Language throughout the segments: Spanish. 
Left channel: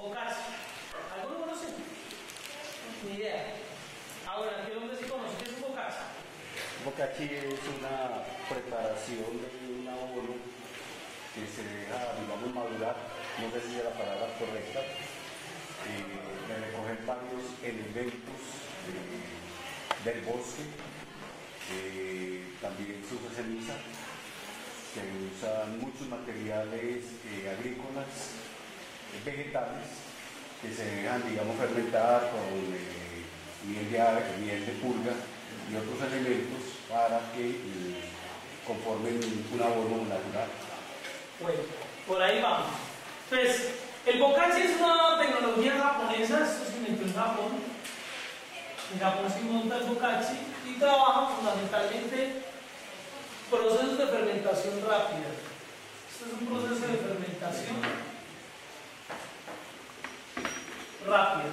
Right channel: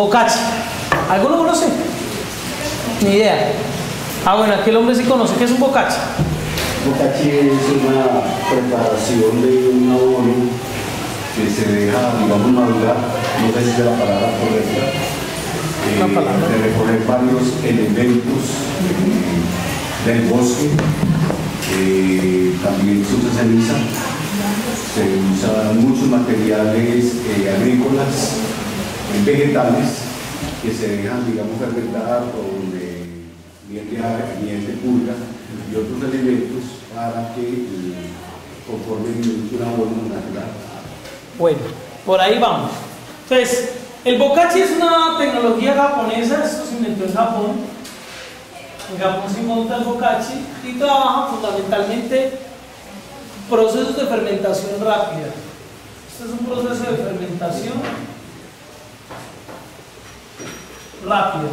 Bocachi. ¿Alguno conoce? Ni idea. Ah, bueno, aquí el hombre sí conoce. ¿Qué es un bocachi? Bocachi es una preparación de un abono que se deja, digamos, madurar, no sé si es la palabra correcta, de recoger varios elementos del bosque. También se usa ceniza, se usan muchos materiales agrícolas, vegetales, que se dejan, digamos, fermentar con miel de ave, miel de pulga y otros elementos para que conformen un abono natural. Bueno, por ahí vamos. Entonces, el bokashi es una tecnología japonesa, esto se inventó en Japón. En Japón se monta el bokashi y trabaja fundamentalmente procesos de fermentación rápida. Este es un proceso de fermentación rápida.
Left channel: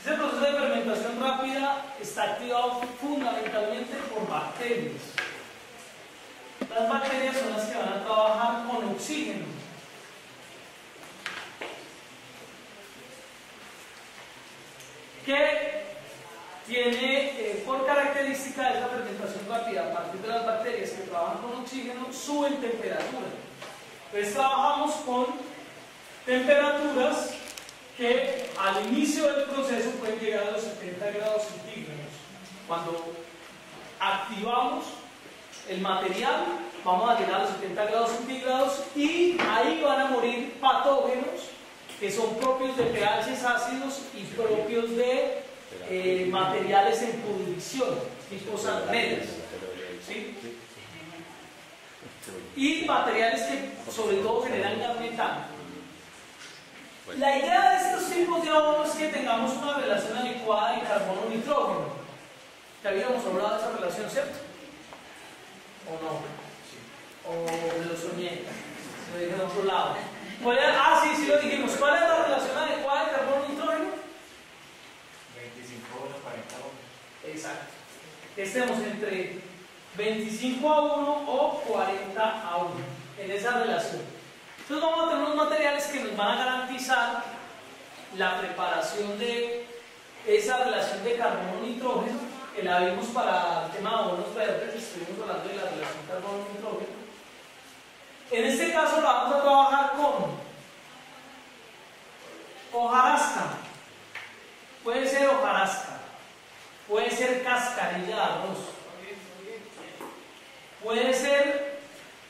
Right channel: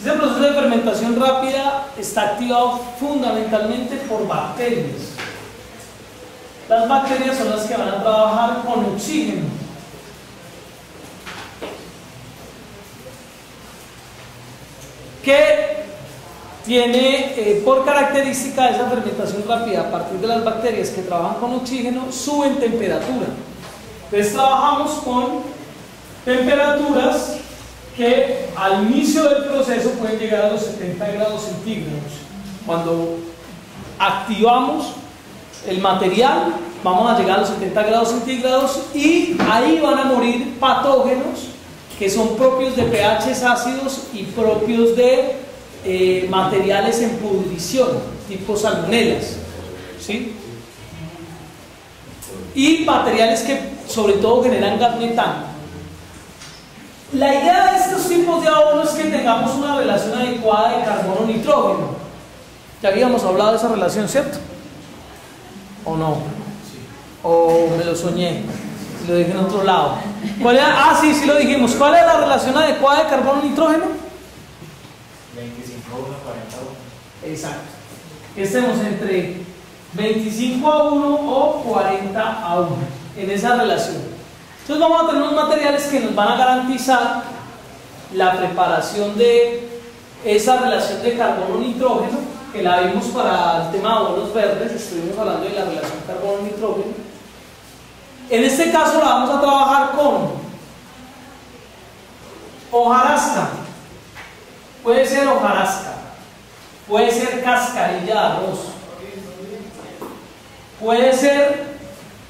Ese proceso de fermentación rápida está activado fundamentalmente por bacterias. Las bacterias son las que van a trabajar con oxígeno. Que tiene por característica esa fermentación rápida a partir de las bacterias que trabajan con oxígeno, suben temperatura. Entonces trabajamos con temperaturas que al inicio del proceso pueden llegar a los 70 grados centígrados. Cuando activamos el material, vamos a llegar a los 70 grados centígrados y ahí van a morir patógenos que son propios de pHs ácidos y propios de materiales en pudrición, tipo salmonelas, ¿sí? Y materiales que sobre todo generan gas metano. La idea de estos tipos de abonos es que tengamos una relación adecuada de carbono-nitrógeno. Ya habíamos hablado de esa relación, ¿cierto? ¿O no? ¿O me lo soñé? Lo dije en otro lado. ¿Cuál era? Ah, sí, sí lo dijimos. ¿Cuál es la relación adecuada de carbono-nitrógeno? 25 a 1, 40 a 1. Exacto. Estemos entre 25 a 1 o 40 a 1 en esa relación. Entonces vamos a tener unos materiales que nos van a garantizar la preparación de esa relación de carbono-nitrógeno, que la vimos para el tema de abonos verdes, estuvimos hablando de la relación carbono-nitrógeno. En este caso la vamos a trabajar con hojarasca, puede ser hojarasca, puede ser cascarilla de arroz, puede ser,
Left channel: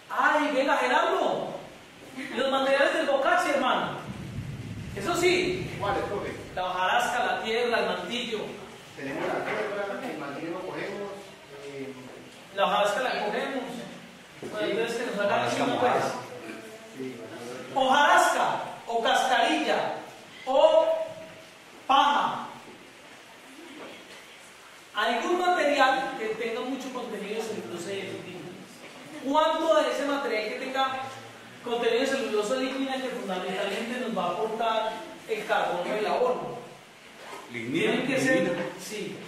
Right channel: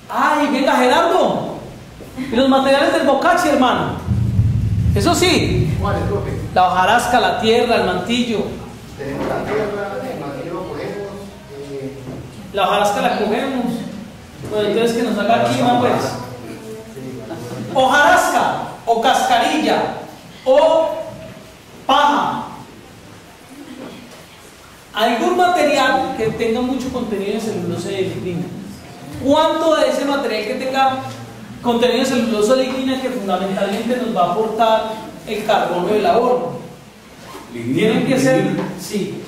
ay, venga Gerardo, y los materiales del bokashi, hermano, eso sí, la hojarasca, la tierra, el mantillo. Tenemos la tierra, el mantillo lo cogemos. La hojarasca la cogemos. Bueno, entonces que nos haga aquí una pues. Hojarasca o cascarilla o paja. Algún material que tenga mucho contenido de celulosa y de lignina. ¿Cuánto de ese material que tenga contenido de celulosa y lignina que fundamentalmente nos va a aportar el carbono del abono? Tienen que ser, sí,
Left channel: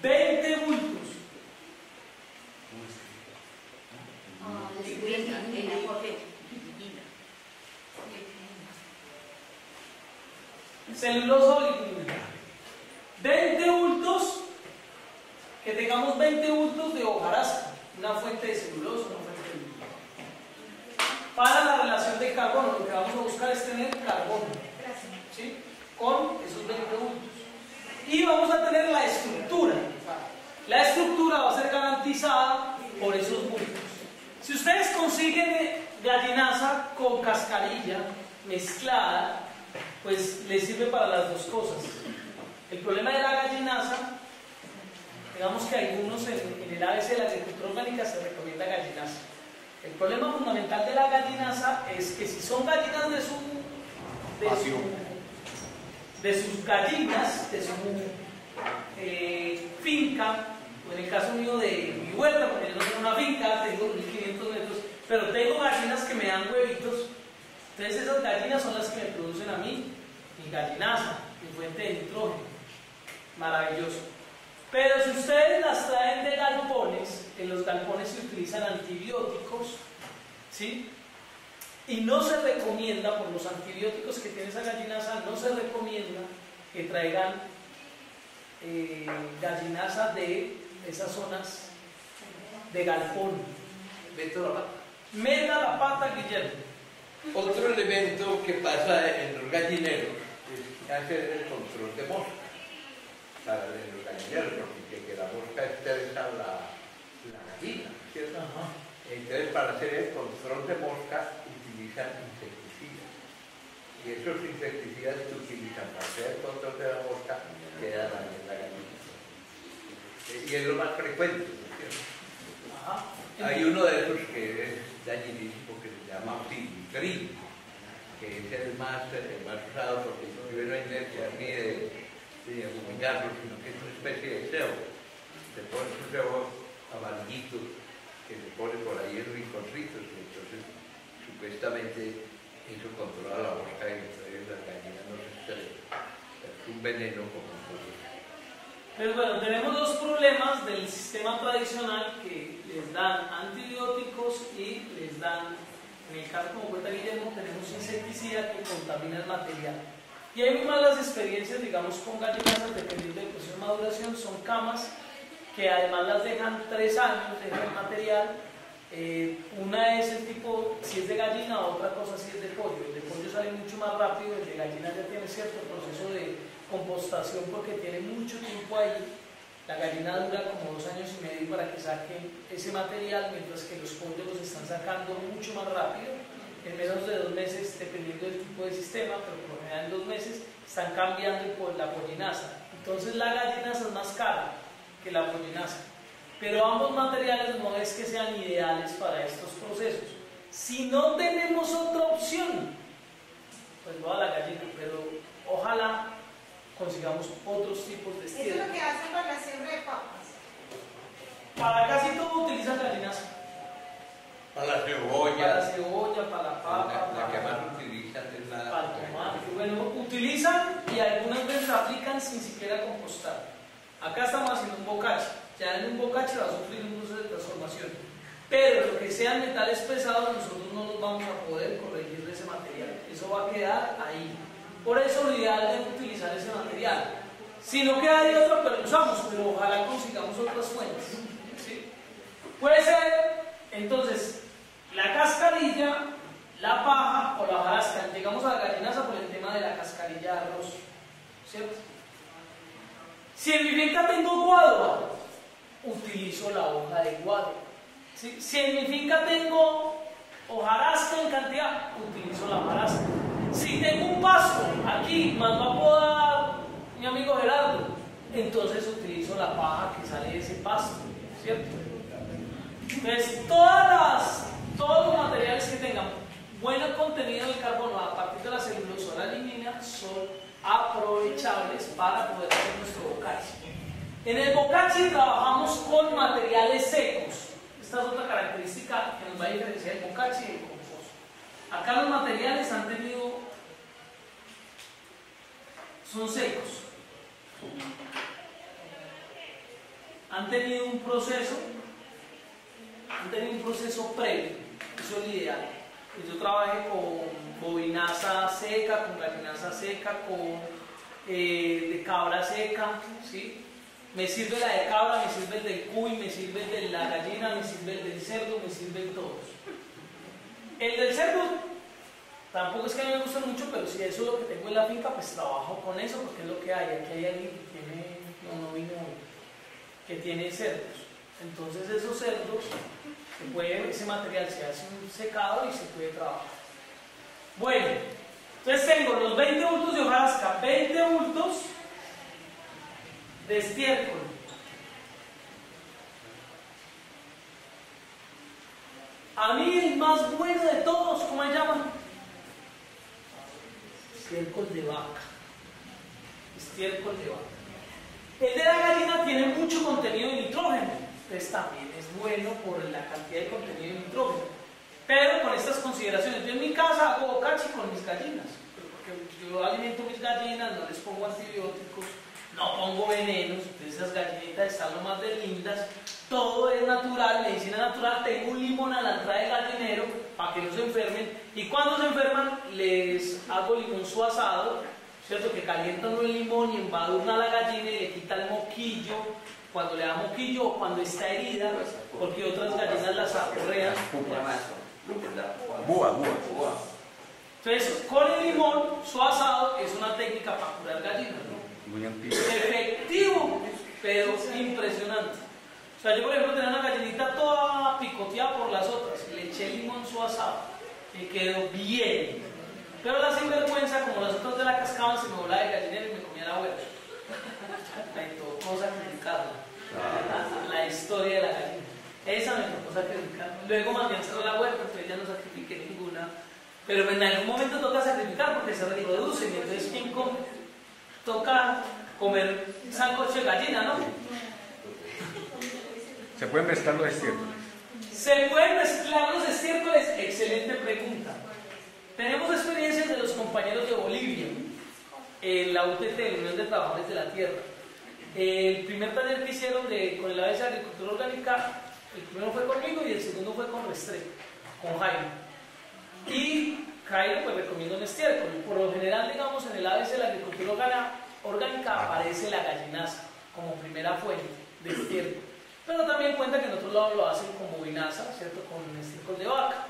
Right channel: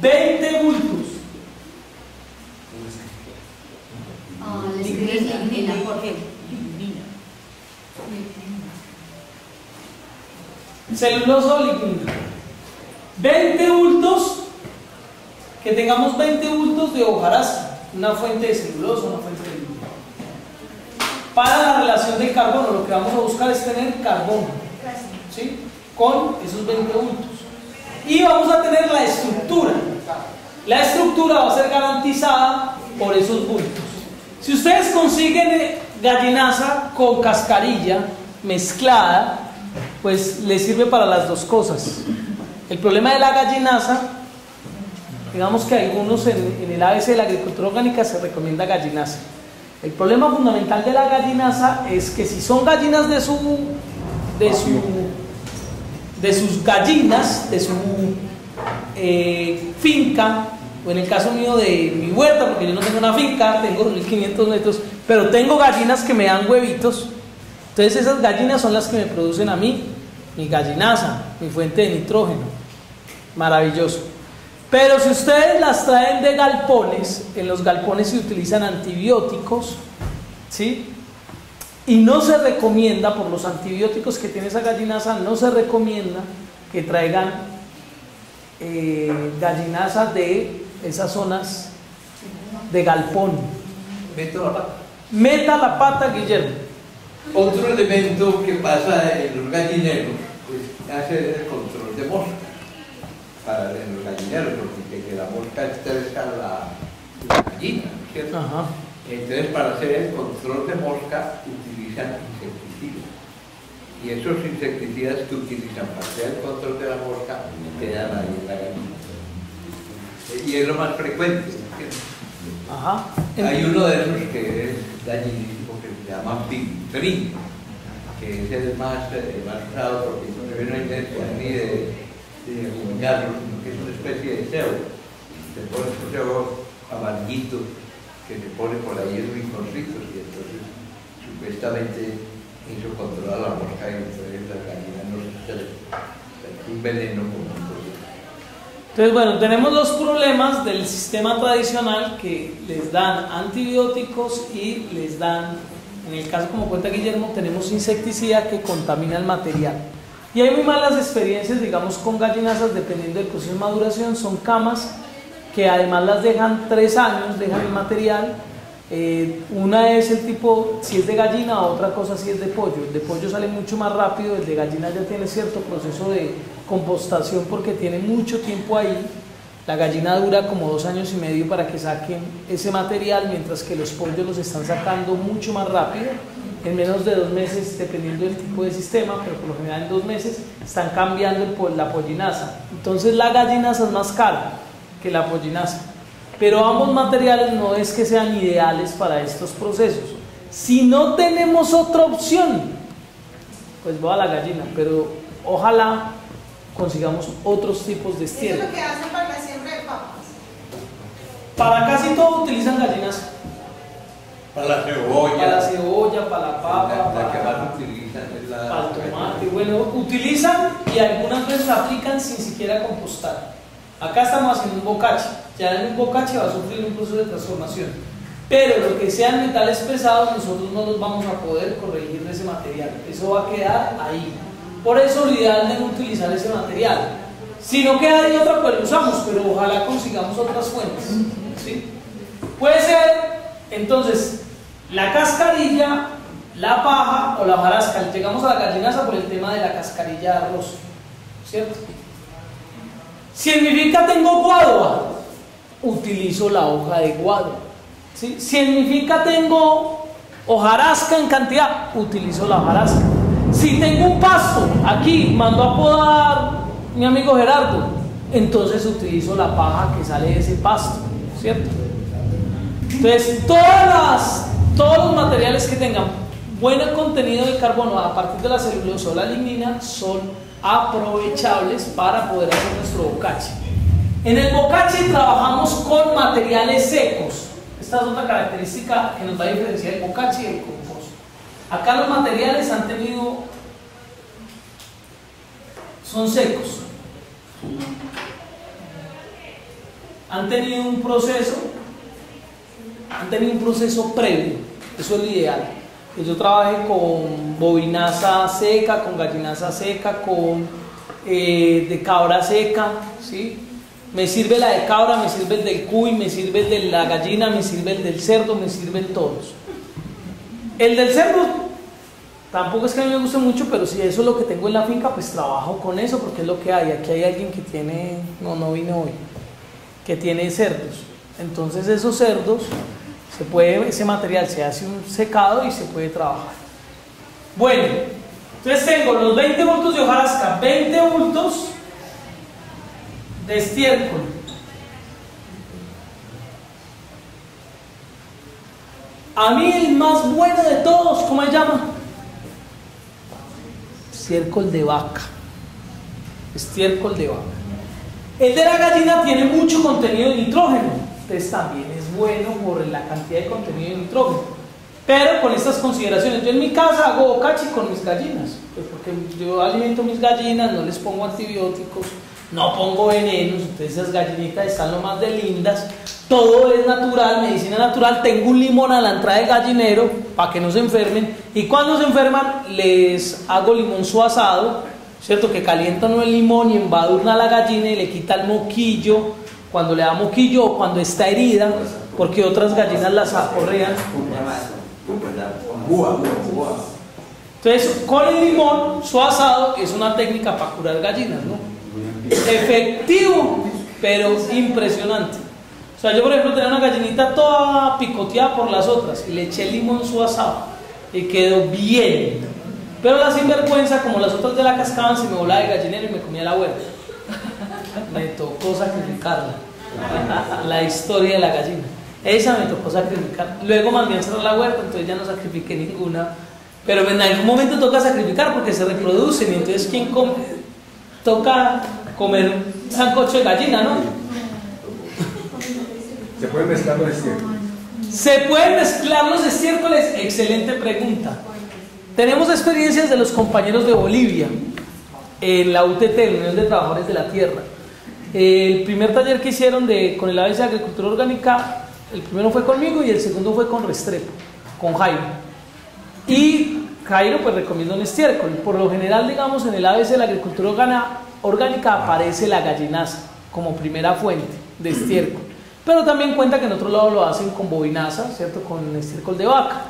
20 bultos. Celulosa o lignina. 20 bultos, que tengamos 20 bultos de hojarasca, una fuente de celulosa, una fuente de lignina. Para la relación de carbono, lo que vamos a buscar es tener carbono, ¿sí? Con esos 20 bultos. Y vamos a tener la estructura. La estructura va a ser garantizada por esos bultos. Si ustedes consiguen gallinaza con cascarilla mezclada, pues les sirve para las dos cosas. El problema de la gallinaza, digamos que algunos en el ABC de la agricultura orgánica se recomienda gallinaza. El problema fundamental de la gallinaza es que si son gallinas de sus gallinas, de su finca, o en el caso mío de mi huerta, porque yo no tengo una finca, tengo 1500 metros, pero tengo gallinas que me dan huevitos. Entonces esas gallinas son las que me producen a mí mi gallinaza, mi fuente de nitrógeno. Maravilloso. Pero si ustedes las traen de galpones, en los galpones se utilizan antibióticos, ¿sí? Y no se recomienda, por los antibióticos que tiene esa gallinaza, no se recomienda que traigan gallinazas de esas zonas de galpón. Meto la pata. Meta la pata, Guillermo. Otro elemento que pasa en los gallineros es hacer el control de mosca en los gallineros, porque que la mosca estresa la gallina, ¿cierto? Ajá. Entonces, para hacer el control de mosca utilizan insecticidas. Y esos insecticidas que utilizan para hacer el control de la mosca quedan ahí en la gallina. Y es lo más frecuente, ¿cierto? Ajá. Hay uno de esos que es dañinísimo que se llama pigtrin, que es el más usado porque no hay necesidad ni de acuñarlo, sino que es una especie de cebo. Se pone un cebo amarguito que se pone por ahí en rinconcitos y entonces supuestamente eso controla la mosca y entonces las gallinas no se es un veneno como un. Entonces, bueno, tenemos los problemas del sistema tradicional que les dan antibióticos y les dan, en el caso como cuenta Guillermo, tenemos insecticida que contamina el material. Y hay muy malas experiencias, digamos, con gallinazas, dependiendo del proceso de maduración, son camas que además las dejan 3 años, dejan el material. Una es el tipo, si es de gallina, otra cosa si es de pollo. El de pollo sale mucho más rápido, el de gallina ya tiene cierto proceso de compostación porque tiene mucho tiempo ahí. La gallina dura como 2 años y medio para que saquen ese material, mientras que los pollos los están sacando mucho más rápido, en menos de 2 meses, dependiendo del tipo de sistema, pero por lo general en 2 meses están cambiando la pollinaza. Entonces la gallinaza es más cara que la pollinaza. Pero ambos materiales no es que sean ideales para estos procesos. Si no tenemos otra opción, pues voy a la gallina, pero ojalá consigamos otros tipos de estiércol. Eso es lo que hacen para la siembra de papas. Para casi todo utilizan gallinas. Para la cebolla. Para la cebolla, para la papa, La que para más utilizan es la. el tomate. Bueno, utilizan y algunas veces la aplican sin siquiera compostar. Acá estamos haciendo un bocache. Ya en un bocache va a sufrir un proceso de transformación. Pero lo que sean metales pesados, nosotros no los vamos a poder corregir de ese material. Eso va a quedar ahí. Por eso lo ideal es no utilizar ese material. Si no queda de otra, pues lo usamos, pero ojalá consigamos otras fuentes. ¿Sí? Puede ser, entonces, la cascarilla, la paja o la hojarasca. Llegamos a la gallinaza por el tema de la cascarilla de arroz, ¿cierto? Si en mi finca tengo guadua, utilizo la hoja de guadua. ¿Sí? Si en mi finca tengo hojarasca en cantidad, utilizo la hojarasca. Si tengo un pasto, aquí mando a podar mi amigo Gerardo, entonces utilizo la paja que sale de ese pasto, ¿cierto? Entonces, todos los materiales que tengan buen contenido de carbono a partir de la celulosa o la lignina son aprovechables para poder hacer nuestro bocache. En el bocache trabajamos con materiales secos. Esta es otra característica que nos va a diferenciar el bocache y el compost. Acá los materiales son secos. Han tenido un proceso previo. Eso es lo ideal. Yo trabajé con bovinaza seca, con gallinaza seca, con de cabra seca, ¿sí? Me sirve la de cabra, me sirve el del cuy, me sirve el de la gallina, me sirve el del cerdo, me sirven todos. El del cerdo tampoco es que a mí me guste mucho, pero si eso es lo que tengo en la finca, pues trabajo con eso porque es lo que hay. Aquí hay alguien que tiene, no vino hoy, que tiene cerdos. Entonces esos cerdos, ese material se hace un secado y se puede trabajar. Bueno, entonces tengo los 20 bultos de hojarasca, 20 bultos de estiércol. A mí el más bueno de todos, ¿cómo se llama? Estiércol de vaca. Estiércol de vaca. El de la gallina tiene mucho contenido de nitrógeno. Entonces también es bueno por la cantidad de contenido de nitrógeno. Pero con estas consideraciones, yo en mi casa hago bocache con mis gallinas, pues porque yo alimento mis gallinas, no les pongo antibióticos, no pongo venenos, entonces esas gallinitas están lo más de lindas, todo es natural, medicina natural. Tengo un limón a la entrada del gallinero para que no se enfermen, y cuando se enferman les hago limonzuelo asado, ¿cierto? Que calientan el limón y embadurna a la gallina y le quita el moquillo, cuando le da moquillo o cuando está herida, porque otras gallinas las aporrean. Entonces, con el limón su asado es una técnica para curar gallinas, ¿no? Efectivo, pero impresionante. O sea, yo por ejemplo tenía una gallinita toda picoteada por las otras y le eché limón su asado y quedó bien. Pero la sinvergüenza, como las otras ya la cascaban, se me volaba de gallinero y me comía la hueá. Me tocó sacrificarla. La historia de la gallina. Esa me tocó sacrificar. Luego mandé a cerrar la huerta, entonces ya no sacrifiqué ninguna. Pero en algún momento toca sacrificar porque se reproducen. Y entonces, ¿quién come? Toca comer sancocho de gallina, ¿no? ¿Se pueden mezclar los estiércoles? ¿Se pueden mezclar los estiércoles? Excelente pregunta. Tenemos experiencias de los compañeros de Bolivia en la UTT, la Unión de Trabajadores de la Tierra. El primer taller que hicieron con el ABC de Agricultura Orgánica, el primero fue conmigo y el segundo fue con Restrepo, con Jairo. Y Jairo pues recomienda un estiércol. Por lo general, digamos, en el ABC de la Agricultura Orgánica aparece la gallinaza como primera fuente de estiércol. Pero también cuenta que en otro lado lo hacen con bovinaza, ¿cierto? Con estiércol de vaca.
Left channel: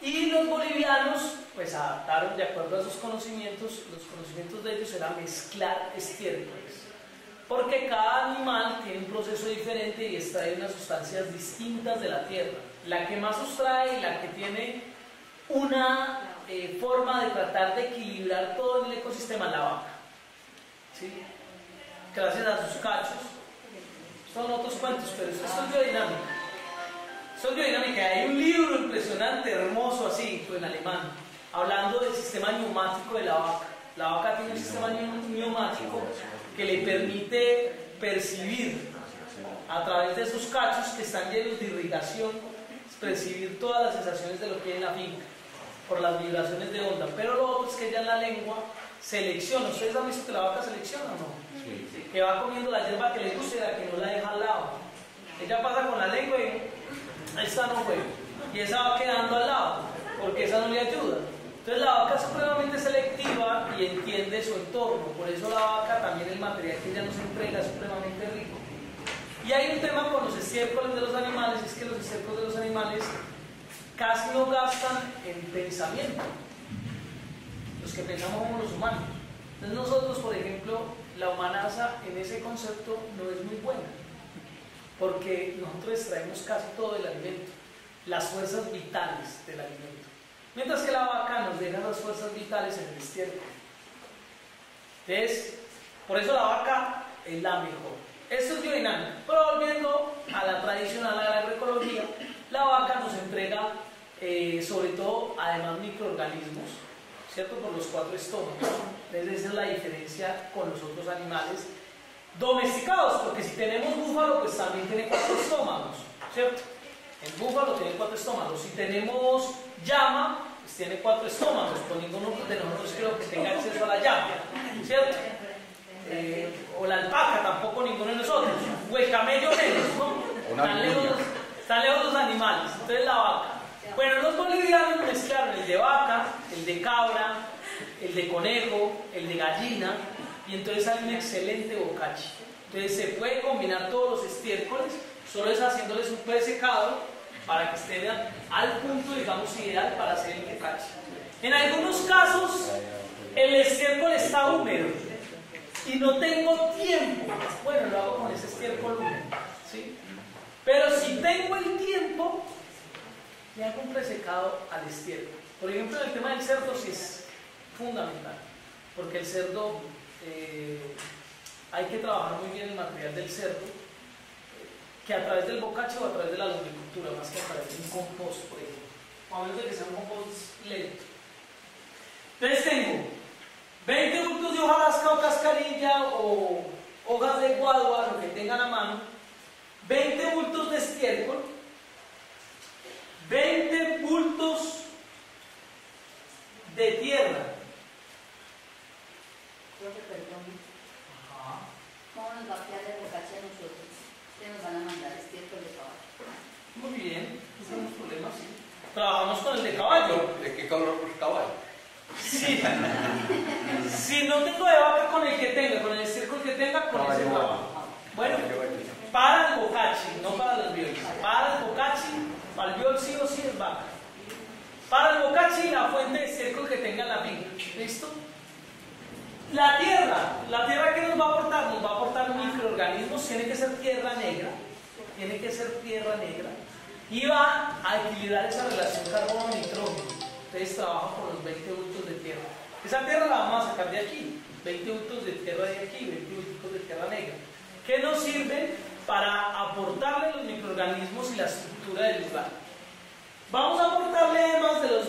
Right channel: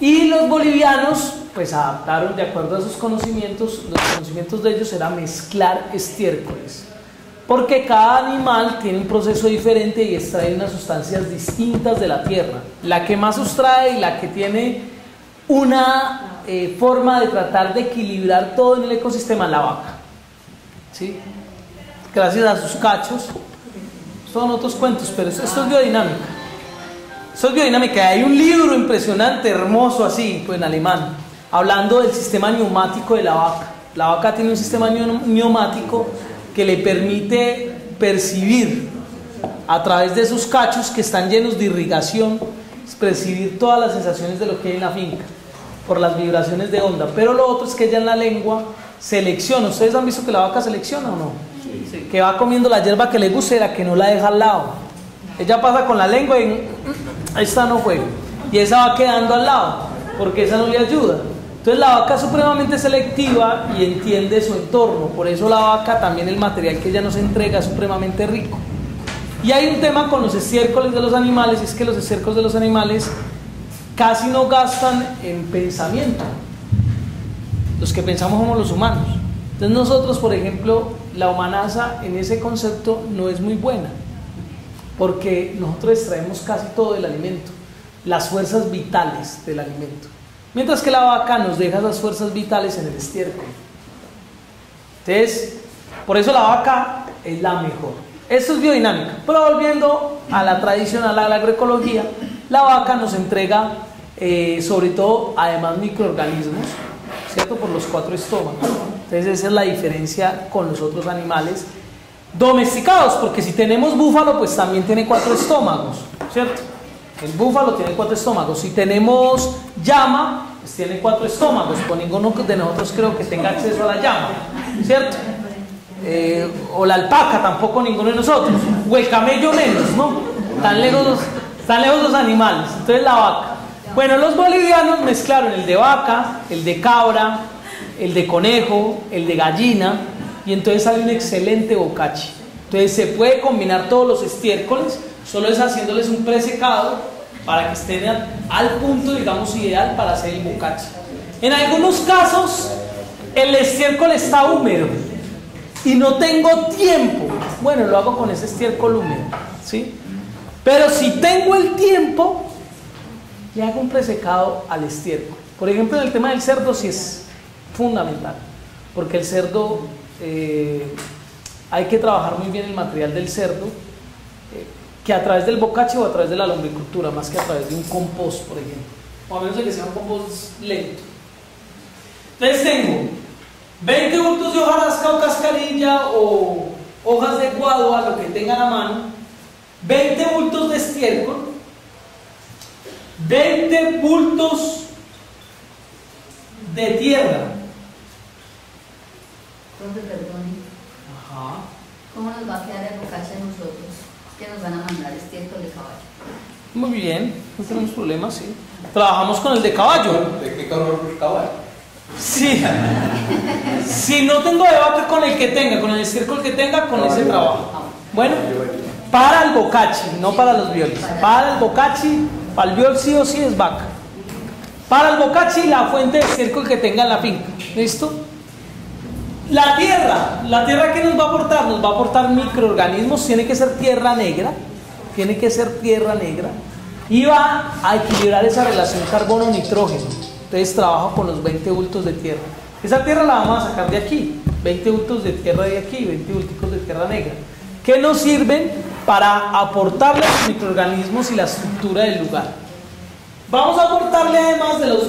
Y los bolivianos pues adaptaron de acuerdo a sus conocimientos. Los conocimientos de ellos era mezclar estiércoles, porque cada animal tiene un proceso diferente y extrae unas sustancias distintas de la tierra. La que más sustrae y la que tiene una forma de tratar de equilibrar todo en el ecosistema es la vaca, ¿sí? Gracias a sus cachos. Son otros cuentos, pero esto es biodinámica. Esto es biodinámica. Hay un libro impresionante, hermoso así, pues en alemán, hablando del sistema neumático de la vaca. La vaca tiene un sistema neumático que le permite percibir a través de sus cachos, que están llenos de irrigación, percibir todas las sensaciones de lo que hay en la finca por las vibraciones de onda. Pero lo otro es que ella en la lengua selecciona. ¿Ustedes han visto que la vaca selecciona o no? Sí. Que va comiendo la hierba que le guste, la que no la deja al lado. Ella pasa con la lengua y esta no fue, y esa va quedando al lado porque esa no le ayuda. Entonces la vaca es supremamente selectiva y entiende su entorno. Por eso la vaca, también el material que ella nos entrega es supremamente rico. Y hay un tema con los estiércoles de los animales, y es que los estiércoles de los animales casi no gastan en pensamiento. Los que pensamos somos los humanos. Entonces nosotros, por ejemplo, la humanaza en ese concepto no es muy buena, porque nosotros extraemos casi todo del alimento, las fuerzas vitales del alimento, mientras que la vaca nos deja esas fuerzas vitales en el estiércol. Entonces, por eso la vaca es la mejor. Esto es biodinámica. Pero volviendo a la tradicional, a la agroecología, la vaca nos entrega sobre todo, además, microorganismos, ¿cierto? Por los 4 estómagos. Entonces esa es la diferencia con los otros animales domesticados, porque si tenemos búfalo, pues también tiene 4 estómagos, ¿cierto? El búfalo tiene 4 estómagos. Si tenemos llama, pues tiene 4 estómagos. Pues ninguno de nosotros creo que tenga acceso a la llama, ¿cierto? O la alpaca, tampoco ninguno de nosotros. O el camello menos, ¿no? Están lejos los animales. Entonces la vaca. Bueno, los bolivianos mezclaron el de vaca, el de cabra, el de conejo, el de gallina, y entonces sale un excelente bocachi. Entonces se puede combinar todos los estiércoles, solo es haciéndoles un presecado para que estén al punto, digamos, ideal para hacer el bocachi. En algunos casos el estiércol está húmedo y no tengo tiempo, bueno, lo hago con ese estiércol húmedo, ¿sí? Pero si tengo el tiempo, le hago un presecado al estiércol. Por ejemplo, en el tema del cerdo sí es fundamental, porque el cerdo hay que trabajar muy bien el material del cerdo, que a través del bocachi o a través de la lombricultura, más que a través de un compost, por ejemplo, o a menos de que sea un compost lento. Entonces tengo 20 bultos de hojarasca o cascarilla o hojas de guadua, lo que tengan a mano, 20 bultos de estiércol, 20 bultos de tierra. Profe, perdón. Ajá. ¿Cómo nos va a quedar el bocachi a nosotros? Muy bien, no tenemos problemas, sí. Trabajamos con el de caballo. ¿De qué color los caballos? Sí. Si no tengo de vaca, con el que tenga, con el estiércol que tenga, con ese trabajo. Bueno, para el bocachi, no para los violes. Para el bocachi, para el viol sí o sí es vaca. Para el bocachi, la fuente de estiércol que tenga en la finca. ¿Listo? La tierra ¿qué nos va a aportar? Nos va a aportar microorganismos, tiene que ser tierra negra, y va a equilibrar esa relación carbono-nitrógeno. Entonces trabajo con los 20 bultos de tierra. Esa tierra la vamos a sacar de aquí, 20 bultos de tierra de aquí, 20 bultos de tierra negra, que nos sirven para aportarle los microorganismos y la estructura del lugar. Vamos a aportarle, además de los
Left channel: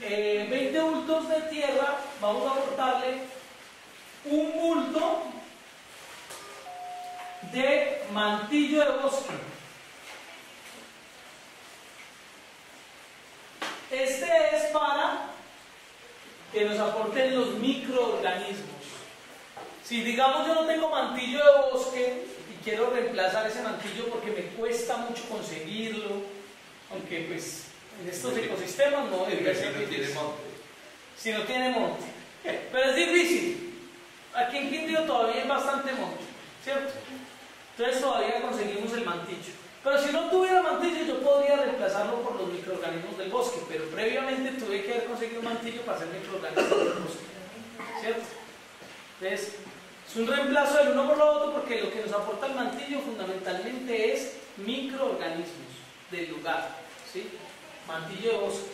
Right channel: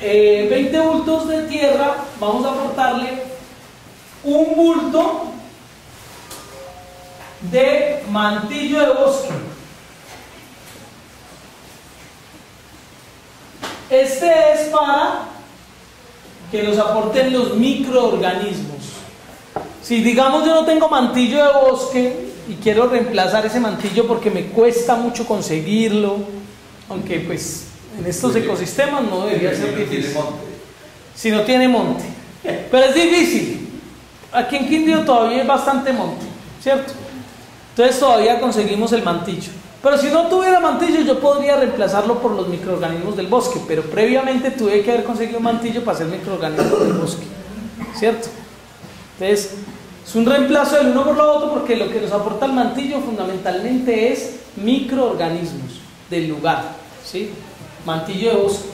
20 bultos de tierra, vamos a aportarle un bulto de mantillo de bosque. Este es para que nos aporten los microorganismos. Si digamos yo no tengo mantillo de bosque y quiero reemplazar ese mantillo porque me cuesta mucho conseguirlo, aunque pues en estos ecosistemas no debería ser difícil. Si no tiene monte. Pero es difícil. Aquí en Quindío todavía hay bastante monte, ¿cierto? Entonces todavía conseguimos el mantillo. Pero si no tuviera mantillo, yo podría reemplazarlo por los microorganismos del bosque, pero previamente tuve que haber conseguido mantillo para hacer microorganismos del bosque, ¿cierto? Entonces, es un reemplazo del uno por lo otro, porque lo que nos aporta el mantillo fundamentalmente es microorganismos del lugar, ¿sí? Mantillo de bosque.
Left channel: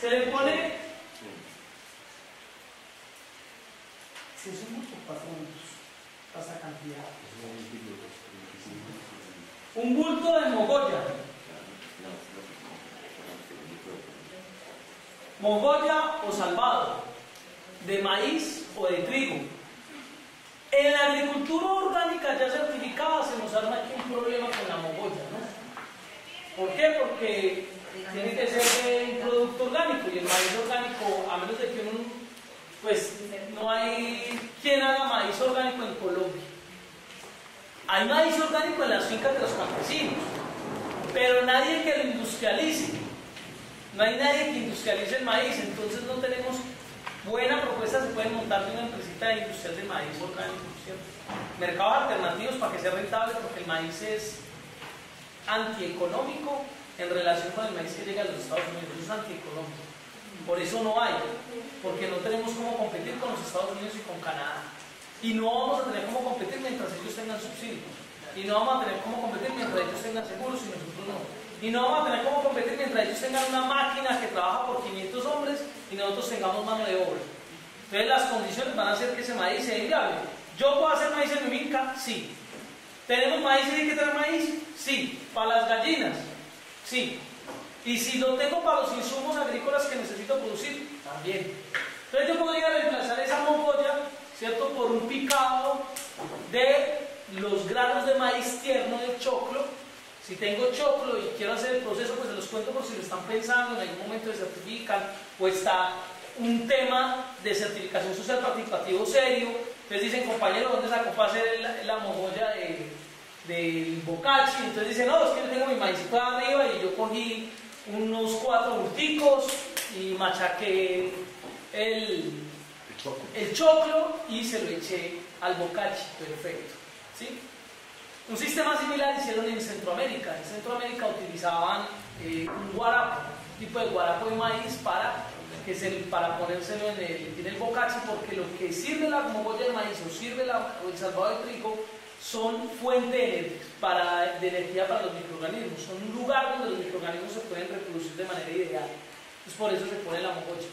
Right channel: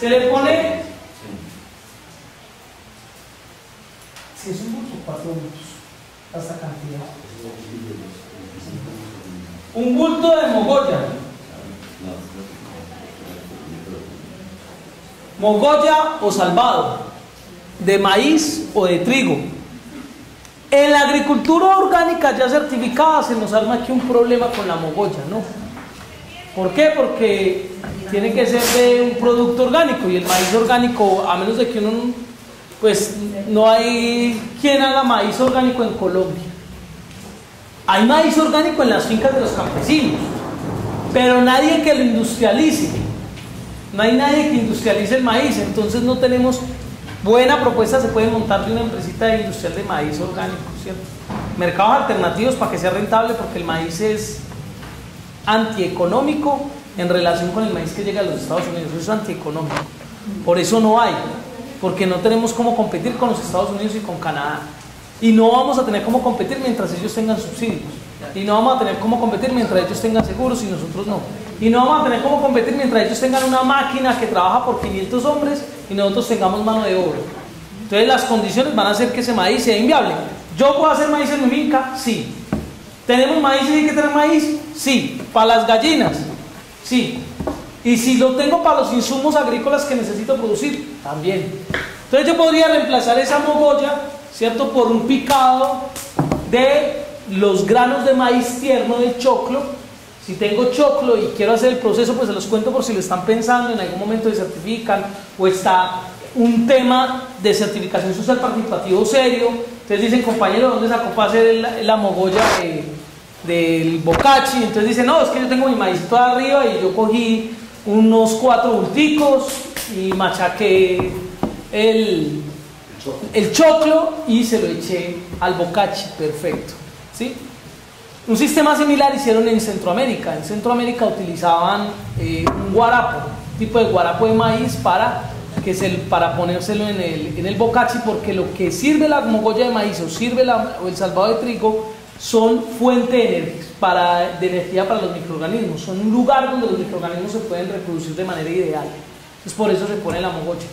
Se le pone, si es un bulto, 4 bultos, hasta cantidad. Un bulto de mogolla o salvado, de maíz o de trigo. En la agricultura orgánica ya certificada se nos arma aquí un problema con la mogolla, ¿no? ¿Por qué? Porque tiene que ser de un producto orgánico, y el maíz orgánico, a menos de que uno, pues no hay quien haga maíz orgánico en Colombia. Hay maíz orgánico en las fincas de los campesinos, pero nadie que lo industrialice. No hay nadie que industrialice el maíz, entonces no tenemos buena propuesta. Se puede montar de una empresita industrial de maíz orgánico, ¿cierto? Mercados alternativos para que sea rentable, porque el maíz es antieconómico en relación con el maíz que llega a los Estados Unidos. Eso es antieconómico. Por eso no hay, porque no tenemos cómo competir con los Estados Unidos y con Canadá. Y no vamos a tener cómo competir mientras ellos tengan subsidios. Y no vamos a tener cómo competir mientras ellos tengan seguros y nosotros no. Y no vamos a tener cómo competir mientras ellos tengan una máquina que trabaja por 500 hombres y nosotros tengamos mano de obra. Entonces las condiciones van a hacer que ese maíz sea inviable. ¿Yo puedo hacer maíz en mi finca? Sí. ¿Tenemos maíz y hay que tener maíz? Sí. ¿Para las gallinas? Sí. Y si lo tengo para los insumos agrícolas que necesito producir, también. Entonces yo podría reemplazar esa mogolla, ¿cierto?, por un picado de los granos de maíz tierno del choclo. Si tengo choclo y quiero hacer el proceso, pues se los cuento por si lo están pensando, en algún momento se certifican, o está un tema de certificación social participativo serio. Entonces dicen, compañero, ¿dónde sacó para hacer la mogolla del bocachi? Entonces dicen, no, es que yo tengo mi maízito arriba y yo cogí unos 4 bulticos y machaqué el choclo y se lo eché al bocachi, perfecto, ¿sí? Un sistema similar hicieron en Centroamérica. En Centroamérica utilizaban un guarapo, un tipo de guarapo de maíz para ponérselo en el bocachi, porque lo que sirve la mogolla de maíz o el salvado de trigo son fuente de energía para los microorganismos. Son un lugar donde los microorganismos se pueden reproducir de manera ideal. Entonces por eso se pone la mogolla.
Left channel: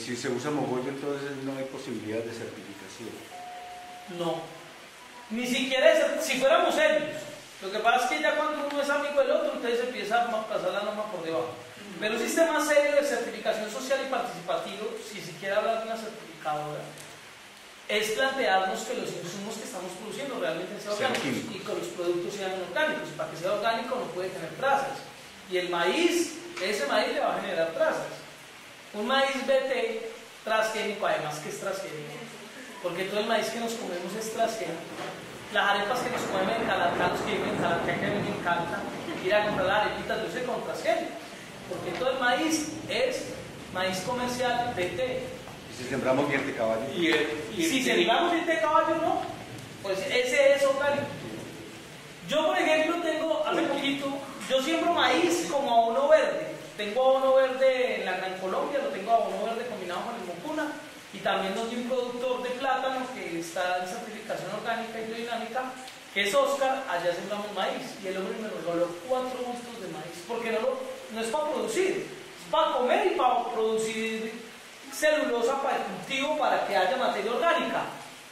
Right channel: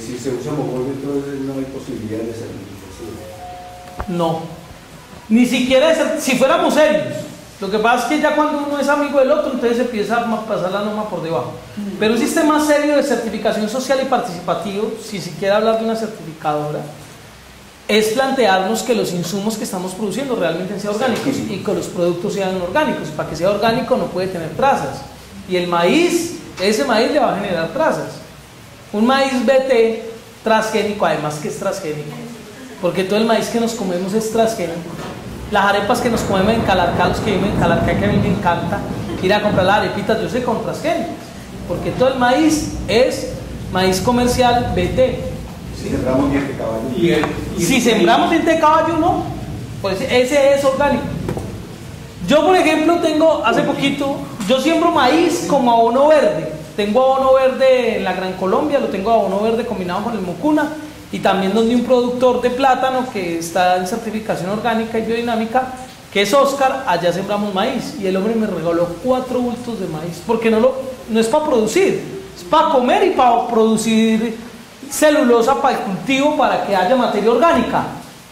Si se usa mogolla, entonces no hay posibilidad de certificación. No, ni siquiera si fuéramos serios. Lo que pasa es que ya cuando uno es amigo del otro, entonces se empieza a pasar la norma por debajo. Pero un sistema serio de certificación social y participativo, si se quiere hablar de una certificadora, es plantearnos que los insumos que estamos produciendo realmente sean orgánicos y que los productos sean orgánicos. Para que sea orgánico no puede tener trazas. Y el maíz, ese maíz le va a generar trazas. Un maíz BT transgénico, además que es transgénico, porque todo el maíz que nos comemos es transgénico. Las arepas que nos comemos en Calarcá, los que viven en Calarcá, que a mí me encanta, que ir a comprar las arepitas, yo sé con transgénicos, porque todo el maíz es maíz comercial BT. Si sembramos diente de caballo. Si sembramos diente de caballo, no, pues ese es orgánico. Yo, por ejemplo, tengo, hace poquito, yo siembro maíz como abono verde. Tengo abono verde en la Gran Colombia, lo tengo abono verde combinado con el Mocuna, y también donde un productor de plátano que está en certificación orgánica y biodinámica, que es Oscar, allá sembramos maíz, y el hombre me regaló 4 bultos de maíz, porque no es para producir, es para comer y para producir celulosa para el cultivo, para que haya materia orgánica.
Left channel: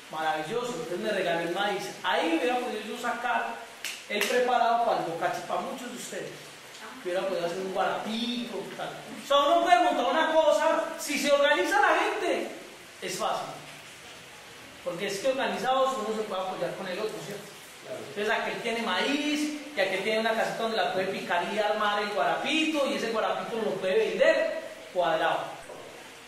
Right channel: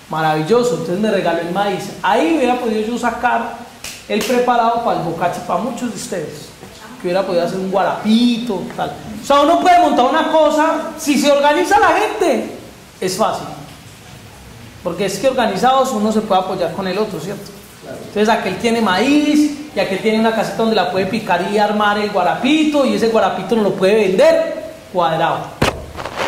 Maravilloso, entonces me regaló el maíz. Ahí hubiera podido yo sacar el preparado para el bocachi para muchos de ustedes, que hubiera podido hacer un guarapito, tal. O sea, uno puede montar una cosa, si se organiza la gente, es fácil. Porque es que organizados uno se puede apoyar con el otro, ¿cierto? Claro. Entonces aquel tiene maíz, y aquel tiene una caseta donde la puede picar y armar el guarapito, y ese guarapito no lo puede vender cuadrado,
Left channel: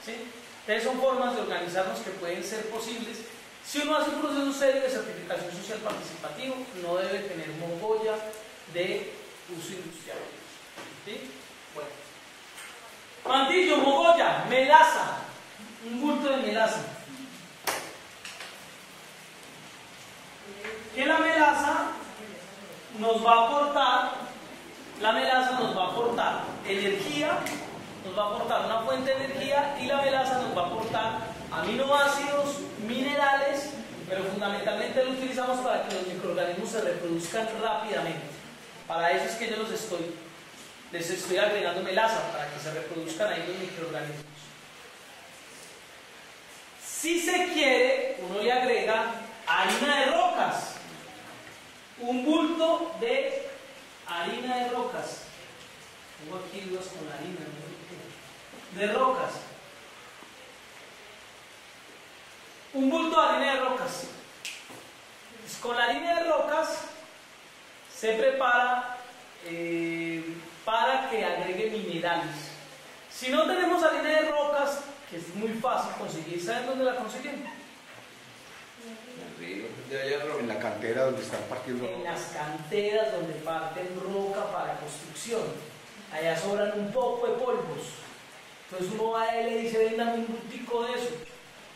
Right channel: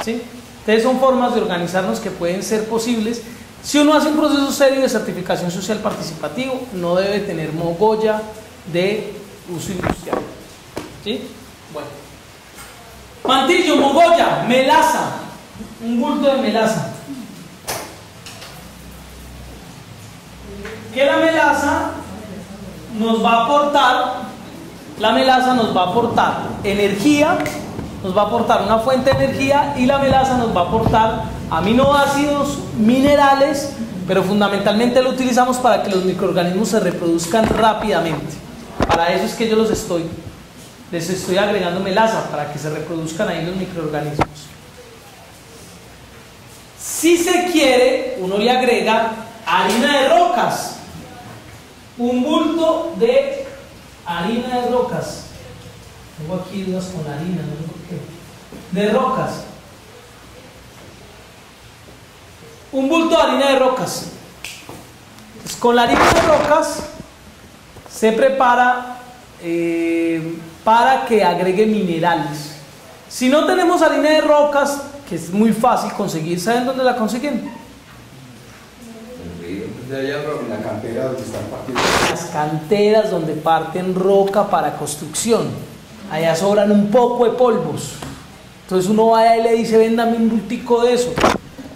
¿sí? Entonces son formas de organizarnos que pueden ser posibles. Si uno hace un proceso serio de certificación social participativo, no debe tener mogolla de uso industrial, ¿sí? Bueno. Mantillo, mogolla, melaza, un bulto de melaza. Que la melaza nos va a aportar, energía, nos va a aportar una fuente de energía, y la melaza nos va a aportar aminoácidos, minerales, pero fundamentalmente lo utilizamos para que los microorganismos se reproduzcan rápidamente. Para eso es que yo les estoy agregando melaza, para que se reproduzcan ahí los microorganismos. Si se quiere, uno le agrega harina de rocas, un bulto de harina de rocas. Tengo aquí dudas con harina, no sé por qué. De rocas. Un bulto de harina de rocas. Entonces, con la harina de rocas se prepara para que agregue minerales. Si no tenemos harina de rocas, que es muy fácil conseguir, ¿saben dónde la consiguen? En la cantera donde están partiendo. Las canteras donde parten roca para construcción. Allá sobran un poco de polvos. Entonces uno va y le dice, véndame un bultico de eso.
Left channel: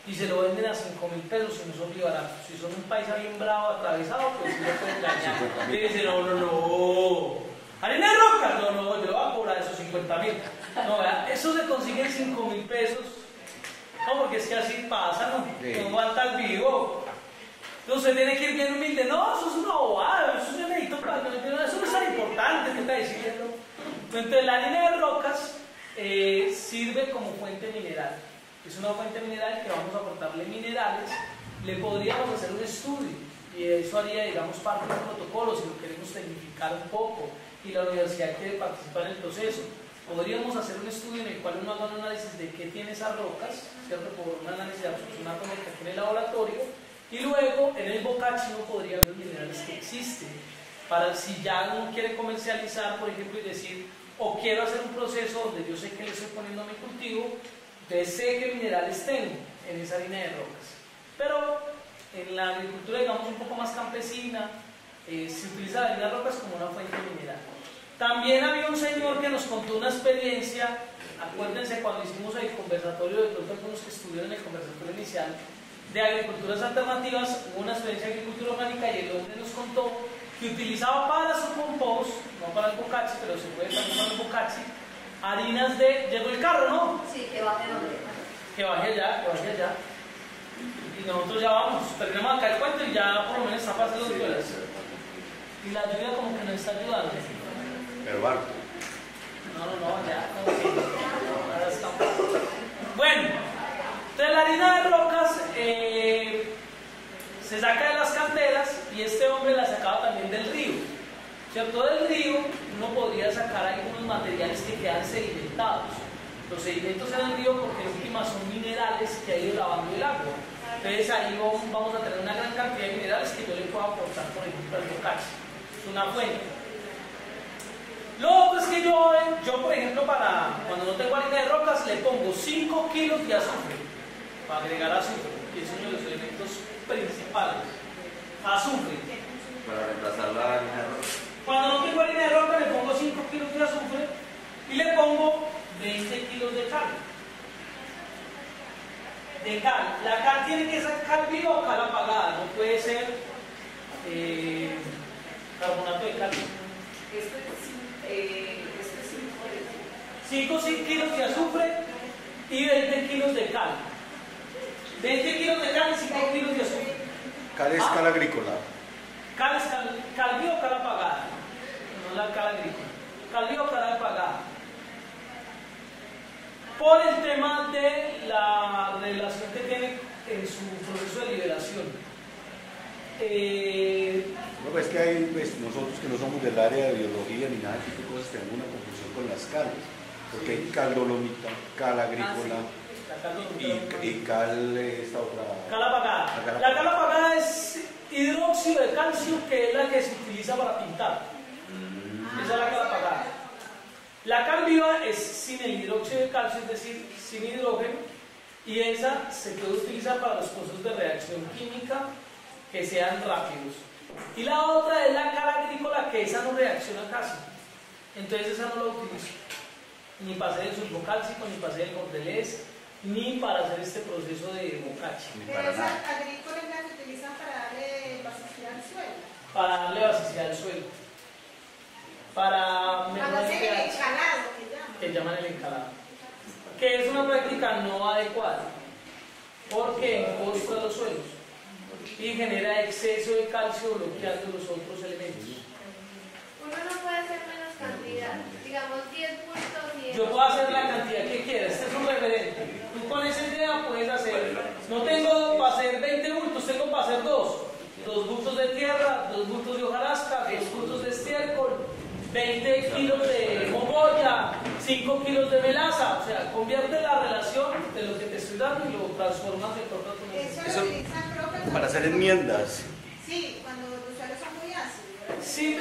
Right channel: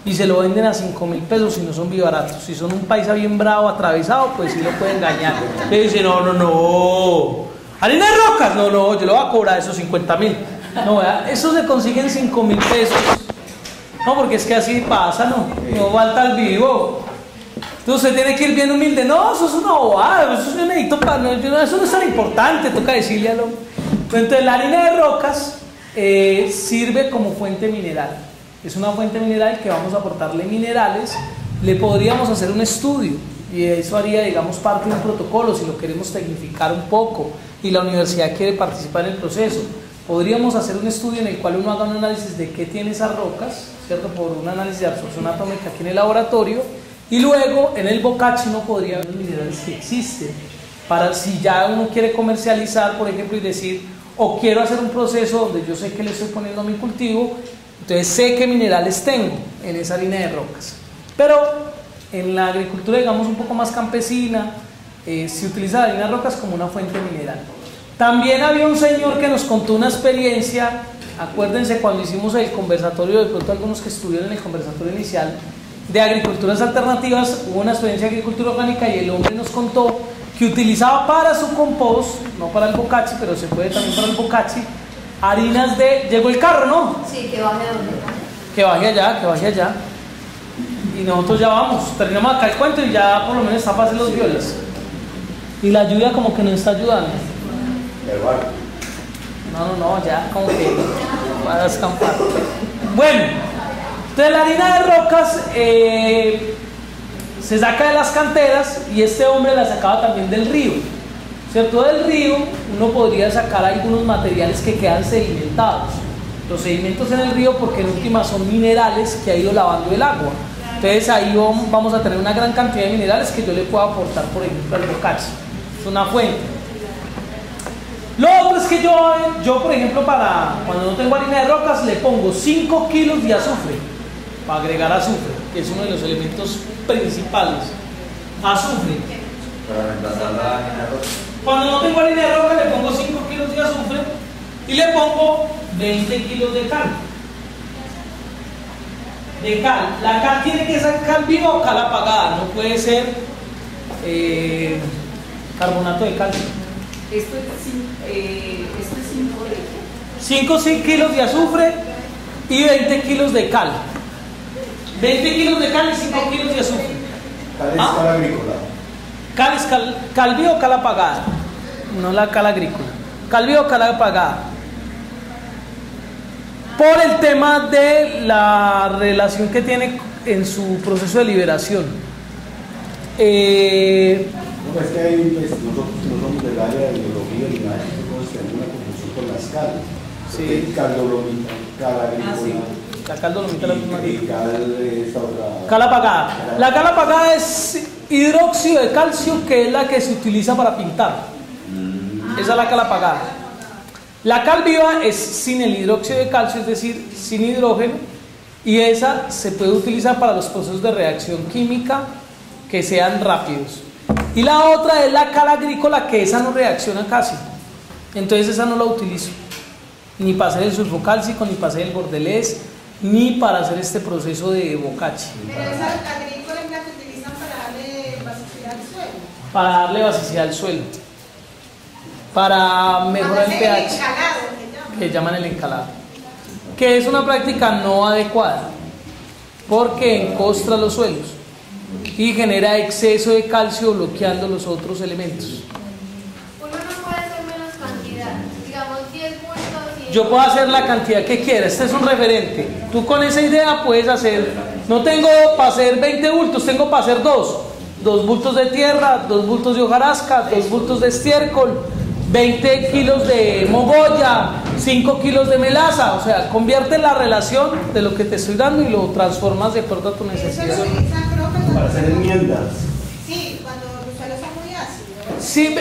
Y se lo venden a 5.000 pesos si no son bien baratos. Si son un paisa bien bravo, atravesado, pues sí lo pueden engañar. Le dice, no. ¿Harina de rocas? No, yo le voy a cobrar esos 50.000. No, ¿verdad? Eso se consigue en 5.000 pesos. No, porque es que así pasa, no falta el vivo. Entonces usted tiene que ir bien humilde. No, eso es una bobada, eso yo necesito eso no es tan importante, toca decirle al hombre. Entonces la harina de rocas sirve como fuente mineral. Es una fuente mineral que vamos a aportarle minerales. Le podríamos hacer un estudio, y eso haría, digamos, parte de un protocolo si lo queremos tecnificar un poco y la universidad quiere participar en el proceso. Podríamos hacer un estudio en el cual uno haga un análisis de qué tiene esas rocas, ¿cierto? Por un análisis de absorción atómica aquí en el laboratorio. Y luego en el bocachi uno podría ver los minerales que existen, para si ya uno quiere comercializar, por ejemplo, y decir, o quiero hacer un proceso donde yo sé que le estoy poniendo a mi cultivo, entonces sé qué minerales tengo en esa harina de rocas. Pero en la agricultura, digamos, un poco más campesina, se utiliza la harina de rocas como una fuente mineral. También había un señor que nos contó una experiencia, acuérdense cuando hicimos el conversatorio, de pronto algunos que estuvieron en el conversatorio inicial, de agriculturas alternativas, hubo una experiencia de agricultura orgánica y el hombre nos contó que utilizaba para su compost, no para el bocachi, pero se puede también para el bocachi, harinas de... ¿Llegó el carro, no? Sí, que baje donde. Que baje allá. Y nosotros ya vamos, terminamos acá el cuento y ya por lo menos está fácil los violas. Y la lluvia como que nos está ayudando. No, ya como que va a descampar. Bueno. Entonces la harina de rocas se saca de las canteras, y este hombre la sacaba también del río, ¿cierto? Del río uno podría sacar algunos materiales que quedan sedimentados. Los sedimentos en el río, porque en última son minerales que ha ido lavando el agua. Entonces ahí vamos a tener una gran cantidad de minerales que yo le puedo aportar, por ejemplo, al bocachi. Es una fuente. Lo otro es que yo por ejemplo, para cuando no tengo harina de rocas, le pongo 5 kilos de azufre, para agregar azufre, que es uno de los elementos principales. Azufre. Para reemplazar la harina de rocas. Cuando no tengo harina de roca le pongo 5 kilos de azufre y le pongo 20 kilos de cal. La cal tiene que ser cal viva o cal apagada, no puede ser carbonato de calcio. Esto es 5 de 5 kilos de azufre y 20 kilos de cal. 20 kilos de cal y 5 kilos de azufre. Cal es cal agrícola. Cal es cal viva o cal apagada, no la cal agrícola. Cal viva o cal apagada. Por el tema de la relación que tiene en su proceso de liberación. No, es que hay, pues, nosotros que no somos del área de biología ni nada, nosotros tenemos una confusión con las cal. Sí. Cal dolomita, cal agrícola. Sí. La cal dolomita es la misma. Y cal esta otra. Cal apagada. La cal apagada es hidróxido de calcio, que es la que se utiliza para pintar. Esa es la cal apagada. La cal viva es sin el hidróxido de calcio, es decir, sin hidrógeno, y esa se puede utilizar para los procesos de reacción química que sean rápidos. Y la otra es la cal agrícola, que esa no reacciona casi, entonces esa no la utilizo ni para hacer el sulfocálcico, ni para hacer el bordelés, ni para hacer este proceso de bocachi. Pero esa agrícola es la que utilizan para darle basicidad al suelo. Para darle basicidad al suelo, para mejorar el pH, que llaman el encalado, que es una práctica no adecuada porque encostra los suelos y genera exceso de calcio bloqueando los otros elementos. Uno no puede hacer menos cantidad, digamos 10 bultos. Yo puedo hacer la cantidad que quiera, este es un referente. Tú con esa idea puedes hacer, no tengo para hacer 20 bultos, tengo para hacer 2 bultos de tierra, 2 bultos de hojarasca, 2 bultos de estiércol, 20 kilos de mogolla, 5 kilos de melaza. O sea, convierte la relación de lo que te estoy dando y lo transformas de acuerdo a tu necesidad. Eso lo utilizan, creo que Para hacer enmiendas. Sí, cuando los suelos son muy ácidos. Sí,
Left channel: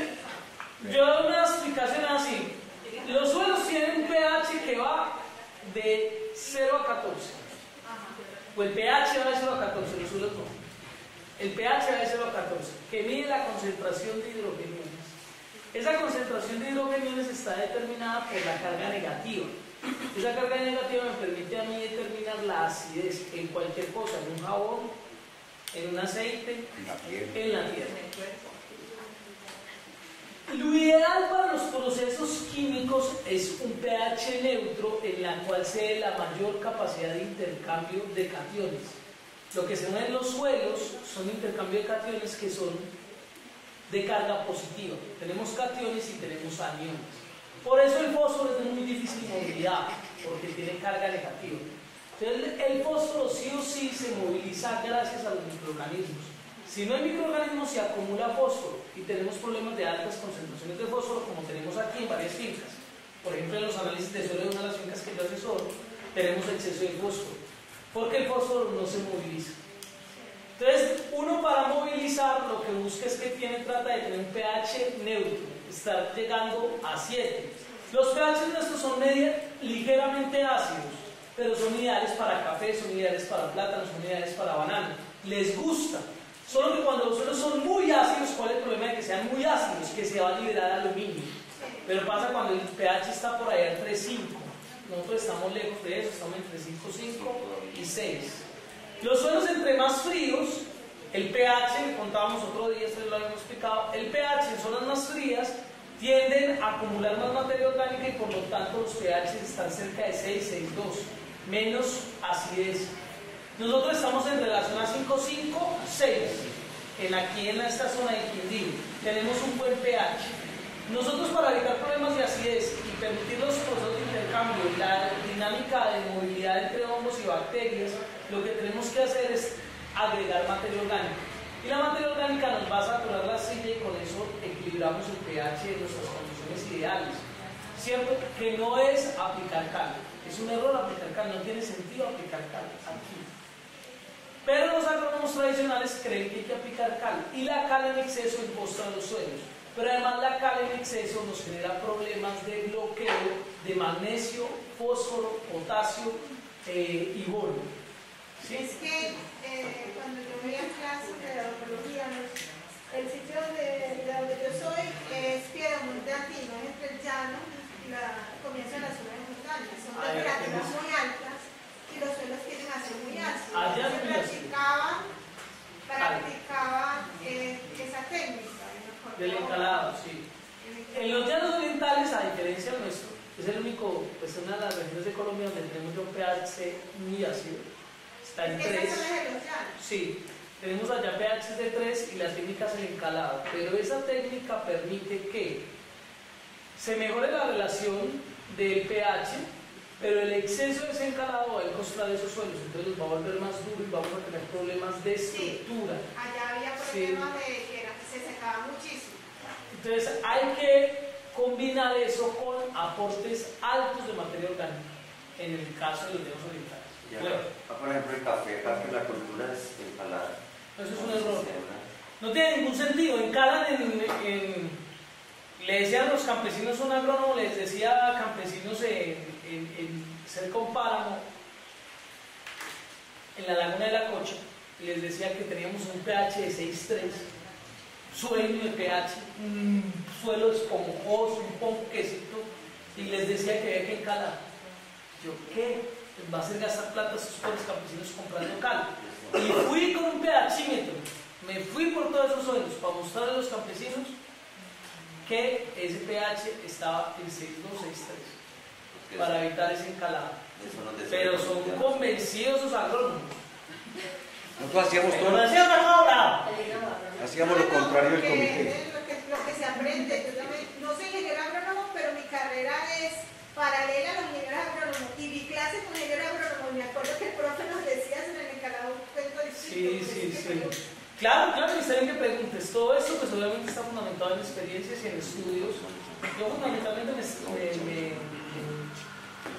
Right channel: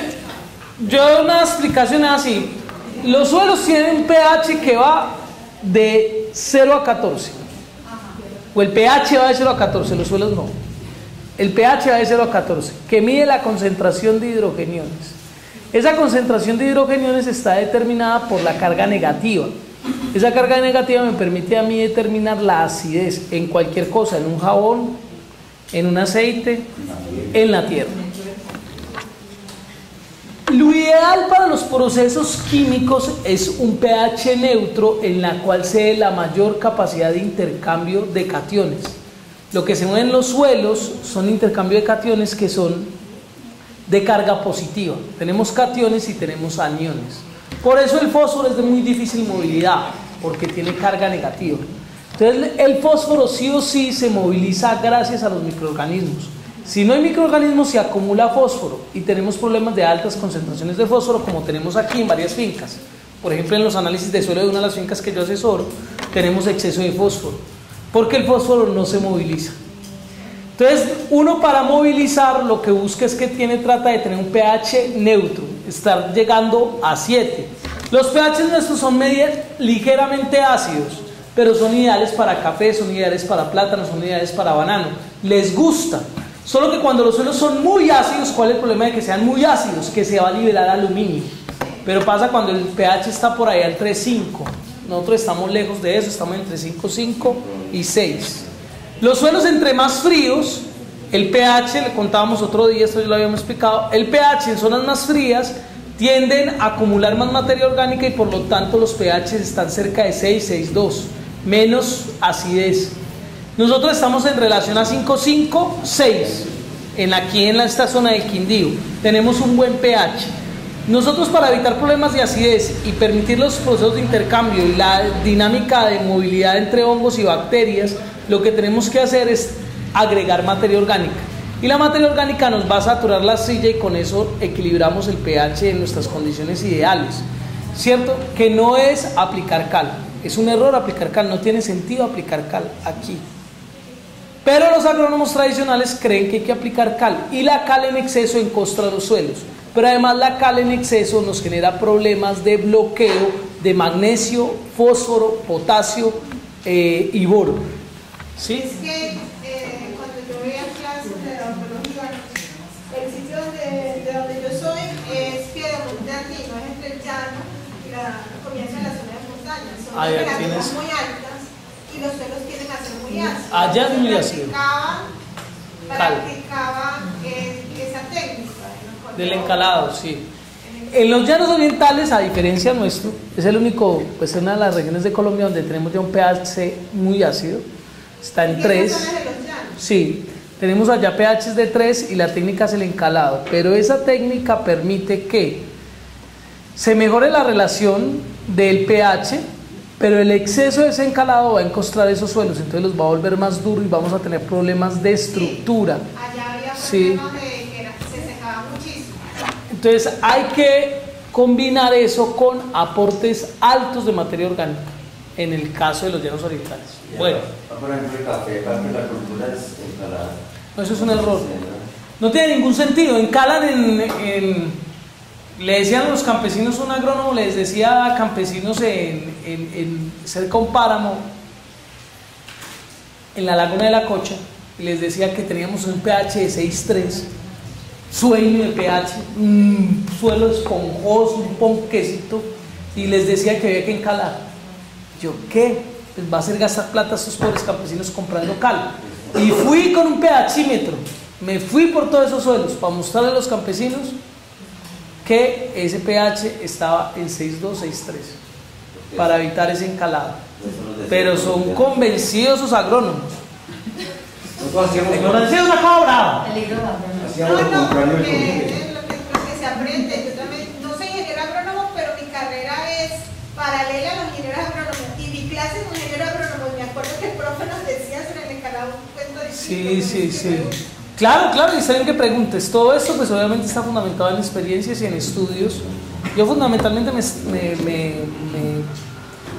yo una explicación es así. Los suelos tienen un pH que va de 0 a 14. O el pH va de 0 a 14, los suelos no. El pH va de 0 a 14, que mide la concentración de hidrogeniones. Esa concentración de hidrogeniones está determinada por la carga negativa. Esa carga negativa me permite a mí determinar la acidez en cualquier cosa, en un jabón, en un aceite, en la tierra. Lo ideal para los procesos químicos es un pH neutro en la cual se dé la mayor capacidad de intercambio de cationes. Lo que se mueve en los suelos son intercambio de cationes que son de carga positiva. Tenemos cationes y tenemos aniones. Por eso el fósforo es de muy difícil movilidad, porque tiene carga negativa. Entonces el fósforo sí o sí se moviliza gracias a los microorganismos. Si no hay microorganismos se acumula fósforo y tenemos problemas de altas concentraciones de fósforo, como tenemos aquí en varias fincas. Por ejemplo, en los análisis de suelo de una de las fincas que yo asesoro, tenemos exceso de fósforo, porque el fósforo no se moviliza. Entonces, uno para movilizar lo que busca es que trata de tener un pH neutro, estar llegando a 7. Los pH nuestros son ligeramente ácidos, pero son ideales para café, son ideales para plátano, son ideales para banano. Les gusta. Solo que cuando los suelos son muy ácidos, ¿cuál es el problema de que sean muy ácidos? Que se va a liberar aluminio. Pero pasa cuando el pH está por ahí al 3,5. Nosotros estamos lejos de eso, estamos entre 5,5 y 6. Los suelos entre más fríos, el pH, le contábamos otro día, esto ya lo habíamos explicado, el pH en zonas más frías tienden a acumular más materia orgánica y por lo tanto los pH están cerca de 6, 6,2, menos acidez. Nosotros estamos en relación a 5,5, 6, aquí en esta zona del Quindío, tenemos un buen pH. Nosotros para evitar problemas de acidez y permitir los procesos de intercambio y la dinámica de movilidad entre hongos y bacterias, lo que tenemos que hacer es agregar materia orgánica. Y la materia orgánica nos va a saturar la arcilla y con eso equilibramos el pH en nuestras condiciones ideales. ¿Cierto? Que no es aplicar cal. Es un error aplicar cal, no tiene sentido aplicar cal aquí. Pero los agrónomos tradicionales creen que hay que aplicar cal y la cal en exceso encostra los suelos. Pero además la cal en exceso nos genera problemas de bloqueo de magnesio, fósforo, potasio y boro. ¿Sí? Es que cuando yo voy a clases de odontología, el sitio de donde yo soy es Ahí temperaturas tienes. muy altas y los suelos tienden a ser muy ácidos. Allá es muy Entonces, ácido. practicaba esa técnica Del encalado, sí. En los llanos orientales, a diferencia nuestro, es el único, pues es una de las regiones de Colombia donde tenemos ya un pH muy ácido, está en 3. Sí, tenemos allá pHs de 3 y la técnica es el encalado, pero esa técnica permite que se mejore la relación del pH, pero el exceso de ese encalado va a encostrar esos suelos, entonces los va a volver más duros y vamos a tener problemas de estructura. Allá había Sí. problemas de que se secaba muchísimo. Entonces hay que combinar eso con aportes altos de materia orgánica, en el caso de los llanos orientales. Bueno, Por ejemplo, el café, parte de la cultura es ensalada. no, eso es un error. No tiene ningún sentido. Encalan le decían a los campesinos, un agrónomo les decía a campesinos en cerca de un páramo, en la laguna de la Cocha, y les decía que teníamos un pH de 6,3, sueño de pH, un suelo esponjoso, un ponquecito, y les decía que había que encalar. Yo, ¿qué? Les va a hacer gastar plata a esos pobres campesinos comprando cal. Y fui con un pHímetro, me fui por todos esos suelos para mostrarle a los campesinos que ese pH estaba en 6,2, 6,3 para evitar ese encalado. Pero son convencidos esos agrónomos. Nosotros hacíamos La ignorancia es una cosa brava. Hacíamos lo contrario del comité. Es lo que se aprende. Yo también no soy ingeniero agrónomo, pero mi carrera es paralela a los ingenieros agrónomos. Y mi clase con ingeniero agrónomo, y me acuerdo que el profe nos decía sobre el encalado un cuento distinto. Sí. Claro, y saben que preguntes. Todo esto pues obviamente está fundamentado en experiencias y en estudios. Yo fundamentalmente me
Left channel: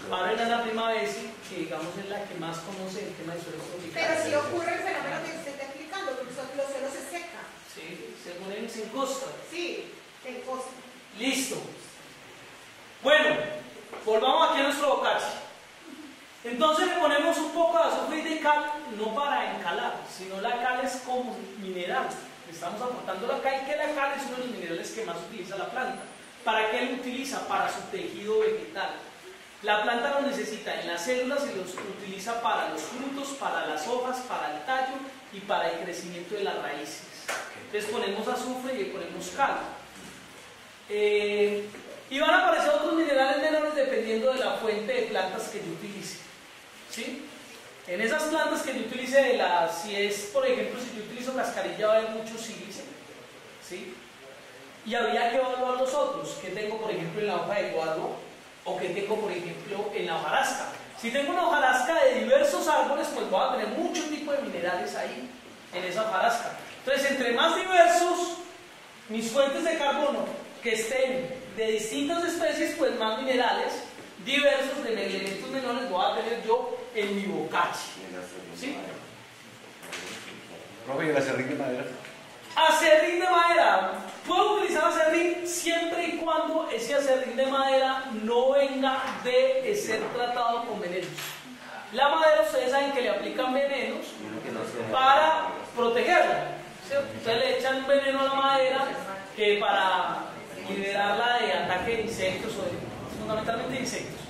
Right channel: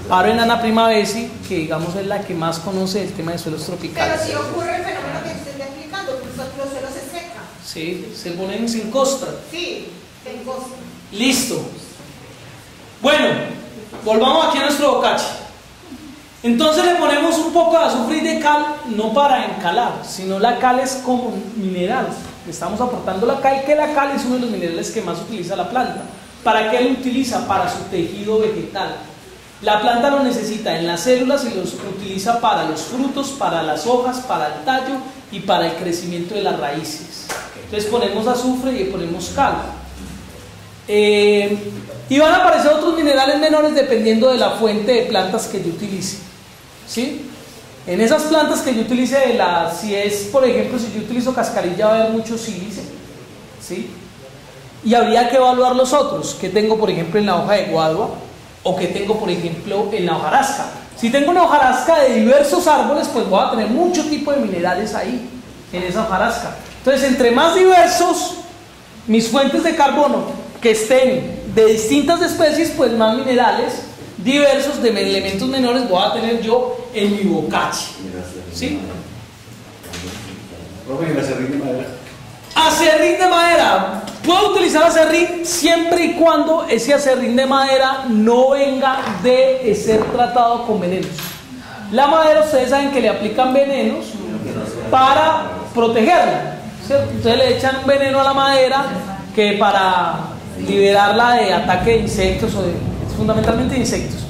paro en Ana Primavesi, que digamos es la que más conoce el tema de suelos tropicales. Pero sí ocurre el fenómeno que usted está explicando, pues los suelos se secan. Sí, se ponen sin costa. Sí, en costa. Listo. Bueno, volvamos aquí a nuestro bocache. Entonces le ponemos un poco de azufre y de cal, no para encalar, sino la cal es como un mineral. Le estamos aportando la cal, que la cal es uno de los minerales que más utiliza la planta. ¿Para qué lo utiliza? Para su tejido vegetal. La planta lo necesita en las células y los utiliza para los frutos, para las hojas, para el tallo y para el crecimiento de las raíces. Entonces ponemos azufre y ponemos cal. Y van a aparecer otros minerales menores dependiendo de la fuente de plantas que yo utilice. ¿Sí? En esas plantas que yo utilice, si es, por ejemplo, si yo utilizo cascarilla, va a haber mucho sílice. ¿Sí? Y habría que evaluar los otros, que tengo, por ejemplo, en la hoja de guadua, o que tengo, por ejemplo, en la hojarasca. Si tengo una hojarasca de diversos árboles, pues voy a tener mucho tipo de minerales ahí, en esa hojarasca. Entonces, entre más diversos mis fuentes de carbono que estén de distintas especies, pues más minerales diversos de elementos menores voy a tener yo en mi bocache. ¿Sí? Profe, ¿y el acerrín de madera? Acerrín de madera. Puedo utilizar acerrín siempre y cuando ese acerrín de madera no venga de ser tratado con venenos. La madera, ustedes saben que le aplican venenos para protegerla, ¿cierto? Entonces le echan un veneno a la madera que para liberarla de ataque de insectos o fundamentalmente de insectos.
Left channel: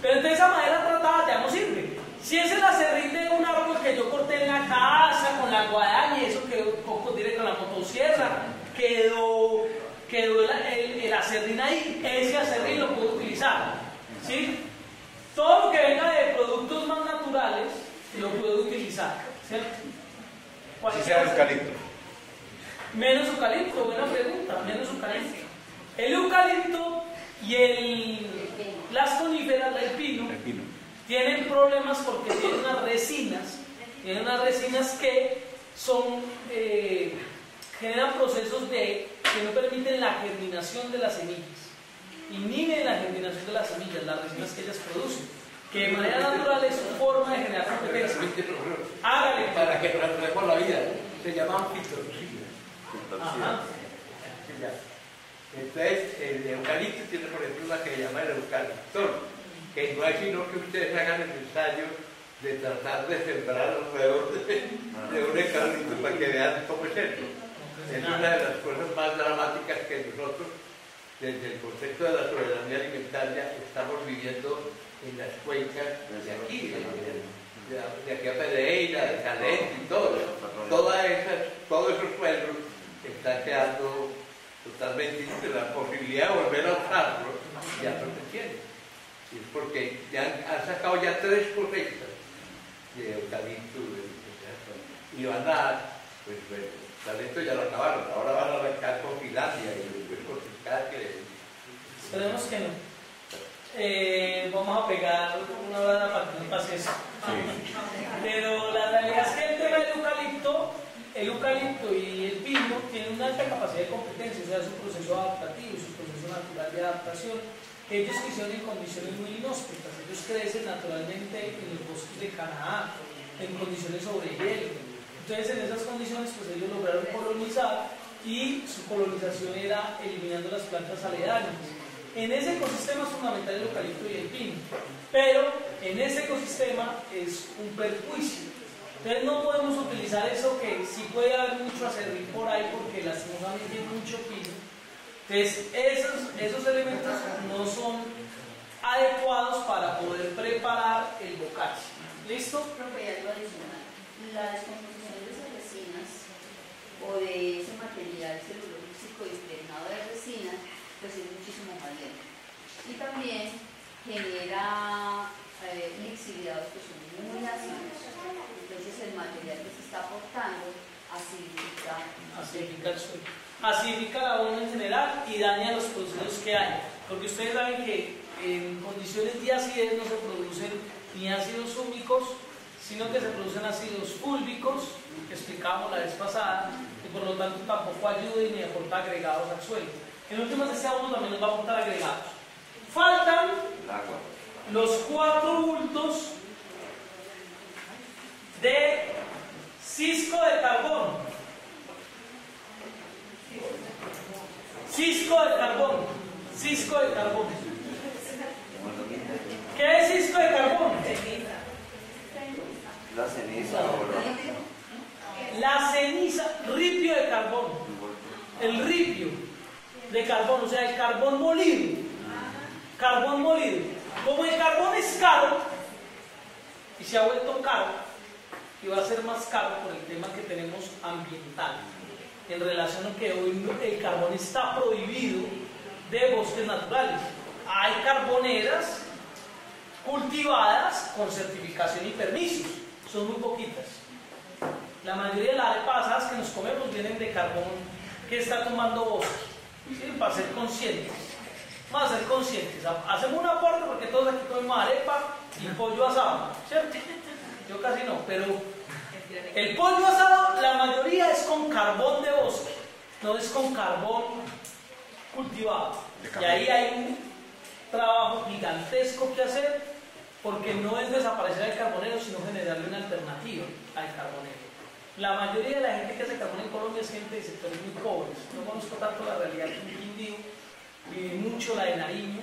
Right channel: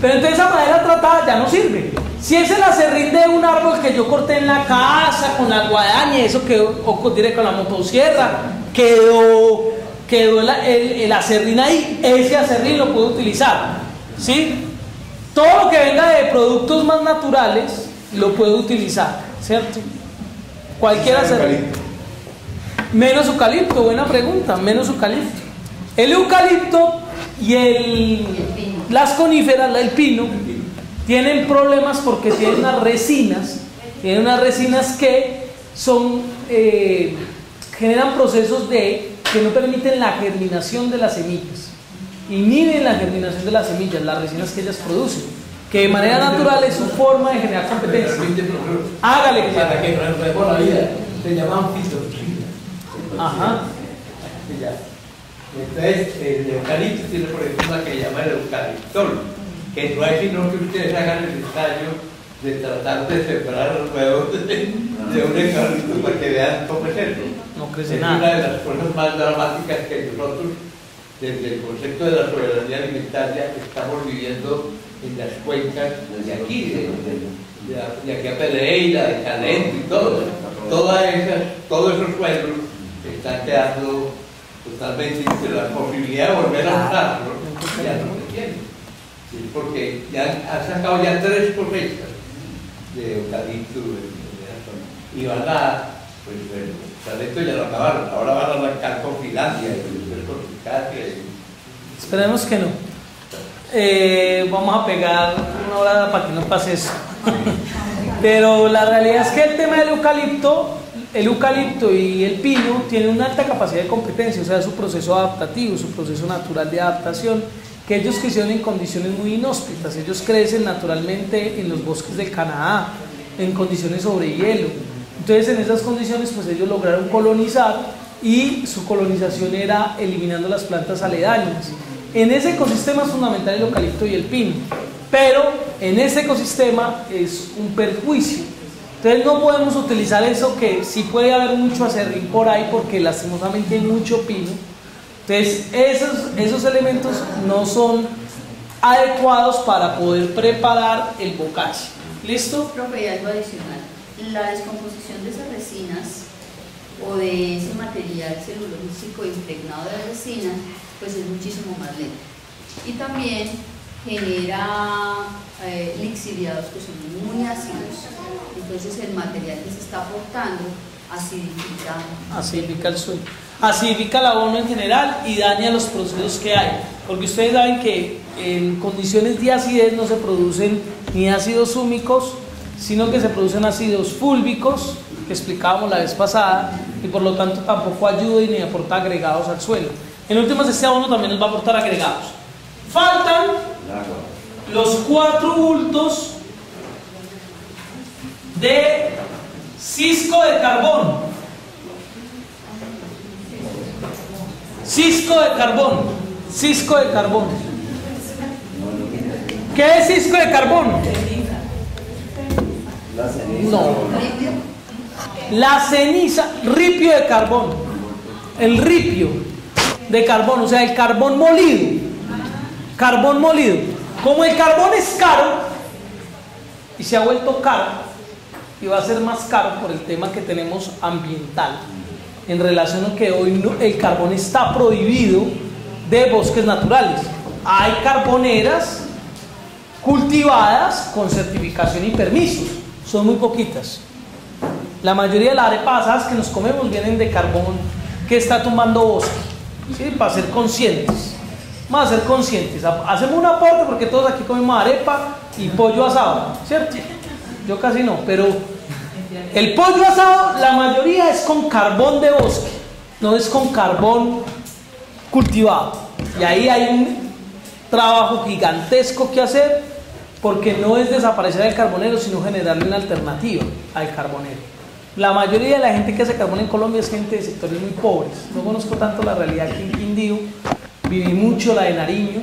Pero entonces esa madera tratada ya no sirve. Si es el acerrín de un árbol que yo corté en la casa con la guadaña, eso quedó, o diré con la motosierra, quedó el acerrín ahí, ese acerrín lo puedo utilizar. ¿Sí? Todo lo que venga de productos más naturales lo puedo utilizar, ¿cierto? Cualquier acerrín. Menos eucalipto, buena pregunta, menos eucalipto. El eucalipto y las coníferas, el pino, tienen problemas porque tienen unas resinas que son, generan procesos que no permiten la germinación de las semillas, inhiben la germinación de las semillas, las resinas que ellas producen, que de manera natural es su forma de generar competencia. Hágale que para que no es mejor la vida, se llaman fitos. Ajá. Entonces, el eucalipto tiene por ejemplo una que llama el eucaliptol, que no es sino que ustedes hagan el ensayo de tratar de separar los huevos de un eucalipto para que vean cómo es eso. No crece es nada. una de las cosas más dramáticas que nosotros desde el concepto de la soberanía alimentaria estamos viviendo en las cuencas de aquí, de aquí a Pereira, de Calento y todo. Todos esos pueblos están quedando totalmente sin la posibilidad de volver a usarlos, ya no se tienen. Sí, porque ya han sacado ya 3 cosechas de eucalipto y van a, pues bueno, Calento ya lo acabaron, ahora van a arrancar con Finlandia y después con Turquía. Esperemos que no. Vamos a pegar una hora para que no pase eso. Pero la realidad es que el tema del eucalipto y el pino tienen una alta capacidad de competencia, o sea, su proceso adaptativo, su proceso natural de adaptación, que ellos crecieron en condiciones muy inhóspitas. Ellos crecen naturalmente en los bosques del Canadá, en condiciones sobre hielo. Entonces, en esas condiciones, pues ellos lograron colonizar, y su colonización era eliminando las plantas aledañas. En ese ecosistema es fundamental el eucalipto y el pino, pero en ese ecosistema es un perjuicio. Entonces no podemos utilizar eso, que sí puede haber mucho acerrín por ahí, porque lastimosamente hay mucho pino. Entonces esos elementos no son adecuados para poder preparar el bocache. ¿Listo? Profe, y algo adicional. La descomposición de esas resinas o de ese material celulósico impregnado de resina, pues es muchísimo más lento. Y también genera lixiviados que son muy ácidos. Entonces el material que se está aportando acidifica el suelo, acidifica el abono en general y daña los procesos que hay. Porque ustedes saben que en condiciones de acidez no se producen ni ácidos húmicos, sino que se producen ácidos fúlbicos, que explicábamos la vez pasada, y por lo tanto tampoco ayuda ni aporta agregados al suelo. En últimas, este abono también nos va a aportar agregados. Faltan los 4 bultos de cisco de carbón. Cisco de carbón. ¿Qué es cisco de carbón? No. La ceniza, ripio de carbón. El ripio de carbón, o sea, el carbón molido. Carbón molido. Como el carbón es caro y se ha vuelto caro, y va a ser más caro por el tema que tenemos ambiental, en relación a que hoy el carbón está prohibido de bosques naturales. Hay carboneras cultivadas con certificación y permisos, son muy poquitas. La mayoría de las arepas asadas que nos comemos vienen de carbón que está tumbando bosque, ¿sí? Para ser conscientes. Vamos a ser conscientes. Hacemos un aporte porque todos aquí comemos arepa y pollo asado, ¿cierto? Yo casi no, pero el pollo asado, la mayoría es con carbón de bosque, no es con carbón cultivado. Y ahí hay un trabajo gigantesco que hacer, porque no es desaparecer el carbonero, sino generarle una alternativa al carbonero. La mayoría de la gente que hace carbón en Colombia es gente de sectores muy pobres. No conozco tanto la realidad aquí en Quindío. Viví mucho la de Nariño,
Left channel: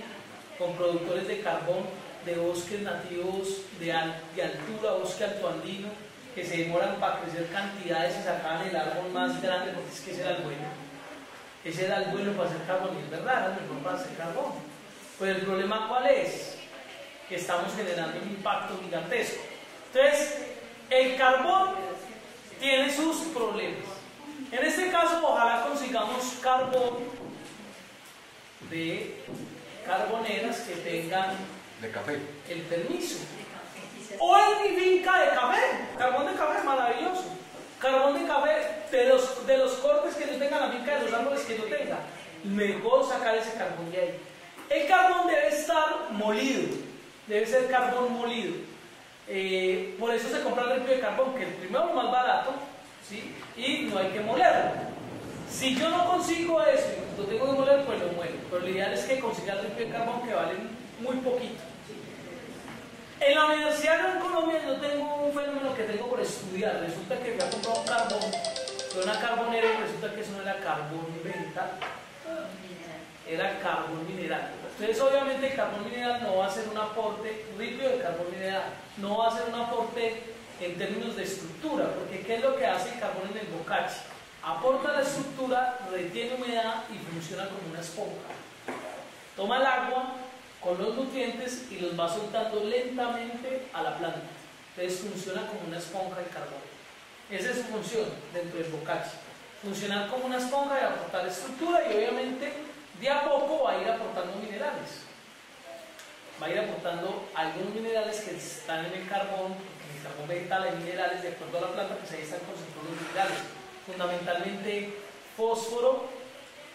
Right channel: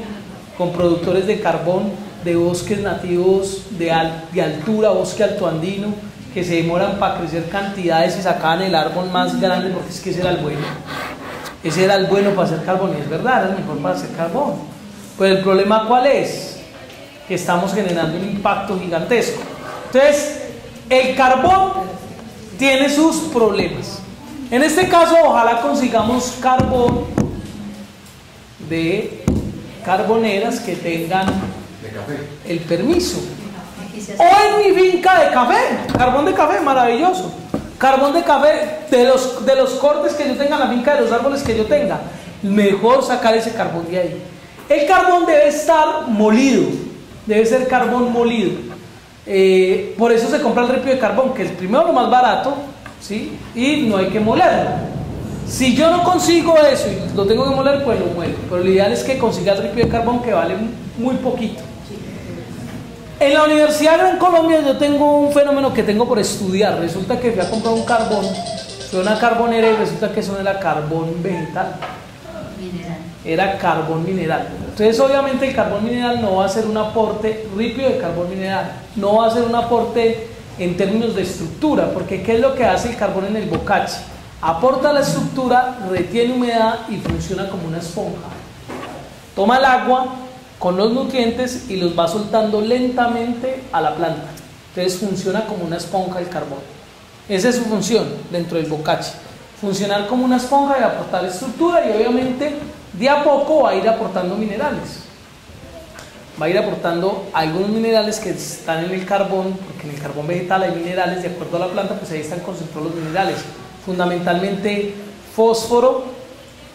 con productores de carbón de bosques nativos de altura, bosque altoandino, que se demoran para crecer cantidades y sacaban el árbol más grande, porque es que ese era el bueno. Ese era el bueno para hacer carbón, y es verdad, era el mejor para hacer carbón. Pues el problema, ¿cuál es? Que estamos generando un impacto gigantesco. Entonces, el carbón tiene sus problemas. En este caso, ojalá consigamos carbón de carboneras que tengan el permiso. O en mi finca de café, carbón de café, maravilloso. Carbón de café de los cortes que yo tenga en la finca, de los árboles que yo tenga. Mejor sacar ese carbón de ahí. El carbón debe estar molido, debe ser carbón molido. Por eso se compra el ripio de carbón, que es primero lo más barato, ¿sí? Y no hay que molerlo. Si yo no consigo eso y lo tengo que moler, pues lo muelo. Pero lo ideal es que consiga el ripio de carbón, que vale muy poquito. En la universidad en Colombia yo tengo un fenómeno que tengo por estudiar. Resulta que fui a comprar un carbón, fue una carbonera, y resulta que eso no era carbón vegetal, era carbón mineral. Entonces obviamente el carbón mineral no va a ser un aporte, ripio de carbón mineral, no va a ser un aporte en términos de estructura, porque ¿qué es lo que hace el carbón en el bocache? Aporta la estructura, retiene humedad y funciona como una esponja. Toma el agua con los nutrientes y los va soltando lentamente a la planta. Entonces funciona como una esponja el carbón. Esa es su función dentro del bocachi. Funcionar como una esponja y aportar estructura, y obviamente de a poco va a ir aportando minerales. Va a ir aportando algunos minerales que están en el carbón, porque en el carbón vegetal hay minerales, de acuerdo a la planta, pues ahí están concentrados los minerales. Fundamentalmente fósforo,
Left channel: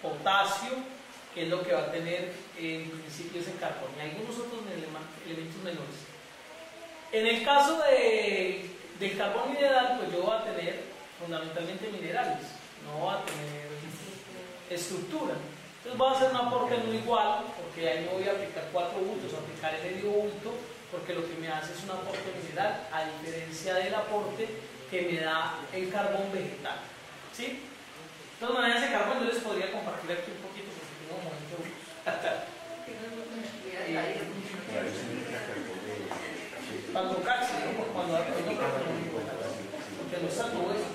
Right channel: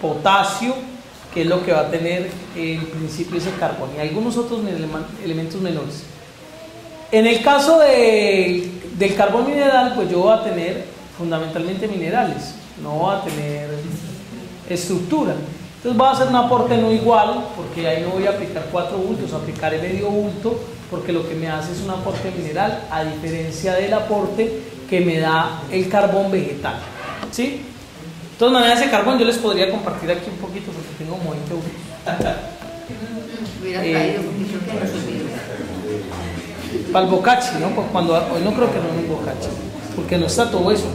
potasio, que es lo que va a tener en principio ese carbón, y algunos otros elementos menores. En el caso del carbón mineral, pues yo voy a tener fundamentalmente minerales, no voy a tener estructura. Entonces voy a hacer un aporte no igual, porque ahí no voy a aplicar 4 bultos, aplicaré medio bulto, porque lo que me hace es un aporte mineral, a diferencia del aporte que me da el carbón vegetal, ¿sí? De todas maneras, ese carbón yo les podría compartir aquí un poquito, porque tengo como 20 bultos. Hubiera traído poquito que recibir. Para el bocachi, ¿no? Pues cuando, hoy no creo que no es un bocachi, porque no está todo eso.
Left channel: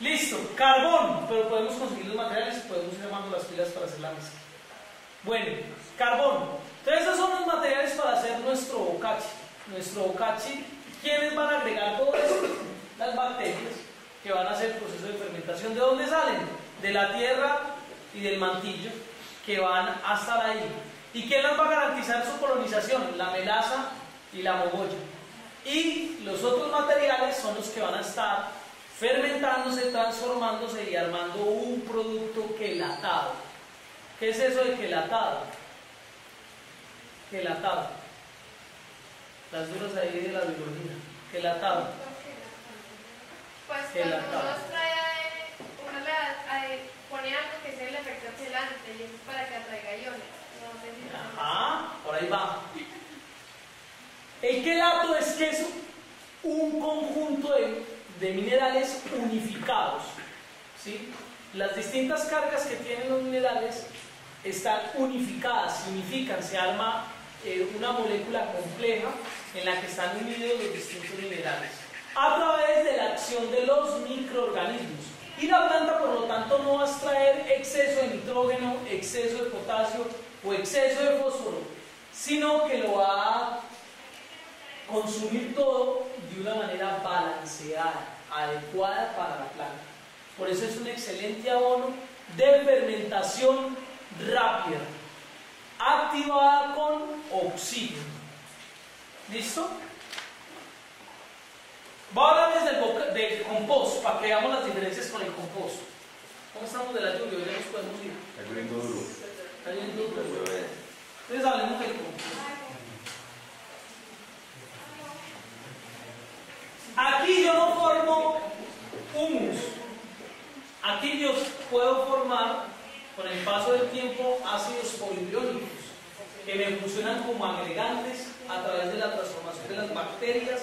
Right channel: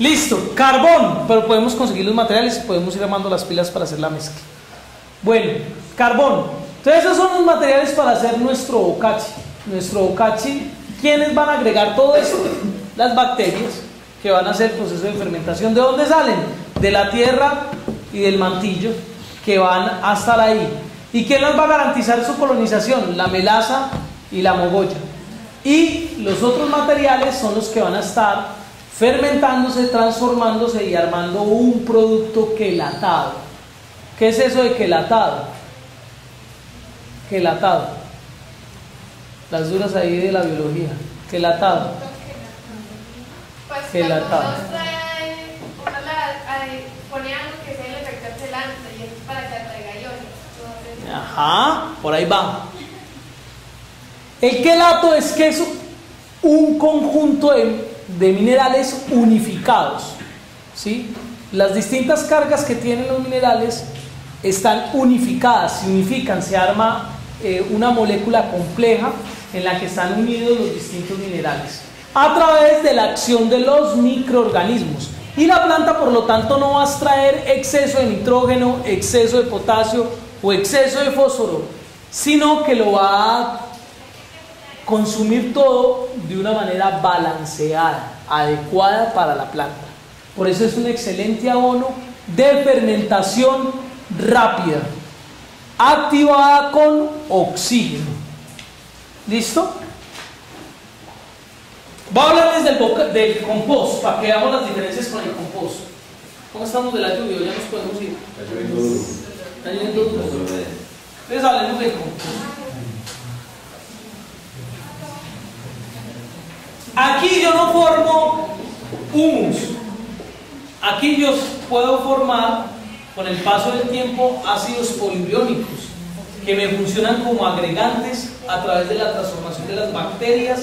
Listo, carbón, pero podemos conseguir los materiales y podemos ir armando las pilas para hacer la mezcla. Bueno, carbón. Entonces esos son los materiales para hacer nuestro bocachi. Nuestro bocachi, ¿quiénes van a agregar todo esto? Las bacterias que van a hacer el proceso de fermentación. ¿De dónde salen? De la tierra y del mantillo, que van a estar ahí. ¿Y quién les va a garantizar su colonización? La melaza y la mogolla. Y los otros materiales son los que van a estar fermentándose, transformándose y armando un producto quelatado. ¿Qué es eso de quelatado? Quelatado. Las duras ahí de la biología. Quelatado. Pues Quelatado. cuando uno trae, pone algo que sea el efecto celante y es para que atraiga iones. Ajá, por ahí va. El quelato es que es un conjunto de minerales unificados, ¿sí? Las distintas cargas que tienen los minerales están unificadas, se unifican, se arma una molécula compleja en la que están unidos los distintos minerales a través de la acción de los microorganismos, y la planta por lo tanto no va a extraer exceso de nitrógeno, exceso de potasio o exceso de fósforo, sino que lo va a consumir todo de una manera balanceada, adecuada para la planta. Por eso es un excelente abono de fermentación rápida, activada con oxígeno. ¿Listo? Voy a hablarles del compost, para que veamos las diferencias con el compost. ¿Cómo estamos de la lluvia? Ya nos podemos ir. Está lloviendo duro. Entonces hablemos del compost. Aquí yo no formo humus. Aquí yo puedo formar, con el paso del tiempo, ácidos polibriónicos que me funcionan como agregantes a través de la transformación de las bacterias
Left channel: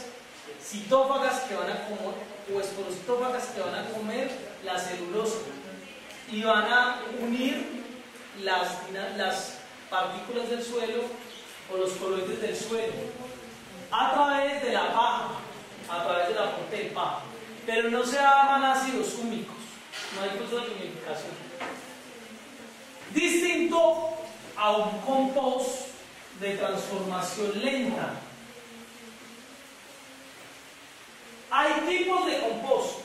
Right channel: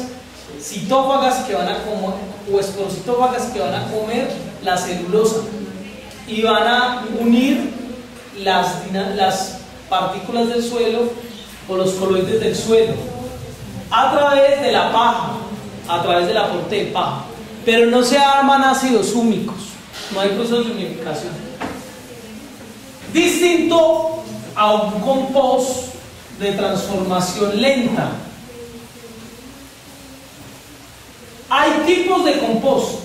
citófagas que van a comer, o esporocitófagas que van a comer la celulosa y van a unir las partículas del suelo o los coloides del suelo a través de la paja, a través del aporte de paja, pero no se arman ácidos húmicos, no hay proceso de humificación. Distinto a un compost de transformación lenta. Hay tipos de compost.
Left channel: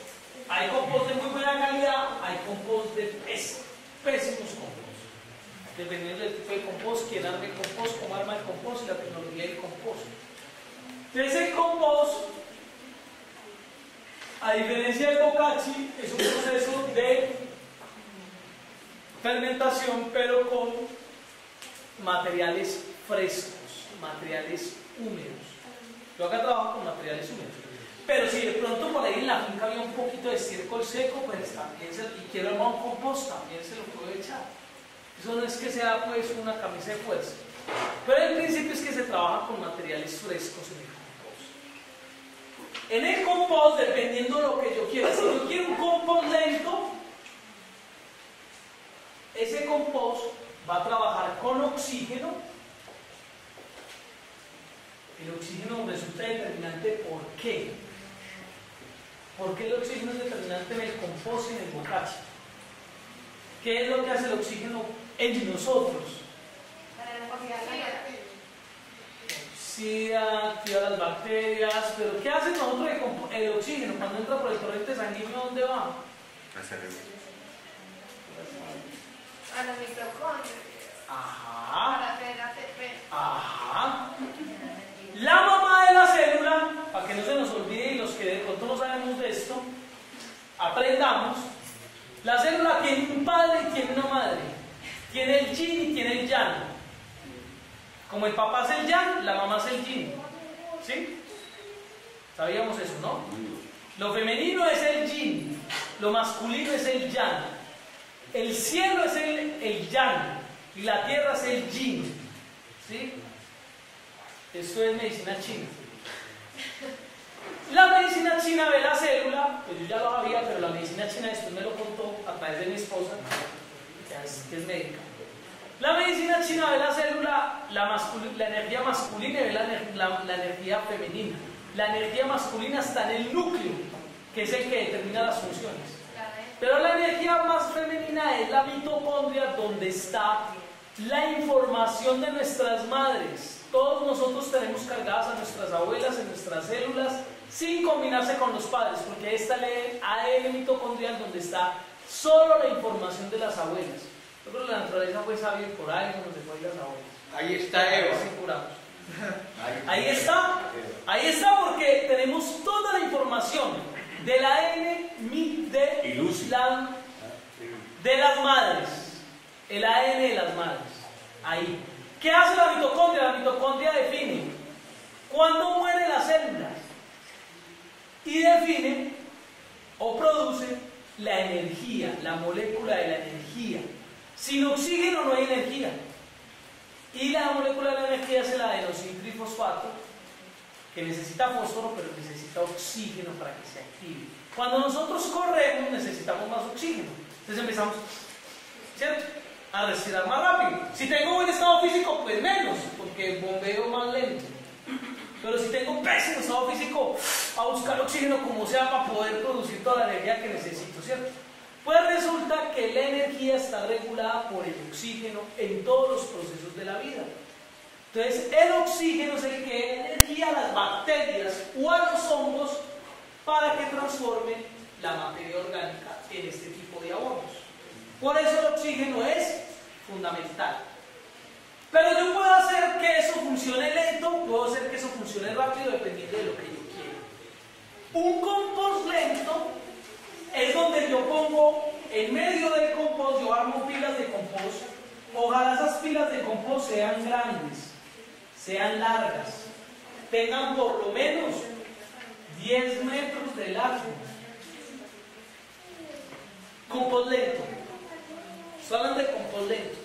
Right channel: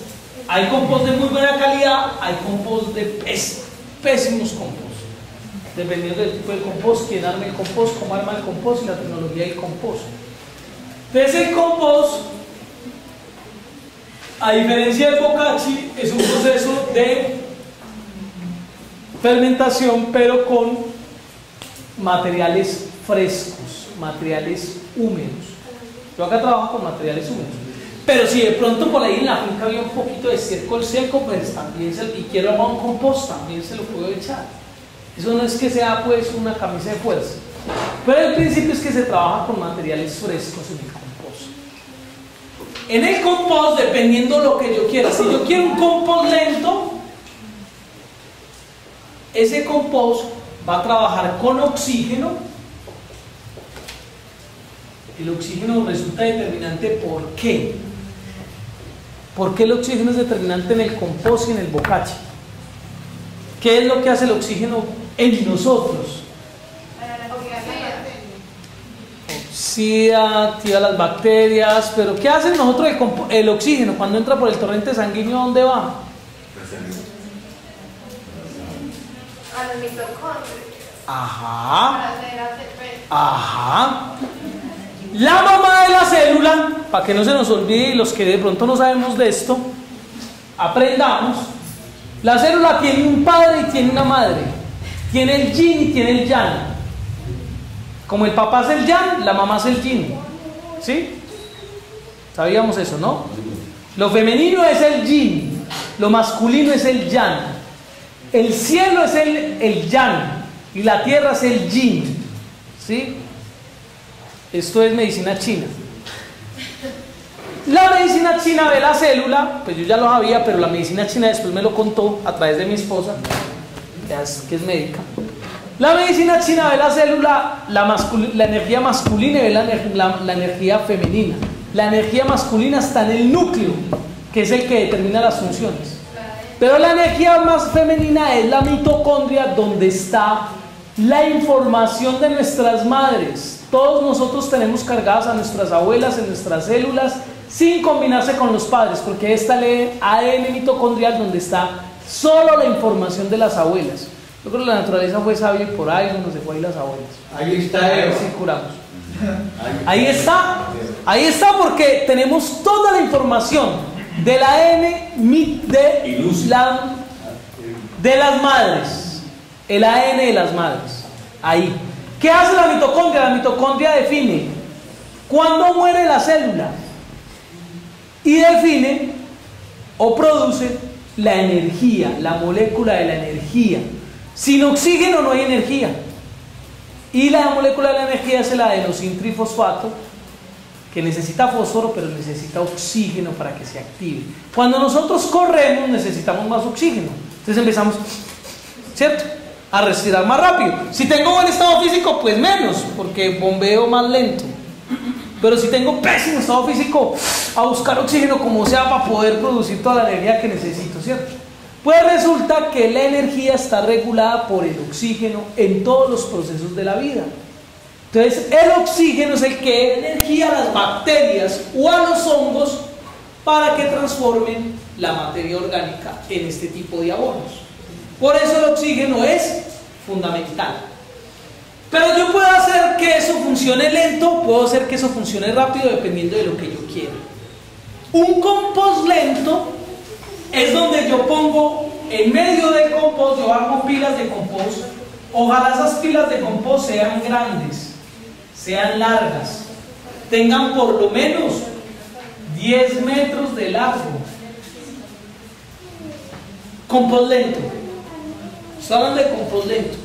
Hay compost de muy buena calidad, hay compost de pésimos compost. Dependiendo del tipo de compost, quién arma el compost, cómo arma el compost y la tecnología del compost. Entonces el compost, a diferencia del bocachi, es un proceso de fermentación, pero con materiales frescos, materiales húmedos. Yo acá trabajo con materiales húmedos. Pero si de pronto por ahí en la finca había un poquito de estiércol seco, pues también y quiero armar un compost, también se lo puedo echar. Eso no es que sea pues una camisa de fuerza. Pero el principio es que se trabaja con materiales frescos en el compost. En el compost, dependiendo lo que yo quiera, si yo quiero un compost lento, ese compost va a trabajar con oxígeno. El oxígeno resulta determinante. ¿Por qué? ¿Por qué el oxígeno es determinante en el compost y en el bocachi? ¿Qué es lo que hace el oxígeno en nosotros? oxida, activa las bacterias, pero ¿qué hace nosotros el oxígeno cuando entra por el torrente sanguíneo? ¿A dónde va? A los mitocondrios. Ajá. Para hacer ATP. Ajá. La mamá de la célula, para que no se nos olvide y los que de pronto no sabemos de esto, aprendamos. La célula tiene un padre y tiene una madre. Tiene el yin y tiene el yang. Como el papá es el yang, la mamá es el yin. ¿Sí? Sabíamos eso, ¿no? Lo femenino es el yin, lo masculino es el yang. El cielo es el yang y la tierra es el yin. ¿Sí? Esto es medicina china. La medicina china ve la célula, pues yo ya lo sabía, pero la medicina china después me lo contó a través de mi esposa, que es médica. La medicina china ve la célula, la energía masculina y ve la energía femenina. La energía masculina está en el núcleo, que es el que determina las funciones. Pero la energía más femenina es la mitocondria, donde está la información de nuestras madres. Todos nosotros tenemos cargadas a nuestras abuelas en nuestras células sin combinarse con los padres, porque está el ADN mitocondrial donde está solo la información de las abuelas. Yo creo que la naturaleza fue sabia y por ahí nos dejó ahí las abuelas. Ahí está, A ver si curamos. Ahí está porque tenemos toda la información del ADN de las madres. El ADN de las madres. Ahí. ¿Qué hace la mitocondria? La mitocondria define cuándo muere la célula y define o produce la energía, la molécula de la energía. Sin oxígeno no hay energía. Y la molécula de la energía es el adenosintrifosfato, que necesita fósforo, pero necesita oxígeno para que se active. Cuando nosotros corremos necesitamos más oxígeno. Entonces empezamos, ¿cierto?, a respirar más rápido. Si tengo buen estado físico, pues menos, porque bombeo más lento. Pero si tengo pésimo estado físico, a buscar oxígeno como sea para poder producir toda la energía que necesito, ¿cierto? Pues resulta que la energía está regulada por el oxígeno en todos los procesos de la vida. Entonces el oxígeno es el que da energía a las bacterias o a los hongos para que transformen la materia orgánica en este tipo de abonos. Por eso el oxígeno es fundamental. Pero yo puedo hacer que eso funcione lento, puedo hacer que eso funcione rápido, dependiendo de lo que yo quiera. Un compost lento es donde yo pongo en medio del compost, yo hago pilas de compost. Ojalá esas pilas de compost sean grandes, sean largas, tengan por lo menos 10 metros de largo. Compost lento. Estoy hablando de compost lento.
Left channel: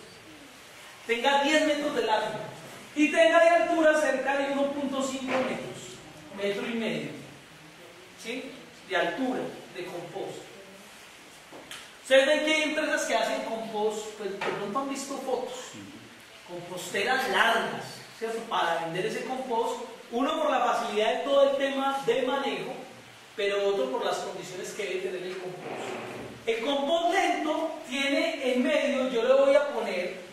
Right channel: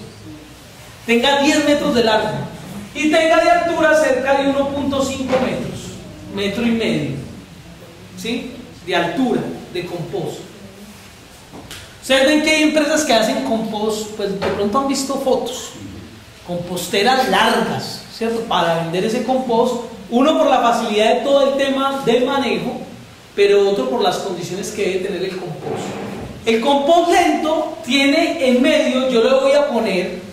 Tenga 10 metros de largo y tenga de altura cerca de 1.5 metros, metro y medio, ¿sí?, de altura de compost. Ustedes ven que hay empresas que hacen compost, pues de pronto han visto fotos, composteras largas, ¿cierto?, para vender ese compost. Uno por la facilidad de todo el tema del manejo, pero otro por las condiciones que debe tener el compost. El compost lento tiene en medio, yo le voy a poner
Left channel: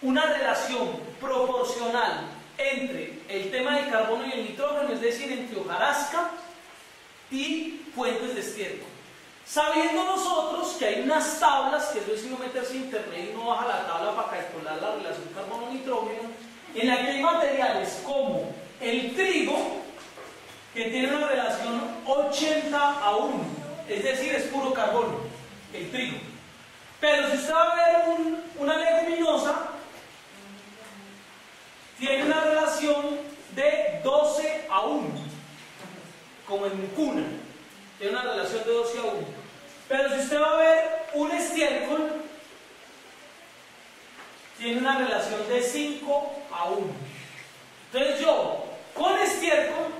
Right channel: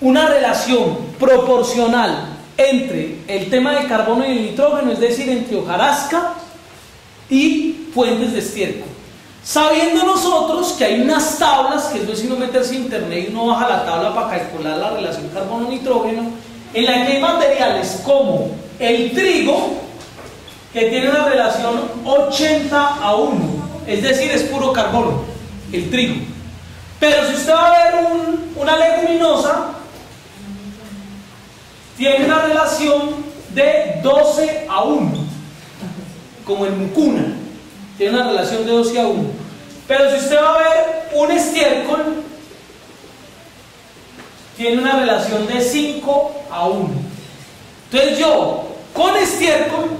una relación proporcional entre el tema del carbono y el nitrógeno, es decir, entre hojarasca y fuentes de estiércol. Sabiendo nosotros que hay unas tablas, que es sino meterse en internet y uno baja la tabla para calcular la relación carbono-nitrógeno, en la que hay materiales como el trigo, que tiene una relación 80:1, es decir, es puro carbono, el trigo. Pero si usted va a ver una leguminosa, tiene una relación de 12:1, como el mucuna, tiene una relación de 12:1. Pero si usted va a ver un estiércol, tiene una relación de 5:1. Entonces yo, con estiércol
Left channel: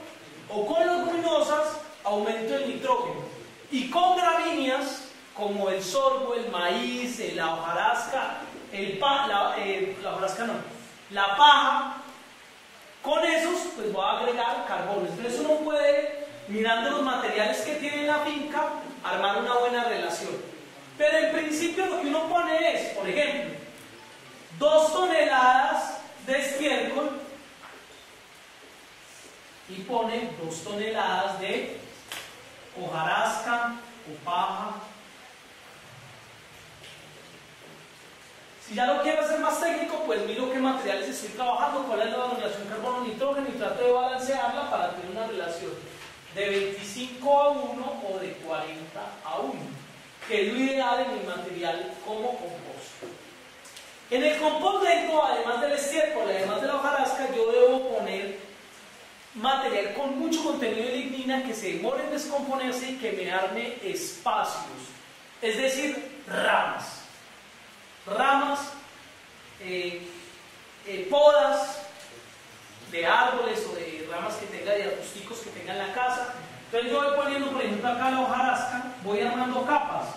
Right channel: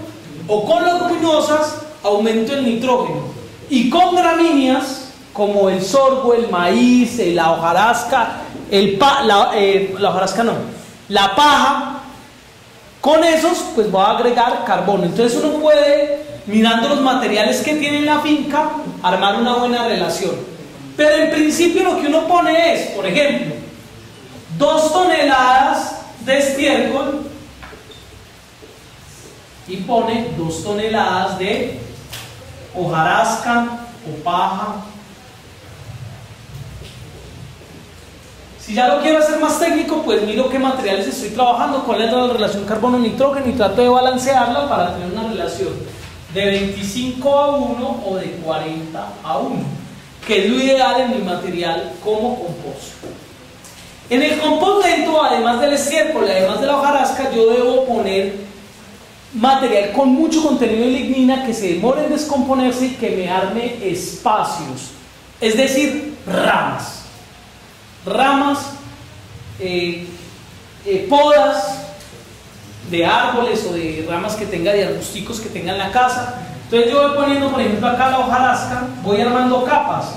o con leguminosas, aumento el nitrógeno. Y con gramíneas, como el sorgo, el maíz, la hojarasca, la paja, con esos pues voy a agregar carbono. Entonces uno puede, mirando los materiales que tiene en la finca, armar una buena relación. Pero en principio lo que uno pone es, por ejemplo, 2 toneladas de estiércol y pone 2 toneladas de hojarasca o paja. Si ya lo quiero hacer más técnico, pues miro qué materiales estoy trabajando, cuál es la relación carbono-nitrógeno y trato de balancearla para tener una relación de 25:1 o de 40:1, que es lo ideal en mi material como compost. En el compost lento, además del estiércol, además de la hojarasca, yo debo poner material con mucho contenido de lignina que se demore en descomponerse y que me arme espacios, es decir, ramas, podas de árboles o de ramas que tenga, de arbusticos que tenga en la casa. Entonces yo voy poniendo, por ejemplo, acá la hojarasca, voy armando capas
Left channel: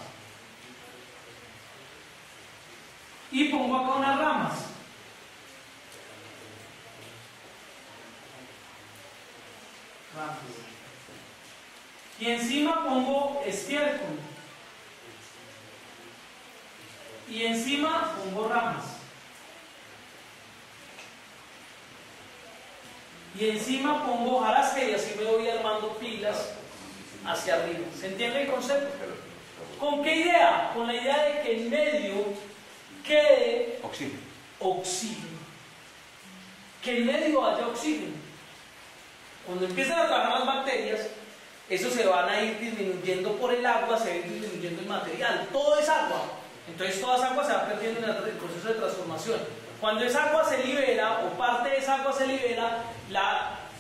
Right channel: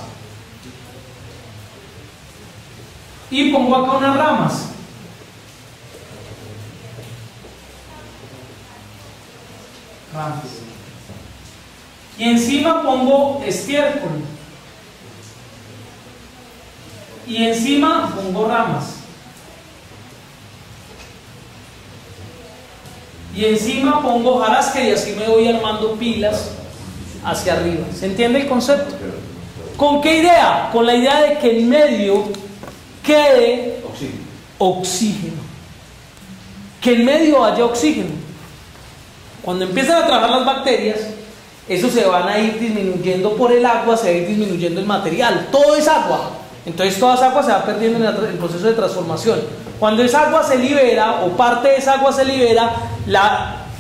y pongo acá unas ramas. Y encima pongo estiércol y encima pongo ramas y encima pongo hojarasca y así me voy armando pilas hacia arriba. ¿Se entiende el concepto? ¿Con qué idea? Con la idea de que en medio quede oxígeno, que en medio haya oxígeno. Cuando empiezan a trabajar las bacterias, eso se van a ir disminuyendo por el agua, se va a ir disminuyendo el material. Todo es agua. Entonces toda esa agua se va perdiendo en el proceso de transformación. Cuando esa agua se libera o parte de esa agua se libera,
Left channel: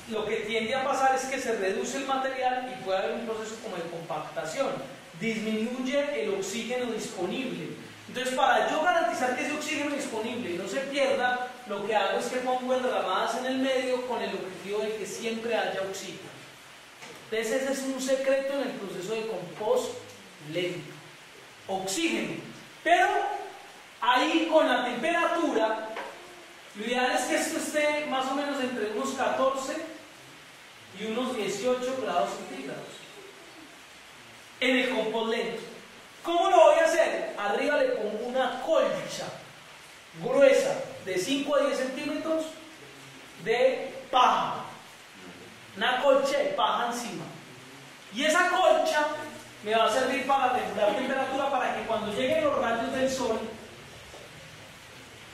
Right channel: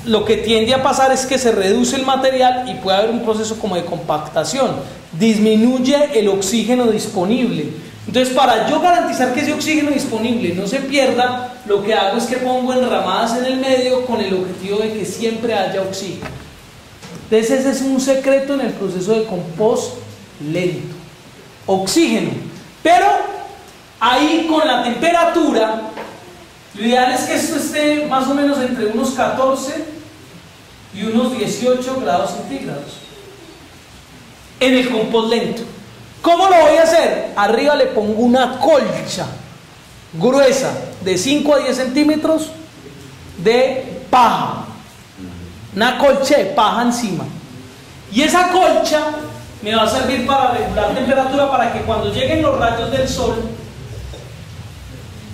lo que tiende a pasar es que se reduce el material y puede haber un proceso como de compactación. Disminuye el oxígeno disponible. Entonces, para yo garantizar que ese oxígeno disponible no se pierda, lo que hago es que pongo enramadas en el medio con el objetivo de que siempre haya oxígeno. Entonces, ese es un secreto en el proceso de compost lento. Oxígeno. Pero ahí con la temperatura, lo ideal es que esto esté más o menos entre unos 14 y unos 18 grados centígrados en el compost lento. ¿Cómo lo voy a hacer? Arriba le pongo una colcha gruesa de 5 a 10 centímetros de paja, una colcha de paja encima, y esa colcha me va a servir para regular temperatura, para que cuando lleguen los rayos del sol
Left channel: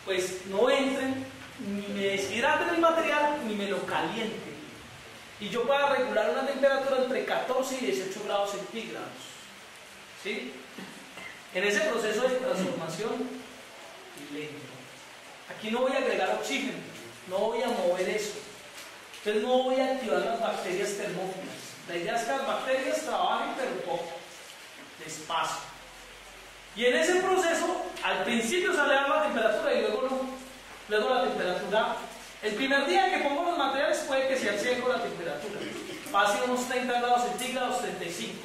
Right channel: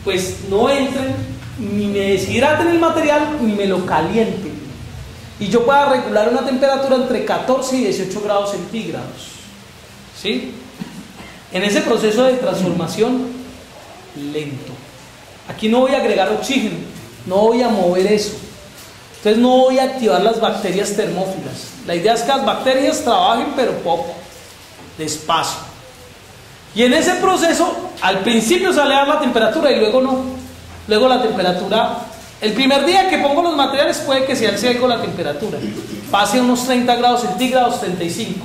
pues no entren ni me deshidraten el material ni me lo calienten, y yo pueda regular una temperatura entre 14 y 18 grados centígrados. ¿Sí? En ese proceso de transformación lento. Aquí no voy a agregar oxígeno, no voy a mover eso. Entonces no voy a activar las bacterias termófilas. La idea es que las bacterias trabajen pero poco, despacio. Y en ese proceso, al principio sale a la temperatura y luego no. Luego la temperatura, el primer día que pongo los materiales puede que se alce algo la temperatura. Pase a unos 30 grados centígrados, 35.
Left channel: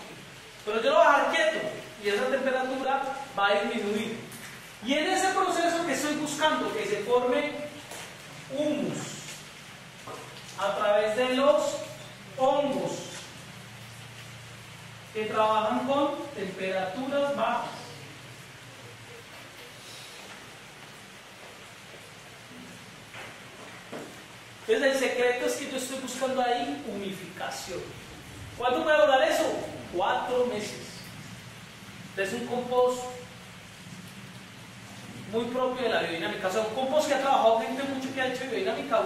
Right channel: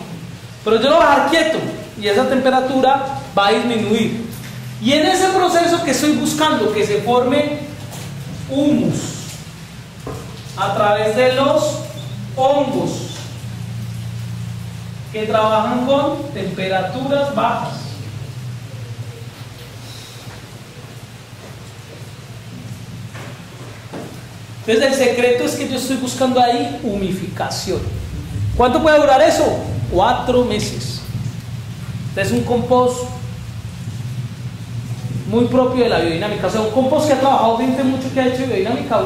Pero yo lo voy a dejar quieto y esa temperatura va a disminuir. Y en ese proceso que estoy buscando que se forme humus a través de los hongos que trabajan con temperaturas bajas. Entonces el secreto es que yo estoy buscando ahí humificación. ¿Cuánto puede durar eso? 4 meses. Es un compost muy propio de la biodinámica. O sea, un compost que ha trabajado gente mucho, que ha hecho biodinámica,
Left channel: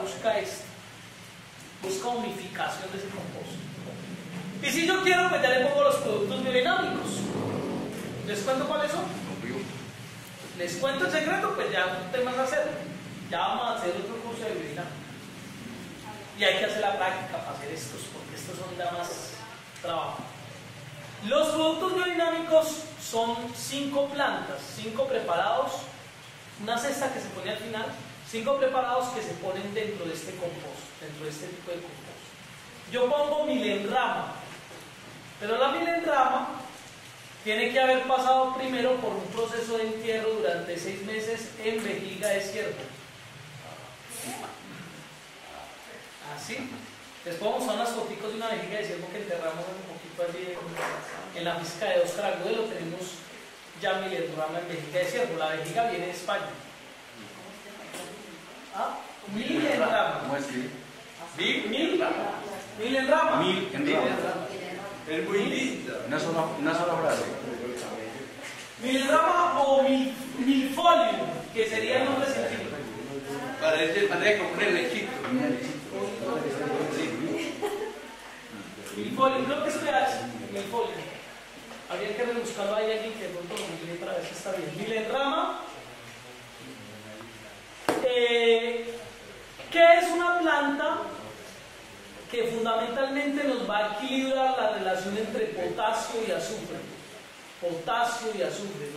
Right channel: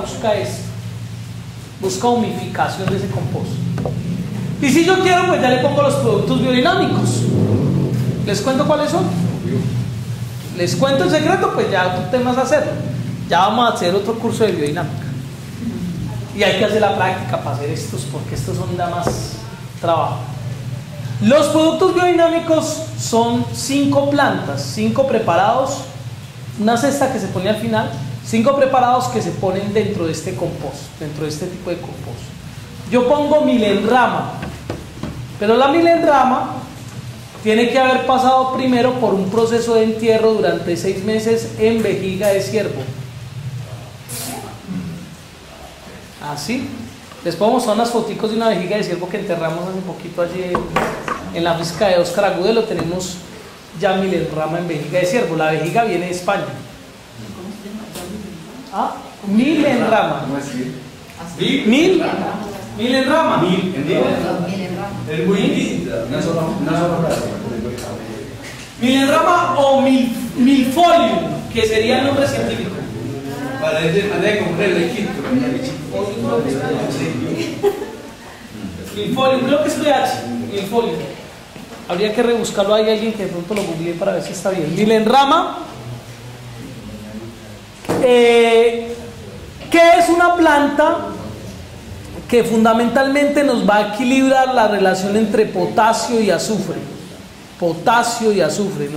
busca humificación de ese compost. Y si yo quiero, pues ya le pongo los productos biodinámicos. ¿Les cuento cuáles son? Les cuento el secreto, pues ya otro tema es hacerlo. Ya vamos a hacer otro curso de biodinámica. Y hay que hacer la práctica para hacer estos, porque estos son da más trabajo. Los productos biodinámicos son 5 plantas, 5 preparados, una cesta que se pone al final, 5 preparados que se ponen dentro de este compost, dentro de este tipo de compost. Yo pongo milenrama, pero la milenrama tiene que haber pasado primero por un proceso de entierro durante 6 meses en vejiga de ciervo. Así. Les puedo mostrar unas foticos de una vejiga de ciervo que enterramos hace poquito allí en la física de Oscar Agudelo. Tenemos ya milenrama en vejiga de ciervo. La vejiga viene de España. ¿Ah? 1000 en rama. ¿Cómo así? 1000 en rama. Es muy linda. Una sola frase. 1000 en rama o milfolium, que sería el nombre científico. Parece como un elegito. Milfolium, creo que es PH. Milfolium. Habría que rebuscarlo. Hay alguien que de pronto lo googlee para ver si está bien. 1000 en rama. ¿Qué es una planta? Que fundamentalmente nos va a equilibrar la relación entre potasio y azufre. Potasio y azufre,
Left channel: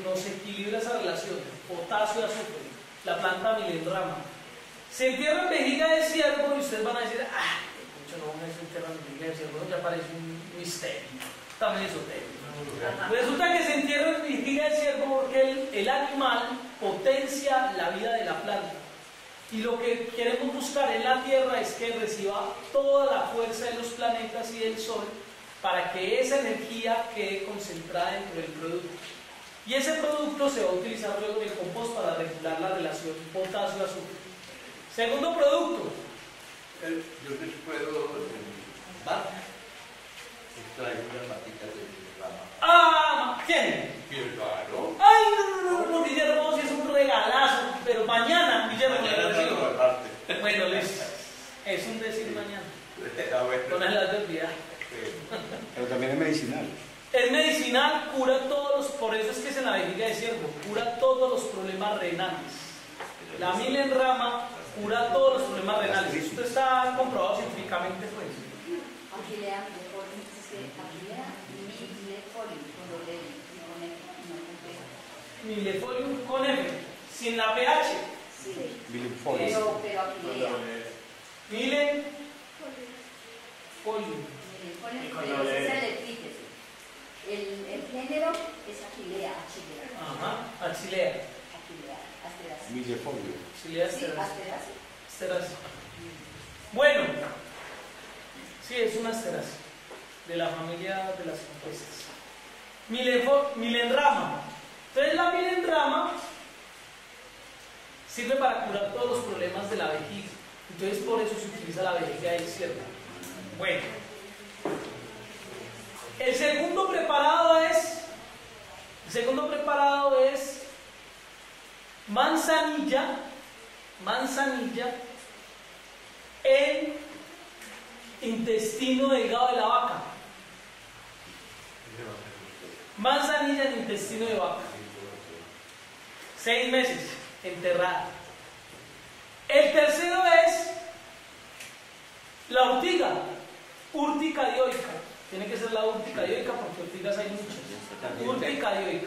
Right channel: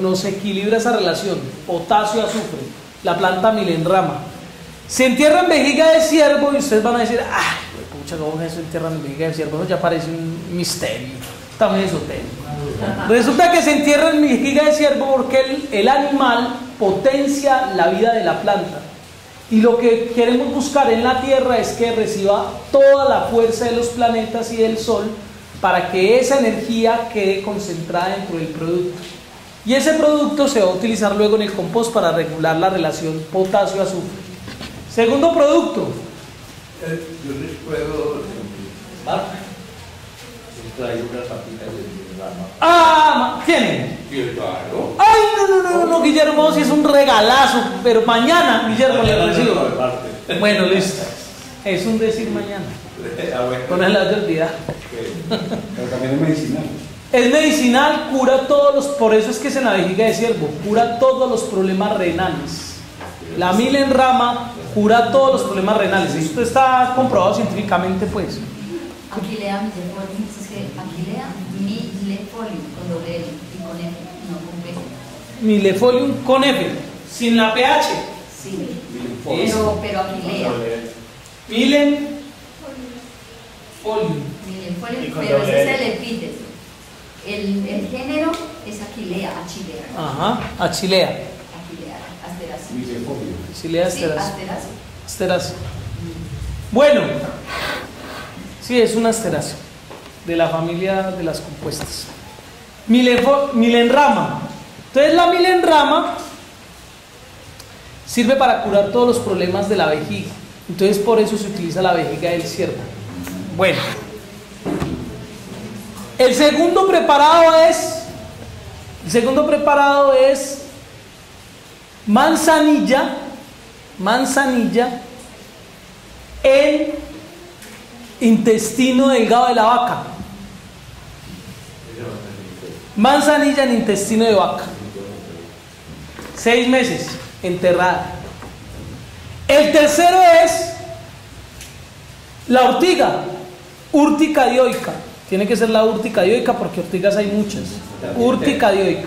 nos equilibra esa relación, potasio y azufre, la planta milenrama. Se entierra en vejiga de ciervo y ustedes van a decir, ¡ay, pucha, cómo se entierra en vejiga de ciervo! Eso ya parece un misterio, también esotérico. Resulta que se entierra en vejiga de ciervo porque el animal potencia la vida de la planta. Y lo que queremos buscar en la Tierra es que reciba toda la fuerza de los planetas y del Sol para que esa energía quede concentrada dentro del producto. Y ese producto se va a utilizar luego en el compost para regular la relación potasio-azufre. Segundo producto. Yo les puedo dar. Traigo unas papitas de rama. ¡Ah! ¿Tienen? Claro. ¡Ay, no, Guillermo! Si es un regalazo, pero mañana, Guillermo, le recibo. Bueno, listo. Es un decir mañana. Con el lado de olvidar. Pero también es medicinal. Es medicinal, cura todos los, por eso es que es en la vejiga de ciervo, cura todos los problemas renales. La milenrama cura todos los problemas renales. Esto está comprobado científicamente, pues. Aquilea milefolium, es que Aquilea milefolium con doble L y con F, no con P. Milefolium con F, sin la PH. Sí, pero Aquilea. Milenfolium. Milefolium, pero ese es el epíteto. El género es Aquilea, Achilea. Ajá, Achilea. Aquilea, Asteracea. Milefolium. Achilea Sí, asteracea. Asteracea. Asteracea. Bueno, sí, es una asterácea de la familia de las compuestas. Milenrama. Entonces la milenrama sirve para curar todos los problemas de la vejiga. Entonces por eso se utiliza la vejiga del ciervo. Bueno, el segundo preparado es manzanilla en intestino delgado de la vaca. Manzanilla en intestino de vaca. 6 meses enterrada. El tercero es la ortiga, Urtica dioica. Tiene que ser la Urtica dioica porque ortigas hay muchas. Urtica dioica.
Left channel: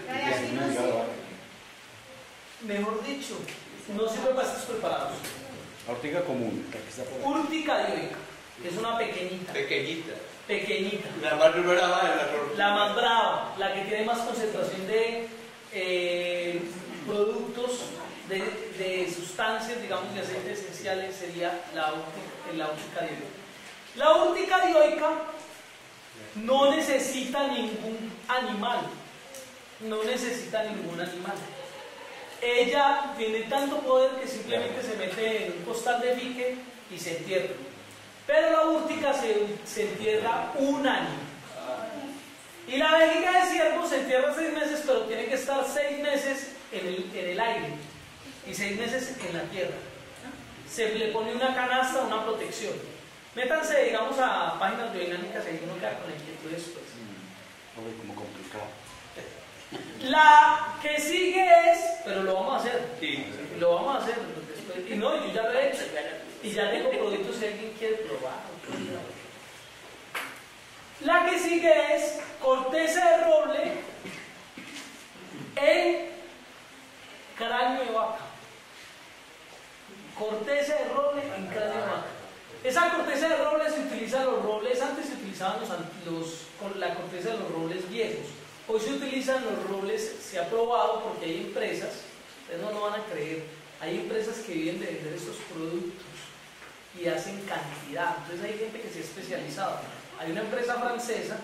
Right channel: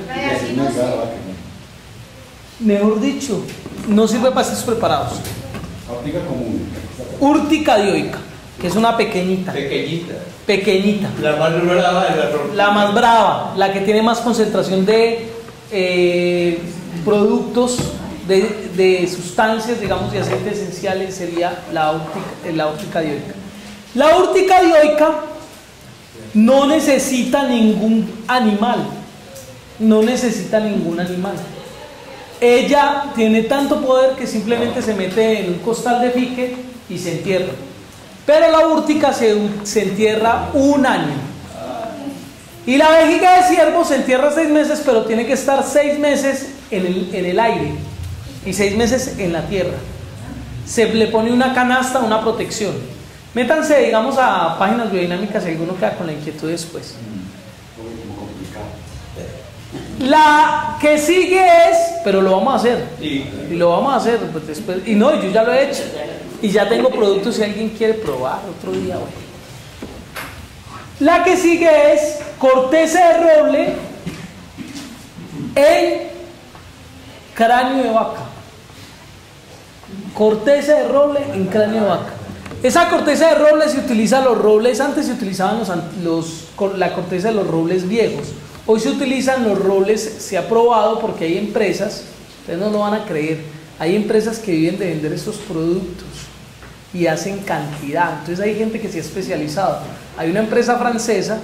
Mejor dicho, no sirve para estos preparados. Ortiga común. Urtica dioica, que es una pequeñita. Pequeñita. La más brava de la torta. La más brava, la que tiene más concentración de productos, de sustancias, digamos, de aceites esenciales, sería la Urtica dioica. La Urtica dioica no necesita ningún animal. No necesita ningún animal. Ella tiene tanto poder que simplemente se mete en un costal de fique y se entierra. Pero la úrtica se entierra 1 año. Y la vejiga de ciervo se entierra 6 meses, pero tiene que estar 6 meses en el aire y 6 meses en la tierra. Se le pone una canasta, una protección. Métanse, digamos, a páginas biodinámicas si alguno queda con la inquietud después. La que sigue es, pero lo vamos a hacer. Y lo vamos a hacer pues, después. Y no, yo ya lo he hecho. Y ya tengo productos si alguien quiere probar otro día. Bueno. La que sigue es corteza de roble en cráneo de vaca. Corteza de roble en cráneo de vaca. Esa corteza de roble se utiliza los robles, antes se utilizaban la corteza de los robles viejos. Hoy se utilizan los robles, se ha probado porque hay empresas, ustedes no lo van a creer, hay empresas que viven de vender estos productos y hacen cantidad. Entonces hay gente que se ha especializado. Hay una empresa francesa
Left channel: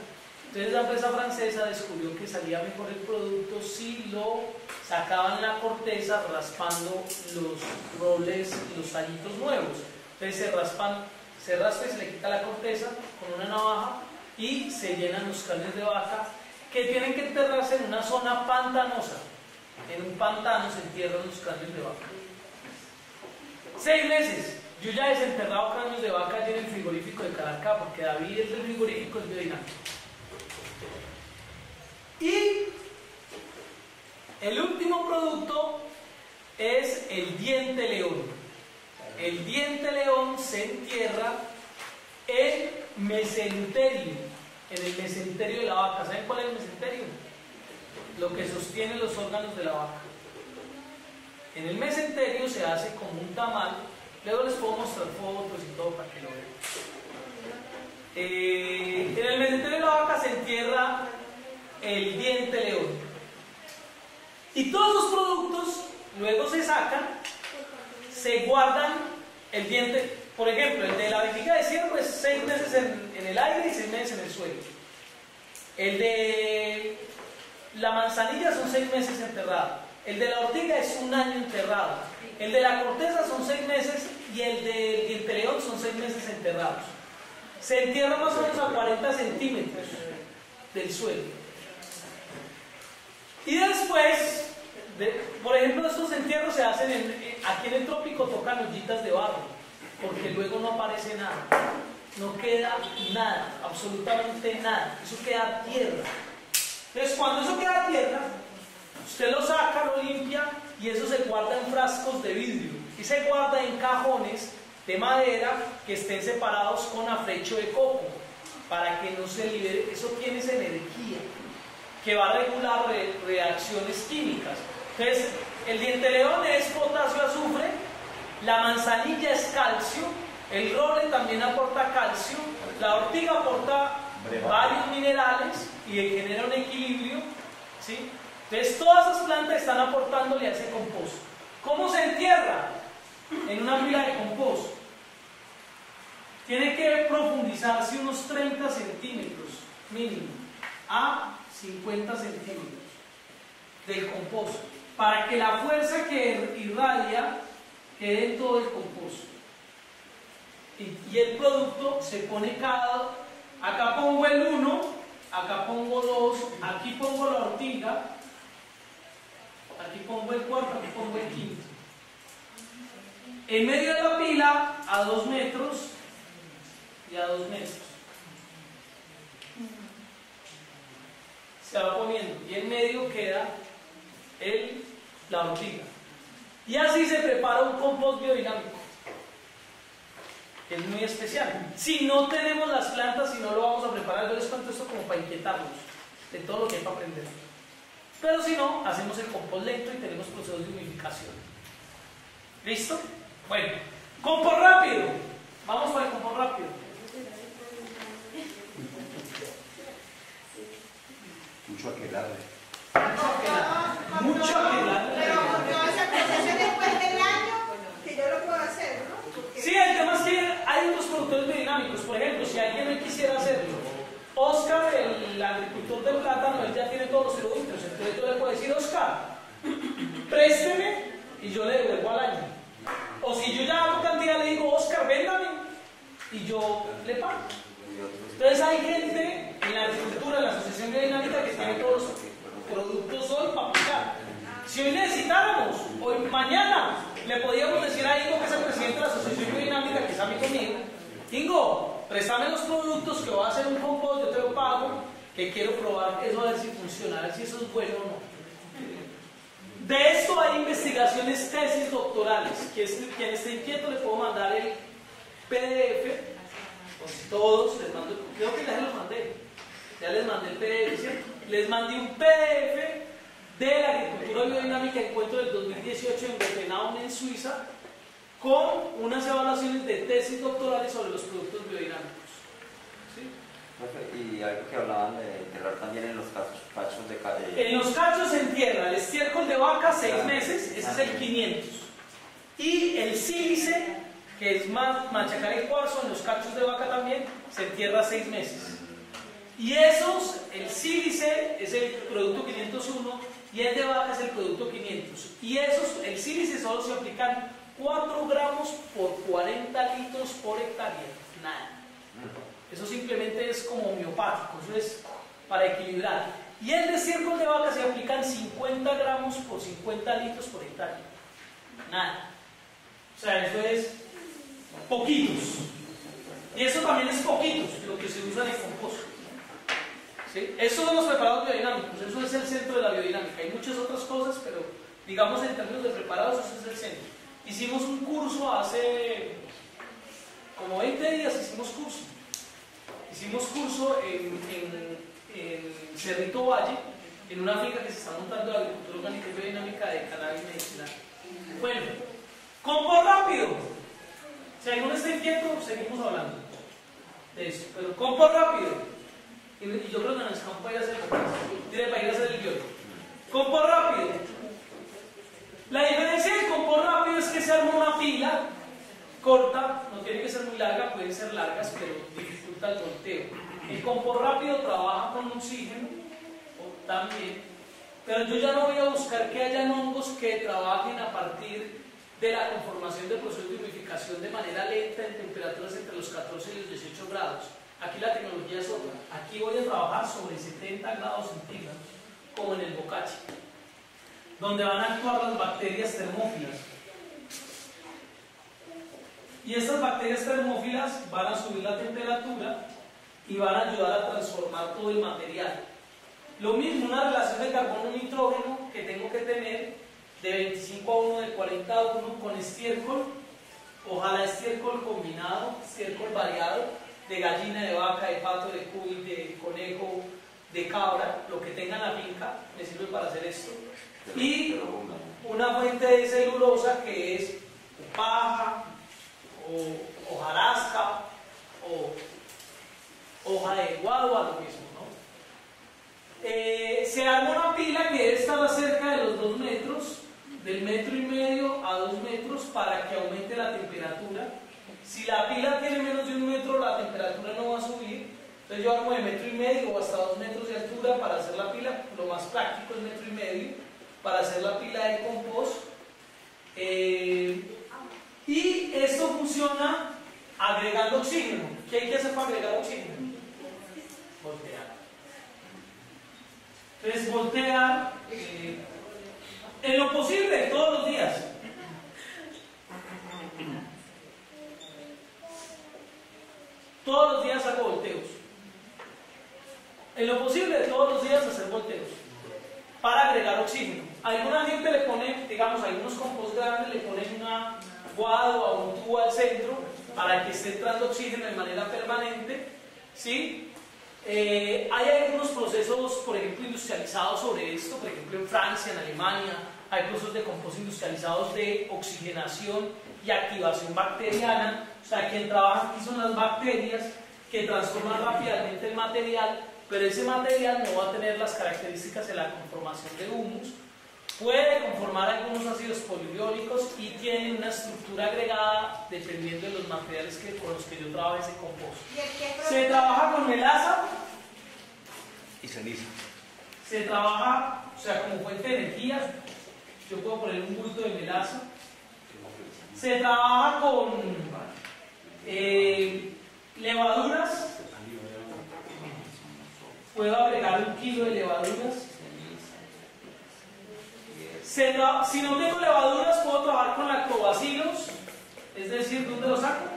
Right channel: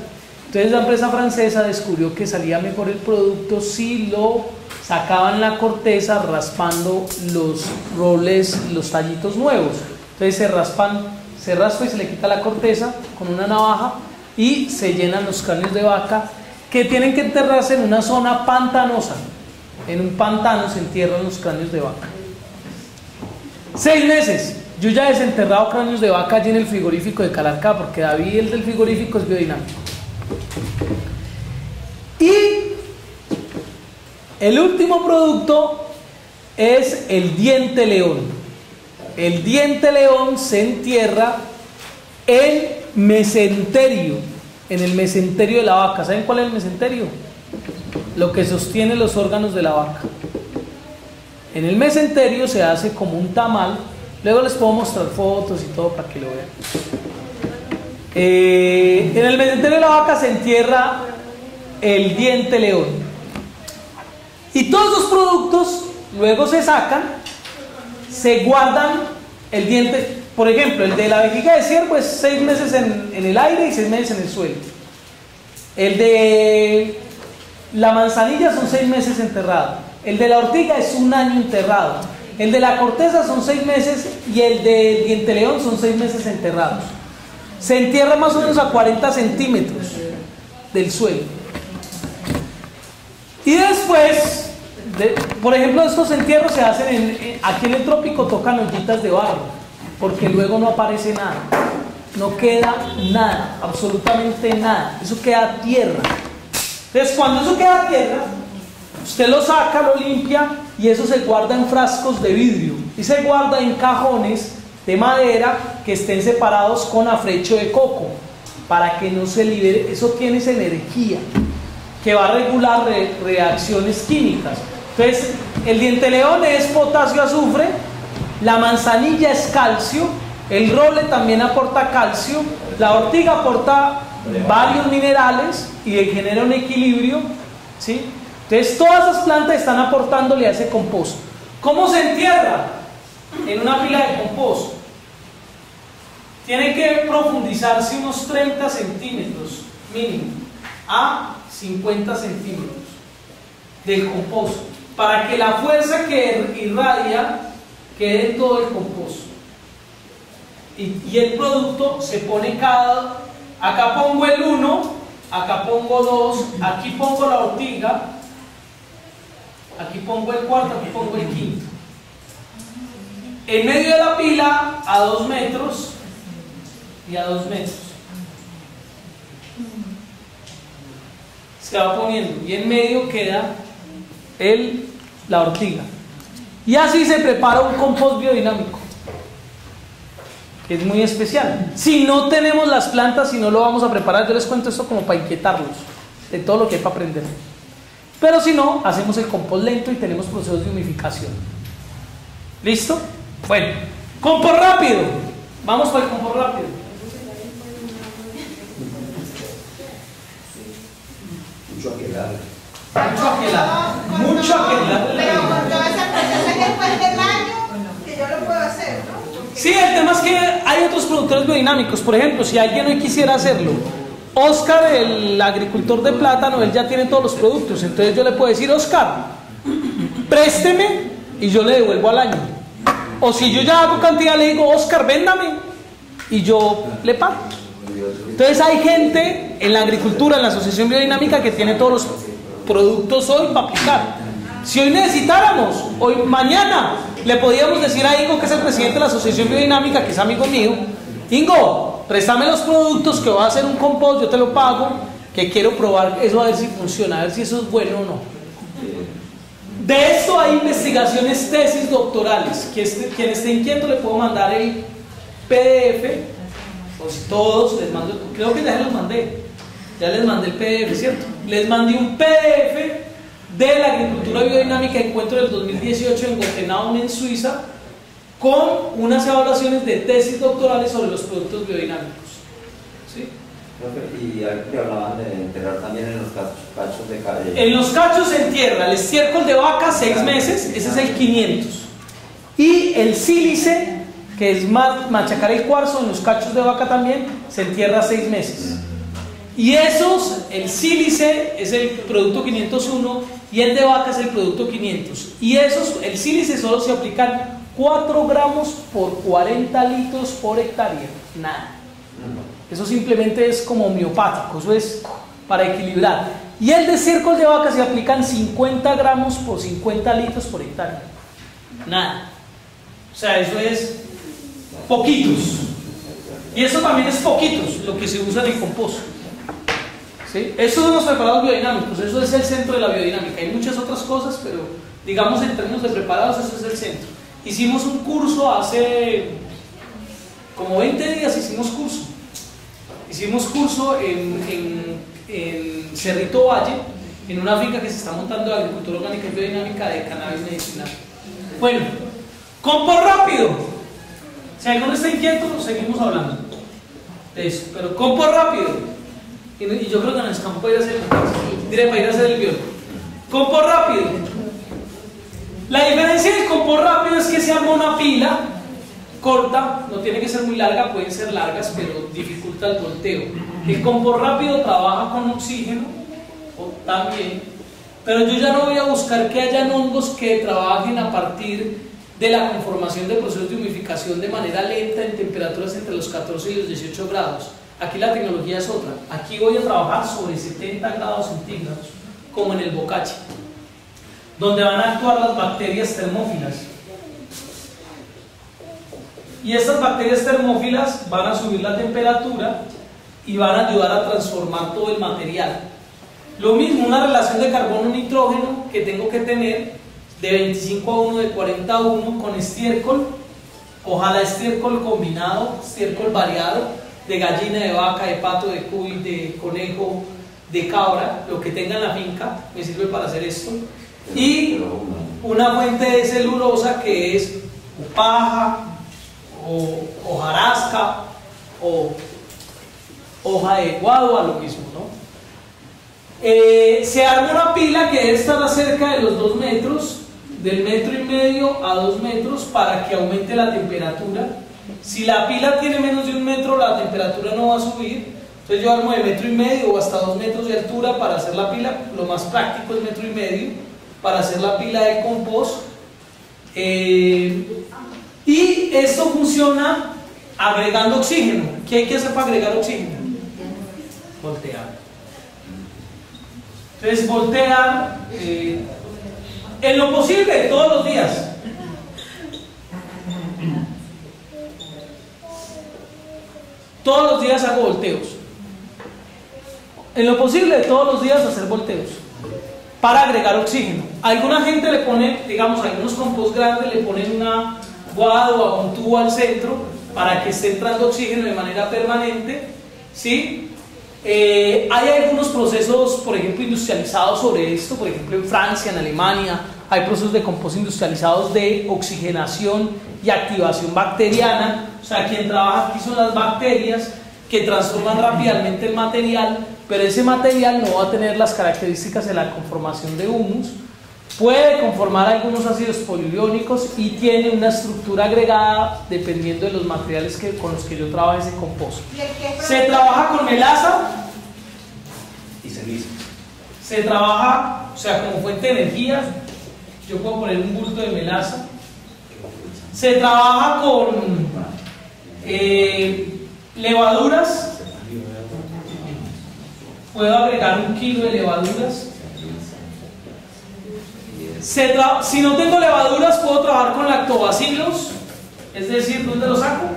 Entonces la empresa francesa descubrió que salía mejor el producto si lo sacaban la corteza raspando los roles, los tallitos nuevos. Entonces se raspa y se le quita la corteza con una navaja y se llenan los cráneos de vaca que tienen que enterrarse en una zona pantanosa. En un pantano se entierran los cráneos de vaca. 6 meses. Yo ya he desenterrado cráneos de vaca allí en el frigorífico de Calarcá, porque David, el del frigorífico, es biodinámico. Y el último producto es el diente león. El diente león se entierra en mesenterio, en el mesenterio de la vaca. ¿Saben cuál es el mesenterio? Lo que sostiene los órganos de la vaca. En el mesenterio se hace como un tamal. Luego les puedo mostrar fotos y todo para que lo vean. En el mesenterio de la vaca se entierra el diente león. Y todos los productos luego se sacan, se guardan el diente. Por ejemplo, el de la vejiga de ciervo es 6 meses en el aire y 6 meses en el suelo. El de la manzanilla son 6 meses enterrado. El de la ortiga es 1 año enterrado. El de la corteza son 6 meses y el del diente león son 6 meses enterrados. Se entierra más o menos a 40 centímetros del suelo. Y después, por ejemplo, estos entierros se hacen aquí en el trópico, tocan ollitas de barro, porque luego no aparece nada. No queda nada, absolutamente nada. Eso queda tierra. Entonces, cuando eso queda tierra, usted lo saca, lo limpia y eso se guarda en frascos de vidrio y se guarda en cajones de madera que estén separados con afrecho de coco para que no se libere. Eso tiene esa energía que va a regular reacciones químicas. Entonces, el diente león es potasio azufre, la manzanilla es calcio, el roble también aporta calcio, la ortiga aporta varios minerales y genera un equilibrio, ¿sí? Entonces todas esas plantas están aportándole a ese compost. ¿Cómo se entierra? En una pila de compost. Tiene que profundizarse unos 30 centímetros mínimo a 50 centímetros del compost para que la fuerza que irradia quede en todo el compost. Y el producto se pone acá pongo el 1, acá pongo 2, aquí pongo la ortiga, aquí pongo el cuarto, aquí pongo el quinto. En medio de la pila, a 2 metros y a 2 metros. Se va poniendo y en medio queda la ortiga. Y así se prepara un compost biodinámico, que es muy especial. Si no tenemos las plantas, si no lo vamos a preparar, yo les cuento esto como para inquietarlos de todo lo que hay para aprender. Pero si no, hacemos el compost lento y tenemos procesos de humificación. ¿Listo? Bueno, compost rápido. Vamos para el compost rápido. Mucho aquelarre. Mucho aquelarre. Pero cuando esa proceso después del año, que yo lo puedo hacer, ¿no? Sí, el tema es que hay otros productores biodinámicos. Por ejemplo, si alguien hoy quisiera hacerlo, Oscar, el agricultor de plátano, él ya tiene todos los productos. Entonces yo le puedo decir, Oscar, présteme y yo le devuelvo al año. O si yo ya hago cantidad, le digo, Oscar, véndame y yo le pago. Entonces hay gente en la agricultura, en la Asociación Biodinámica, que tiene todos los productos hoy para aplicar. Si hoy necesitáramos, mañana, le podíamos decir a Ingo, que es el presidente de la Asociación Biodinámica, que es amigo mío, Ingo, préstame los productos que voy a hacer un compost, yo te lo pago, que quiero probar eso a ver si funciona, a ver si eso es bueno o no. De esto hay investigaciones, tesis doctorales. Quien esté inquieto le puedo mandar el PDF, o si todos les mando, creo que ya les mandé, ya les mandé el PDF, ¿cierto? Les mandé un PDF de la agricultura biodinámica, encuentro del 2018 en Wettenau, en Suiza, con unas evaluaciones de tesis doctorales sobre los productos biodinámicos. ¿Sí? Y que hablaban de enterrar también en los cachos de cabello. En los cachos se entierra el estiércol de vaca 6 meses, ese es el 500. Y el sílice, que es machacar el cuarzo, en los cachos de vaca también, se entierra 6 meses. Y esos, el sílice es el producto 501 y el de vaca es el producto 500. Y esos, el sílice solo se aplican 4 gramos por 40 litros por hectárea. Nada. Eso simplemente es como homeopático, eso es para equilibrar. Y el de estiércol de vaca se aplican 50 gramos por 50 litros por hectárea. Nada. O sea, eso es poquitos. Y eso también es poquitos lo que se usa en el compost. ¿Sí? Estos son los preparados biodinámicos, eso es el centro de la biodinámica. Hay muchas otras cosas, pero digamos en términos de preparados, eso es el centro. Hicimos un curso hace como 20 días, hicimos curso en Cerrito Valle, en una finca que se está montando de agricultura orgánica y biodinámica de cannabis medicinal. Bueno, compost rápido. Si alguno está inquieto, seguimos hablando de eso, pero compost rápido. Y yo creo que en el campo para ir a hacer el biólogo. Compost rápido. La diferencia del compost rápido es que se arma una pila corta, no tiene que ser muy larga, pueden ser largas, pero dificulta el volteo. El compost rápido trabaja con oxígeno también, pero yo ya no voy a buscar que hayan hongos que trabajen a partir de la conformación de procesos de humificación de manera lenta en temperaturas entre los 14 y los 18 grados. Aquí la tecnología es otra. Aquí voy a trabajar sobre 70 grados centígrados, como en el bocache, donde van a actuar las bacterias termófilas. Y estas bacterias termófilas van a subir la temperatura y van a ayudar a transformar todo el material. Lo mismo, una relación de carbono-nitrógeno que tengo que tener de 25 a 1, de 40 a 1 con estiércol. Ojalá estiércol combinado, estiércol variado, de gallina, de vaca, de pato, de cuy, de conejo, de cabra, lo que tenga en la finca, me sirve para hacer esto. Y una fuente de celulosa que es paja, o hojarasca, o hoja de guadua, lo mismo, ¿no? Se arma una pila que debe estar cerca de los 2 metros, del 1,5 metros a 2 metros, para que aumente la temperatura. Si la pila tiene menos de 1 metro, la temperatura no va a subir. Entonces yo armo de 1,5 metros o hasta 2 metros de altura para hacer la pila. Lo más práctico es 1,5 metros para hacer la pila de compost. Y esto funciona agregando oxígeno. ¿Qué hay que hacer para agregar oxígeno? Voltear. Entonces voltear en lo posible todos los días. Todos los días hago volteos. En lo posible todos los días hacer volteos para agregar oxígeno. Alguna gente le pone, digamos, algunos compost grandes le ponen una guadua o un tubo al centro para que esté entrando oxígeno de manera permanente, ¿sí? Hay algunos procesos, por ejemplo, industrializados sobre esto. Por ejemplo, en Francia, en Alemania, hay procesos de compost industrializados de oxigenación y activación bacteriana. O sea, quien trabaja aquí son las bacterias que transforman rápidamente el material, pero ese material no va a tener las características de la conformación de humus. Puede conformar algunos ácidos poliurénicos y tiene una estructura agregada dependiendo de los materiales con los que yo trabajo ese compost. Se trabaja con melaza y ceniza. Se trabaja, o sea, como fuente de energía. Yo puedo poner un bulto de melaza. Se trabaja con levaduras. Puedo agregar 1 kilo de levaduras. Si no tengo levaduras, puedo trabajar con lactobacilos. Es decir, ¿dónde lo saco?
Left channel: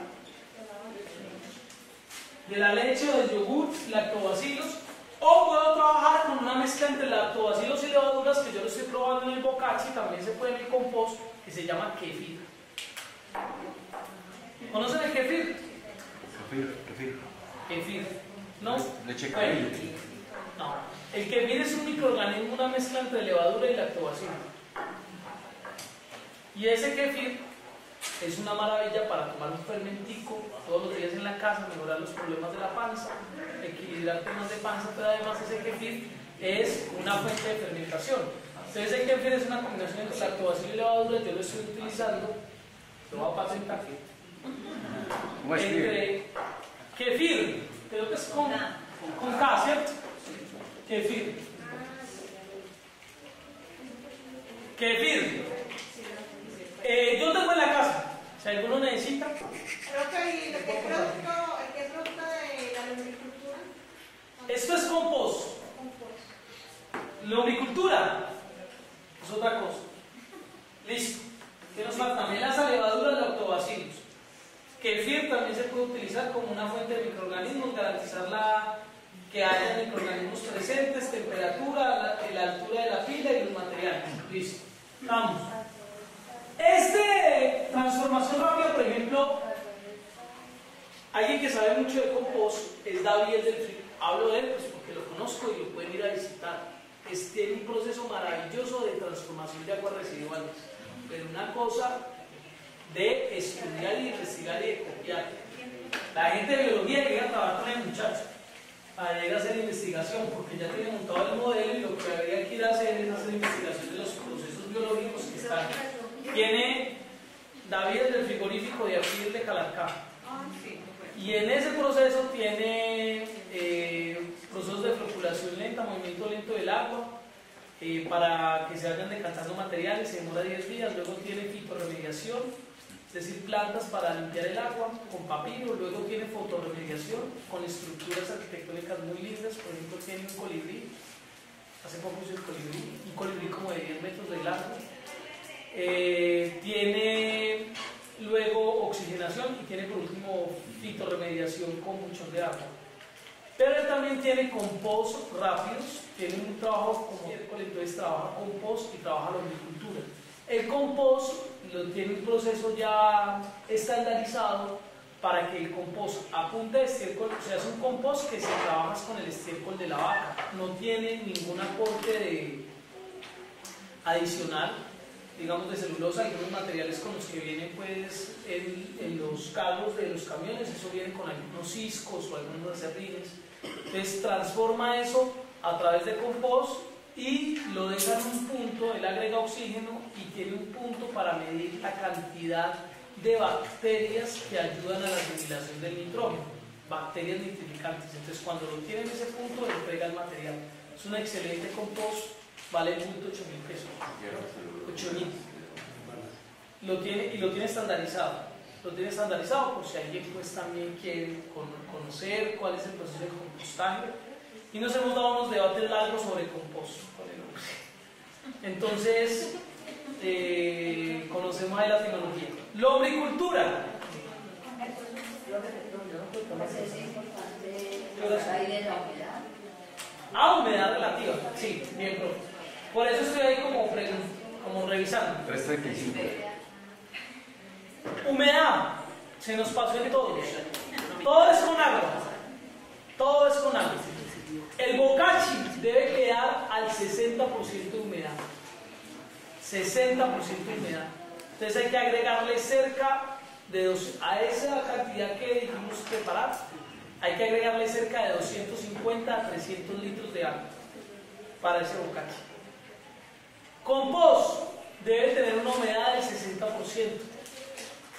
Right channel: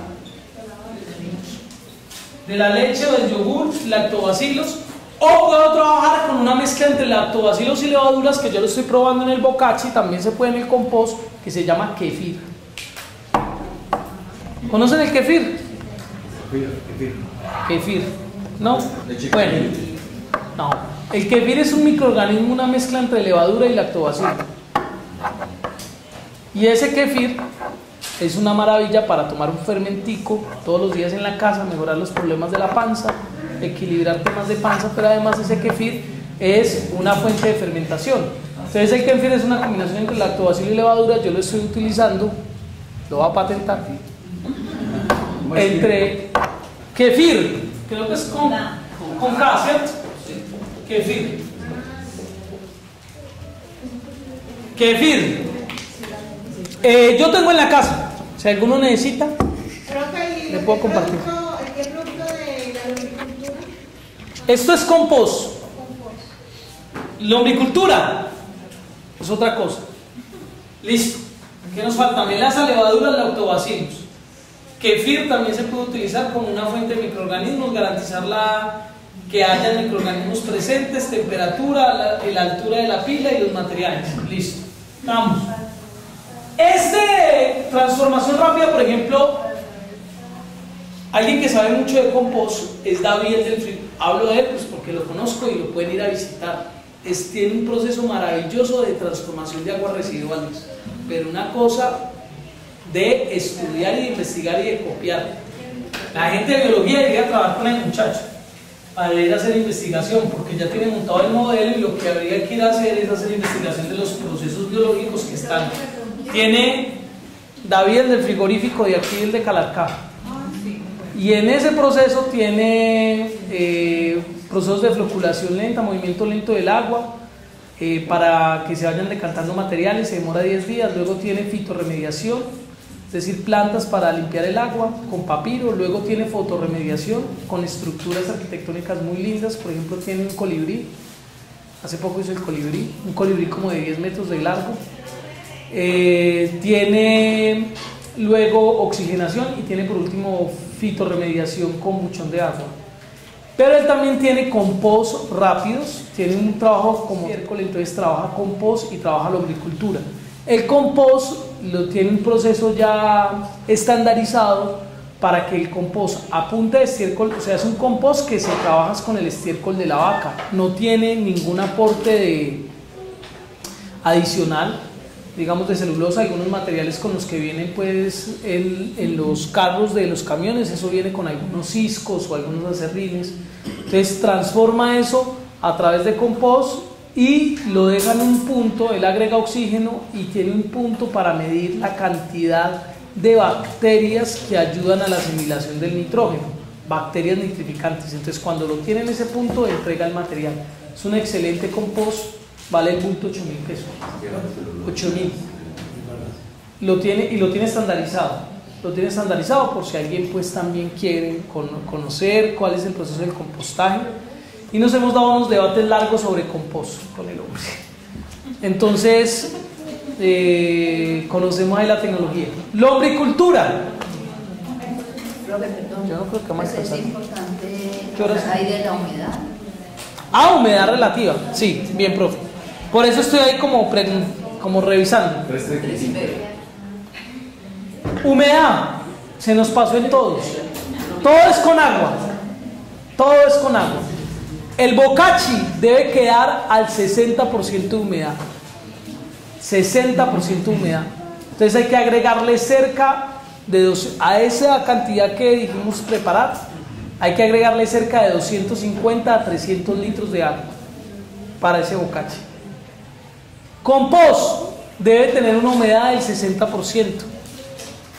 De la leche o del yogur, lactobacilos. O puedo trabajar con una mezcla entre lactobacilos y levaduras, que yo lo estoy probando en el bocache, también se puede en el compost, que se llama kefir. ¿Conocen el kefir? Kefir. ¿No? Bueno, no. El kefir es un microorganismo, una mezcla entre levadura y lactobacilo. Y ese kefir es una maravilla para tomar un fermentico todos los días en la casa, mejorar los problemas de la panza, equilibrar temas de panza, pero además ese kefir es una fuente de fermentación. Entonces el kefir es una combinación entre lactobacilo y levadura. Yo lo estoy utilizando, lo voy a patentar. Entre kefir, creo que es con con K, ¿cierto? Kefir. Kefir. Yo tengo en la casa, si alguno necesita, le puedo compartir. ¿Qué producto de la lombricultura? Esto es compost. Lombricultura es otra cosa. Listo. ¿Qué nos falta? Melaza, levaduras, lactobacilos. Kefir también se puede utilizar como una fuente de microorganismos, garantizar que haya microorganismos presentes, temperatura, la altura de la pila y los materiales. Listo. Vamos. Transformación rápida, por ejemplo, alguien que sabe mucho de compost es David del Frigo. Hablo de él pues porque lo conozco y lo pueden ir a visitar. Tiene un proceso maravilloso de transformación de aguas residuales, pero una cosa de estudiar y de investigar y de copiar. La gente de biología llega a trabajar con el muchacho para ir a hacer investigación, porque ya tiene montado el modelo y lo que habría que ir a hacer es hacer investigación de los procesos biológicos que están. Tiene David el del frigorífico de aquí, el de Calarcá, y en ese proceso tiene procesos de floculación lenta, movimiento lento del agua, para que se vayan decantando materiales, se demora 10 días, luego tiene fitorremediación, es decir, plantas para limpiar el agua con papiro, luego tiene fotorremediación con estructuras arquitectónicas muy lindas, por ejemplo tiene un colibrí, hace poco hizo el colibrí, un colibrí como de 10 metros de largo, tiene luego oxigenación y tiene por último fitorremediación con buchón de agua. Pero él también tiene compost rápidos, tiene un trabajo como miércoles, entonces trabaja compost y trabaja lombricultura. El compost tiene un proceso ya estandarizado para que el compost a punta de estiércol, o sea, es un compost que se trabaja con el estiércol de la vaca, no tiene ningún aporte adicional, digamos de celulosa, algunos materiales con los que vienen pues en los carros de los camiones, eso viene con algunos ciscos o algunos acerrines, entonces transforma eso a través de compost y lo deja en un punto, él agrega oxígeno y tiene un punto para medir la cantidad de bacterias que ayudan a la asimilación del nitrógeno, bacterias nitrificantes, entonces cuando lo tiene en ese punto entrega el material, es un excelente compost. Vale el bulto 8.000 pesos. 8.000. Lo tiene estandarizado. Lo tiene estandarizado por si alguien pues también quiere conocer cuál es el proceso del compostaje. Y nos hemos dado unos debates largos sobre compost con el hombre. Entonces, conocemos ahí la tecnología. Lombricultura. Yo no creo que más es importante. ¿Qué horas? Hay de la humedad. Ah, humedad relativa. Sí, bien, profe. Por eso estoy ahí como revisando. Humedad. Se nos pasó en todos. Todo es con agua. Todo es con agua. El bocachi debe quedar al 60% de humedad. 60% de humedad. Entonces hay que agregarle cerca de a esa cantidad que dijimos preparar, hay que agregarle cerca de 250 a 300 litros de agua para ese bocachi. Compost debe tener una humedad del 60%.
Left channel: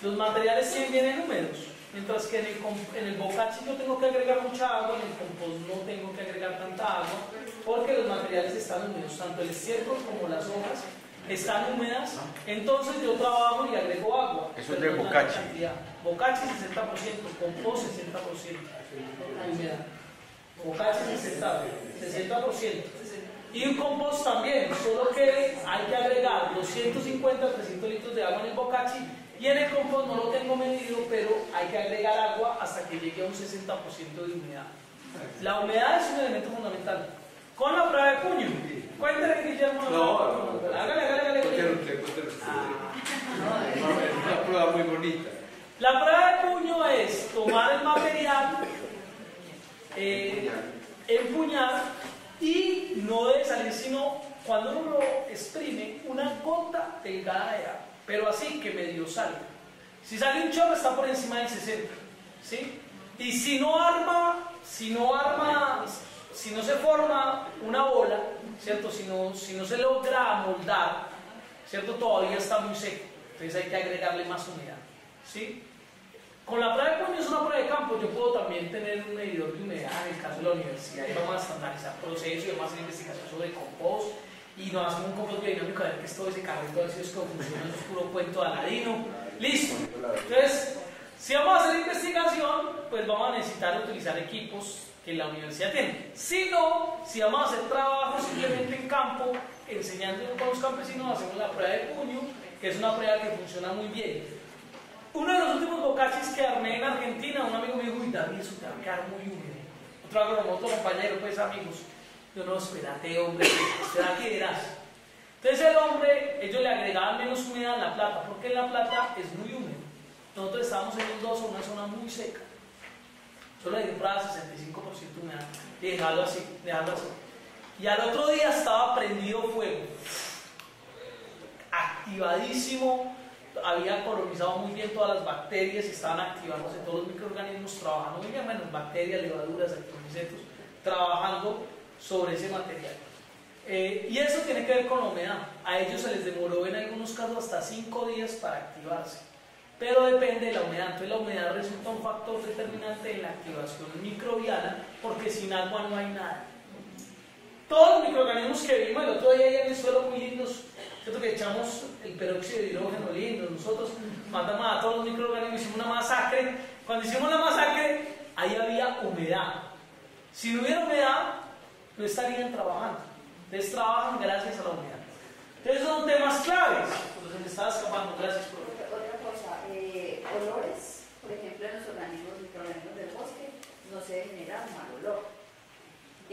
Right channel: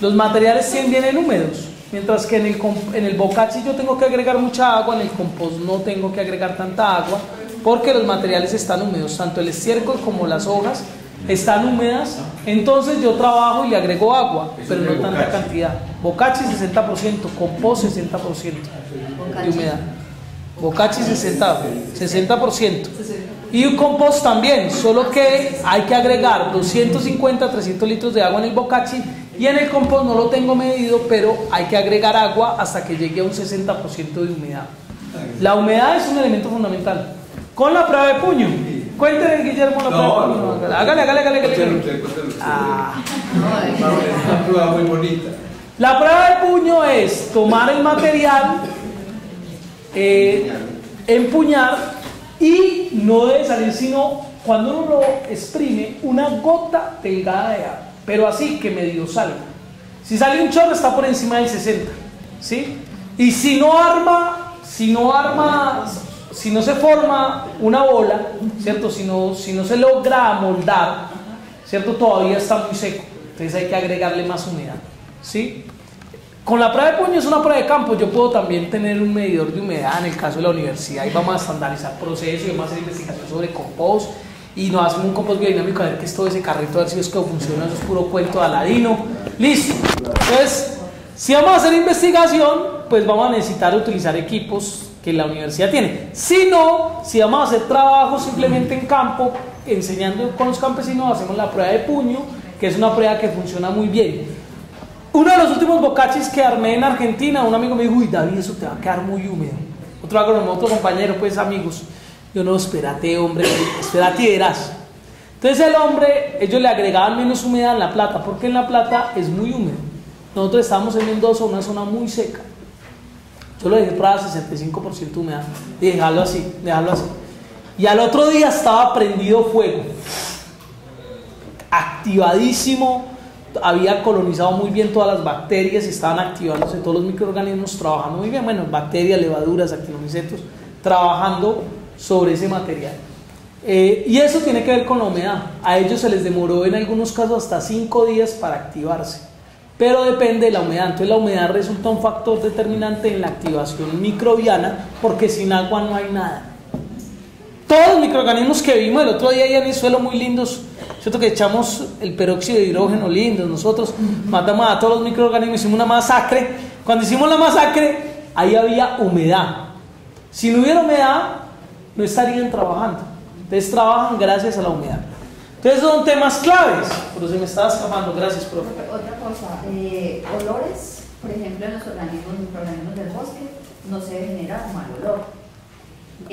Los materiales vienen húmedos, mientras que en el bocachi yo tengo que agregar mucha agua, en el compost no tengo que agregar tanta agua porque los materiales están húmedos, tanto el estiércol como las hojas están húmedas, entonces yo trabajo y le agrego agua, pero no tanta cantidad. Bocachi 60%, compost 60% de humedad. Bocachi 60%. Y un compost también, solo que hay que agregar 250 a 300 litros de agua en el bocachi y en el compost no lo tengo medido, pero hay que agregar agua hasta que llegue a un 60% de humedad. La humedad es un elemento fundamental. Con la prueba de puño. Cuéntenle, Guillermo, la prueba de puño. Hágale. Una prueba muy bonita. La prueba de puño es tomar el material, empuñar y no debe salir sino cuando uno lo exprime una gota delgada de agua, pero así que medio salga. Si sale un chorro está por encima del 60, ¿sí? Y si no se forma una bola, ¿cierto? Si no se logra amoldar, ¿cierto? Todavía está muy seco, entonces hay que agregarle más humedad, ¿sí? Con la prueba de puño es una prueba de campo, yo puedo también tener un medidor de humedad en el caso de la universidad y vamos a estandarizar procesos y vamos a hacer investigación sobre compost y nos hacemos un compost biodinámico a ver qué es todo ese carrito, a ver si es que funciona, eso es puro cuento de Aladino. Listo. Entonces, si vamos a hacer investigación, pues vamos a necesitar utilizar equipos que la universidad tiene. Si no, si vamos a hacer trabajo simplemente en campo, enseñando con los campesinos, hacemos la prueba de puño, que es una prueba que funciona muy bien. Uno de los últimos bocachis que armé en Argentina, un amigo me dijo, uy David, eso te va a quedar muy húmedo. Otro agrónomo, otro compañero, pues amigos. Yo no, espérate hombre, espérate y verás. Entonces el hombre, ellos le agregaban menos humedad en La Plata, porque en La Plata es muy húmedo. Nosotros estábamos en Mendoza, una zona muy seca. Yo lo dejé para 65% de humedad. Y dejarlo así, dejarlo así. Y al otro día estaba prendido fuego. Activadísimo. Había colonizado muy bien todas las bacterias, estaban activándose todos los microorganismos, trabajando muy bien, bueno, bacterias, levaduras, actinomicetos, trabajando sobre ese material. Y eso tiene que ver con la humedad. A ellos se les demoró en algunos casos hasta 5 días para activarse, pero depende de la humedad. Entonces la humedad resulta un factor determinante en la activación microbiana, porque sin agua no hay nada. Todos los microorganismos que vimos el otro día ahí en el suelo muy lindos, cierto que echamos el peróxido de hidrógeno lindo, nosotros matamos a todos los microorganismos, hicimos una masacre. Cuando hicimos la masacre, ahí había humedad. Si no hubiera humedad, no estarían trabajando. Entonces trabajan gracias a la humedad. Entonces son temas claves, pero se me estaba escapando. Gracias, profe. Otra cosa, olores, por ejemplo, en los microorganismos del bosque no se genera un mal olor.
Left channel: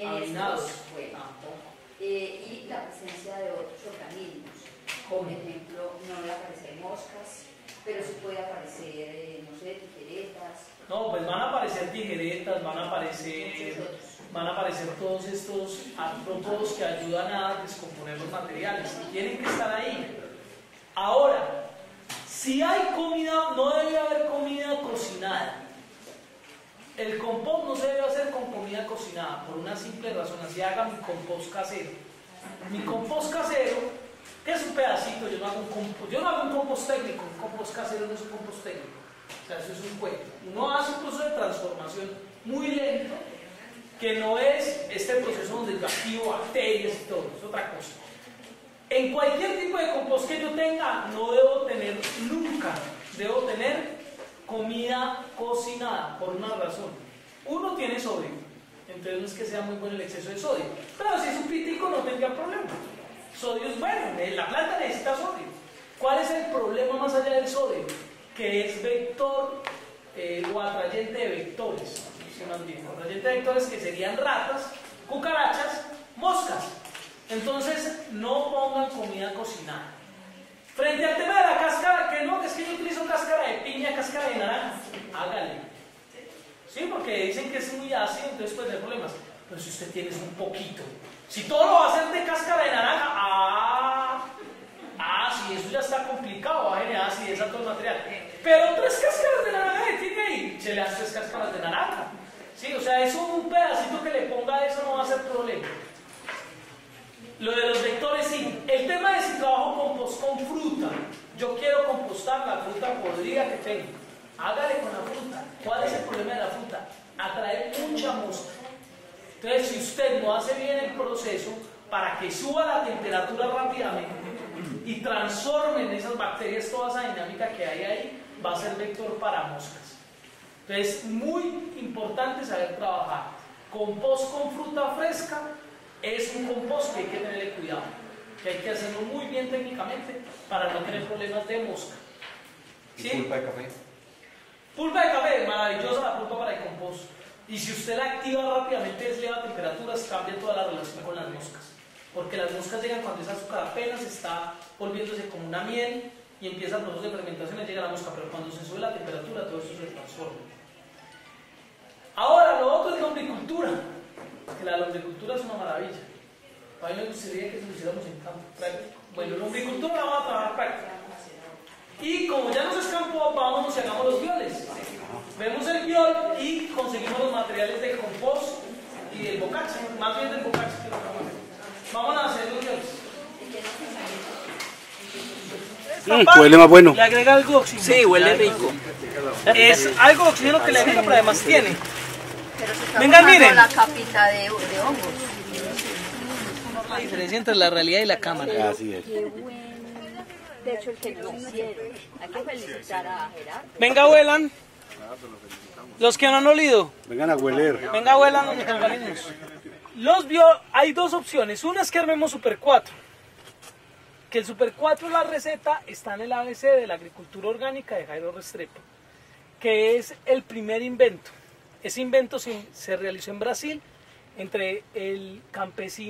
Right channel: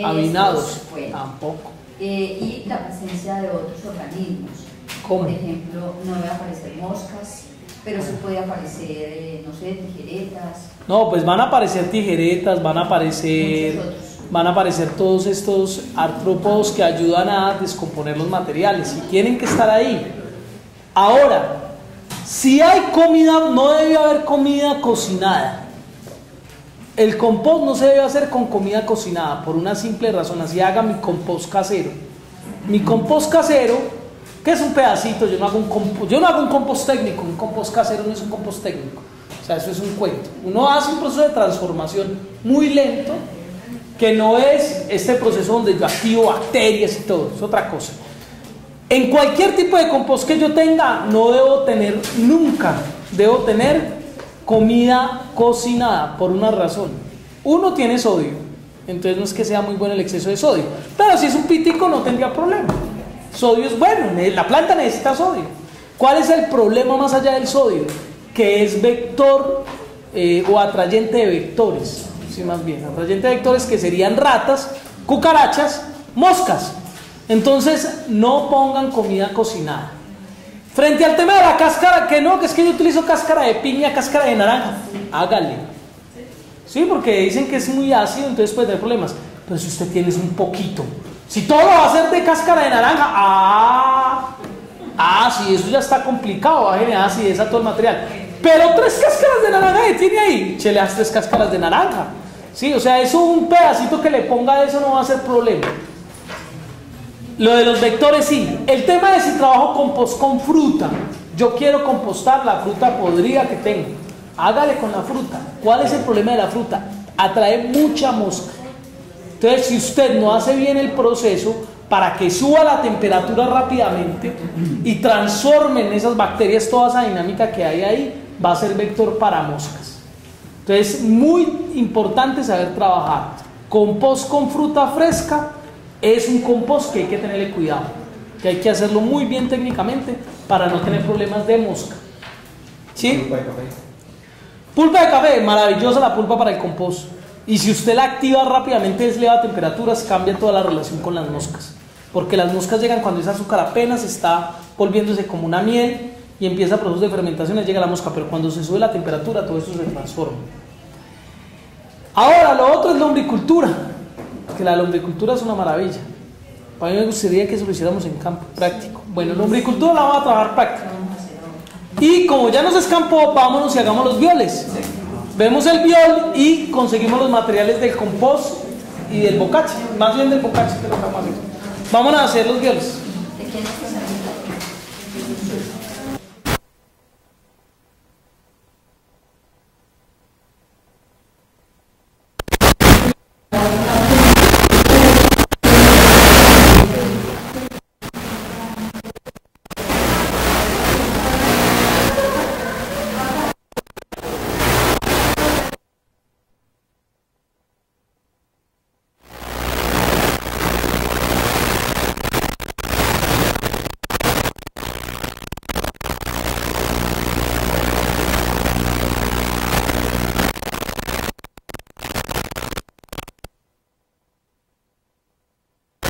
Avinados, bueno, tampoco. Y la presencia de otros organismos. ¿Cómo? Por ejemplo, no debe aparecer moscas, pero sí puede aparecer, no sé, tijeretas. No, pues van a aparecer tijeretas, van a aparecer todos estos artrópodos que ayudan a descomponer los materiales y tienen que estar ahí. Ahora, si hay comida, no debe haber comida cocinada. El compost no se debe hacer con comida cocinada por una simple razón. Así haga mi compost casero. Mi compost casero, que es un pedacito, yo no hago un compost técnico. Un compost casero no es un compost técnico. O sea, eso es un cuento. Uno hace un proceso de transformación muy lento, que no es este proceso donde yo activo bacterias y todo, es otra cosa. En cualquier tipo de compost que yo tenga, no debo tener nunca, debo tener comida cocinada por una razón. Uno, tiene sodio, entonces no es que sea muy bueno el exceso de sodio, pero si es un pitico no tendría problema. Sodio es bueno, la planta necesita sodio. ¿Cuál es el problema más allá del sodio? Que es vector o atrayente de vectores. Sí, más bien, atrayente de vectores que serían ratas, cucarachas, moscas. Entonces no pongan comida cocinada. Frente al tema de la cáscara, que no, que es que yo utilizo cáscara de piña, cáscara de naranja, hágale. Sí, porque dicen que es muy ácido, entonces puede tener problemas. Pero si usted tiene un poquito, si todo va a ser de cáscara de naranja, sí, eso ya está complicado, va a generar acidez a todo el material. Pero 3 cáscaras de naranja que tiene ahí, chele las 3 cáscaras de naranja. Sí, o sea, eso, un pedacito que le ponga de eso no va a ser problema. Lo de los vectores sí. El tema es si trabajo compost con fruta. Yo quiero compostar la fruta podrida que tengo. Hágale con la fruta. ¿Cuál es el problema de la fruta? Atrae mucha mosca. Entonces, si usted no hace bien el proceso para que suba la temperatura rápidamente y transformen esas bacterias toda esa dinámica que hay ahí, va a ser vector para moscas. Entonces, muy importante saber trabajar. Compost con fruta fresca es un compost que hay que tenerle cuidado, que hay que hacerlo muy bien técnicamente para no tener problemas de mosca. ¿Sí? Pulpa de café. Pulpa de café, maravillosa la pulpa para el compost. Y si usted la activa rápidamente, es eleva temperaturas, cambia toda la relación con las moscas. Porque las moscas llegan cuando ese azúcar apenas está volviéndose como una miel y empieza el proceso de fermentación, llega la mosca, pero cuando se sube la temperatura, todo eso se transforma. Ahora, lo otro es la lombricultura. Que la lombricultura es una maravilla. A mí me gustaría que eso lo hiciéramos en campo, práctico. Bueno, lombricultura la vamos a trabajar práctica. Y como ya nos escampó, vámonos y hagamos los violes. Vemos el viol y conseguimos los materiales del compost y del bocache. Más bien del bocache que lo vamos a hacer. Vámonos a hacer los violes. ¿De quién es que se Huele más bueno. Le agrega algo de oxígeno. Sí, huele rico. Es algo de oxígeno que le agrega, pero además tiene. Vengan, miren. Entre la realidad y la cámara. Venga, huelan. Los que no han olido. Vengan a hueler. Venga, huelan los mecanismos. Hay dos opciones. Una es que hacemos Super 4. En el Super 4 la receta está en el ABC, que es el primer invento. Ese invento sí, se realizó en Brasil entre el campesino.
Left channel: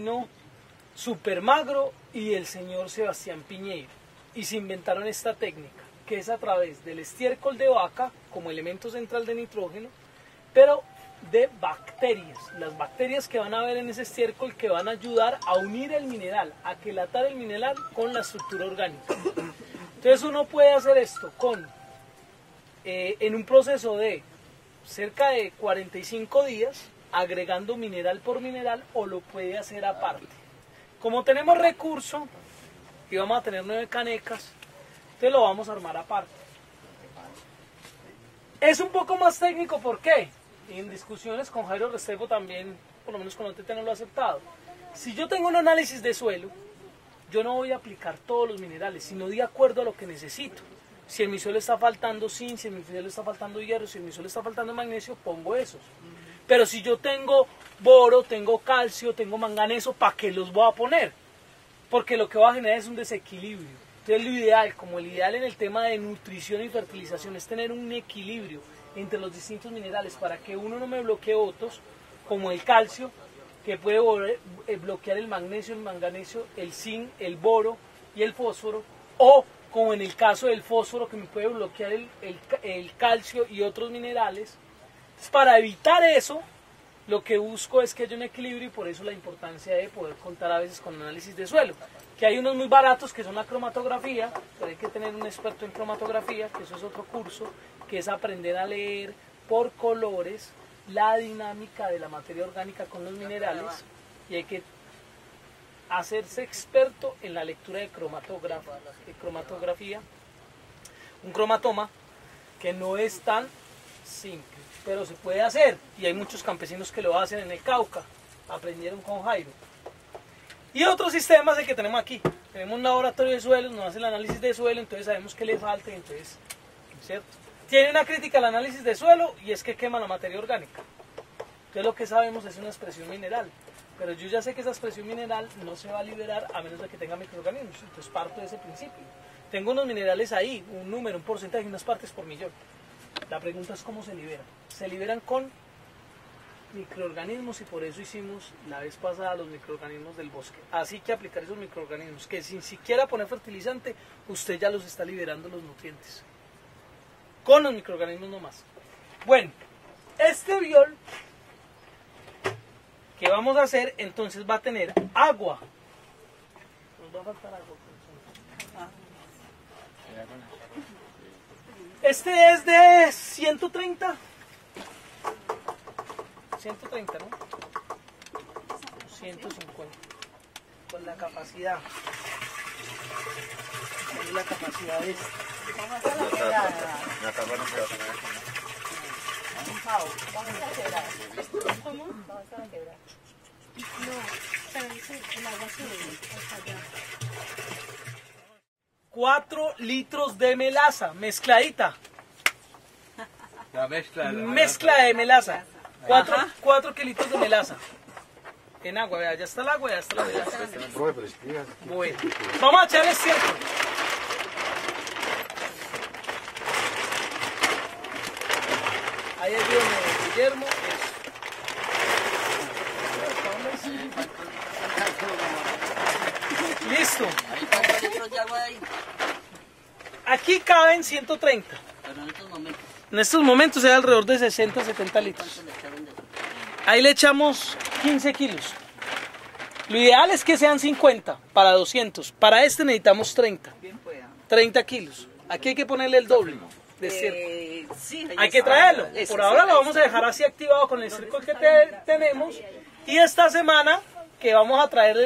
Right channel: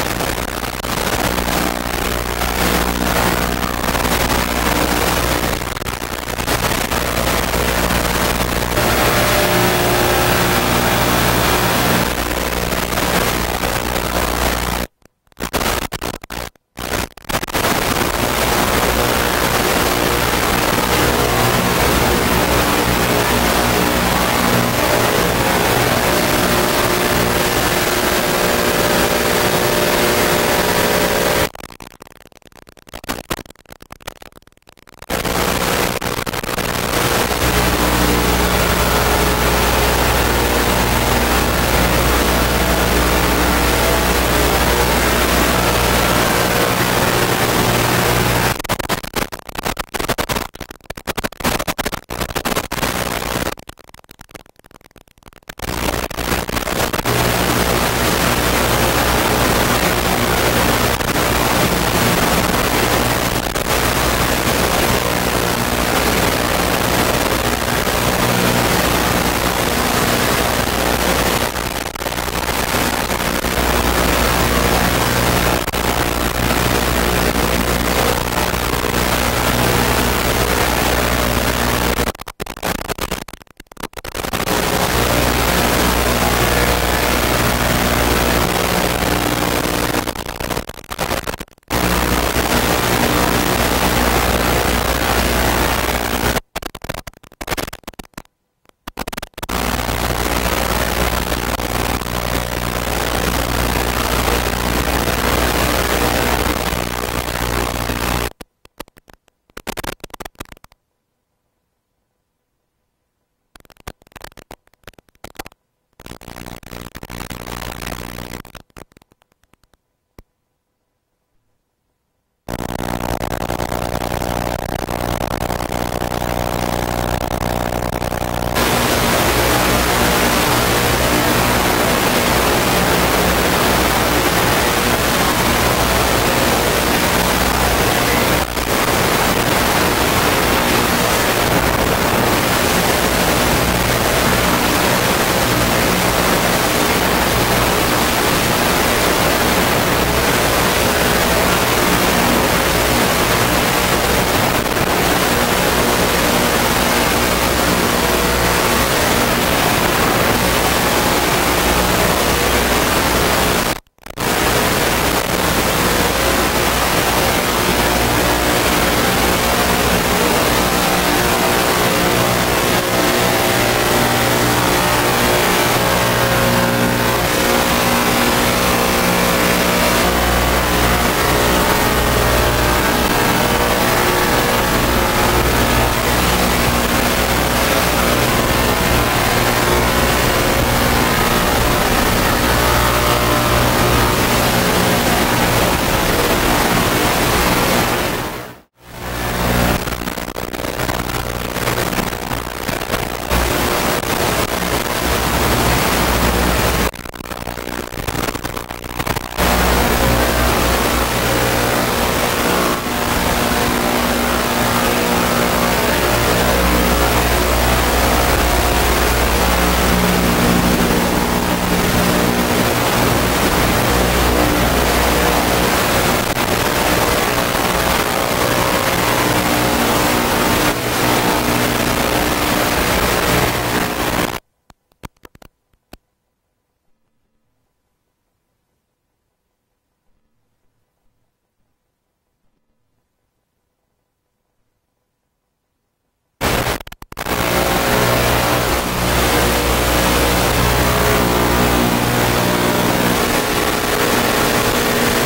Van a ayudar a unir el mineral, a cortar el mineral. Como recurso, y vamos a tener 9 canecas. Que lo vamos a si el mismo le está faltando zinc, si el mismo le está faltando hierro, si el mismo le está faltando magnesio, pongo eso. Pero si no tengo oro, lo voy a poner. Porque lo voy a poner. El calcio y otros minerales para evitar de suelo. Y hay un que eso es otro curso, que es aprender a leer cromatografía, un cromatoma que no es tan simple, pero se puede hacer y hay muchos campesinos que lo hacen en el Cauca, aprendieron con Jairo. Y otro sistema es el que tenemos aquí. Tenemos una hora de suelo, tiene la crítica la alrededor de 60-70 litros. Ahí le echamos 15 kilos. Lo ideal es que sean 50 para 200. Para este necesitamos 30. 30 kilos. Aquí hay que ponerle el doble. Hay que traer. Y esta semana que vamos a traer el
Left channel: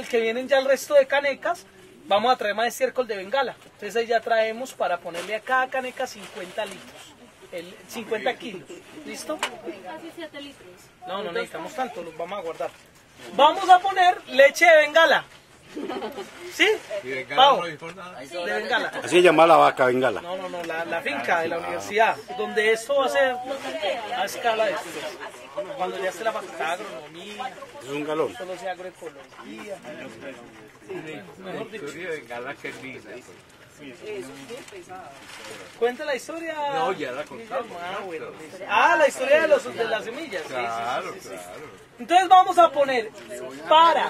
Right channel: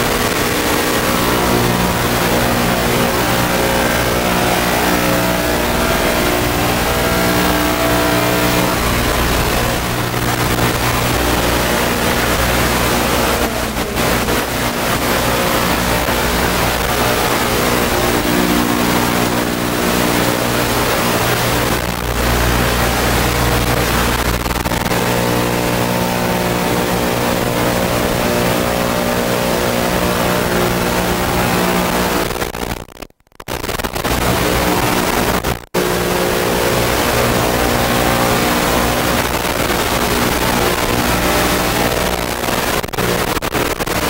llama la vaca. Ya, entonces vamos a poner para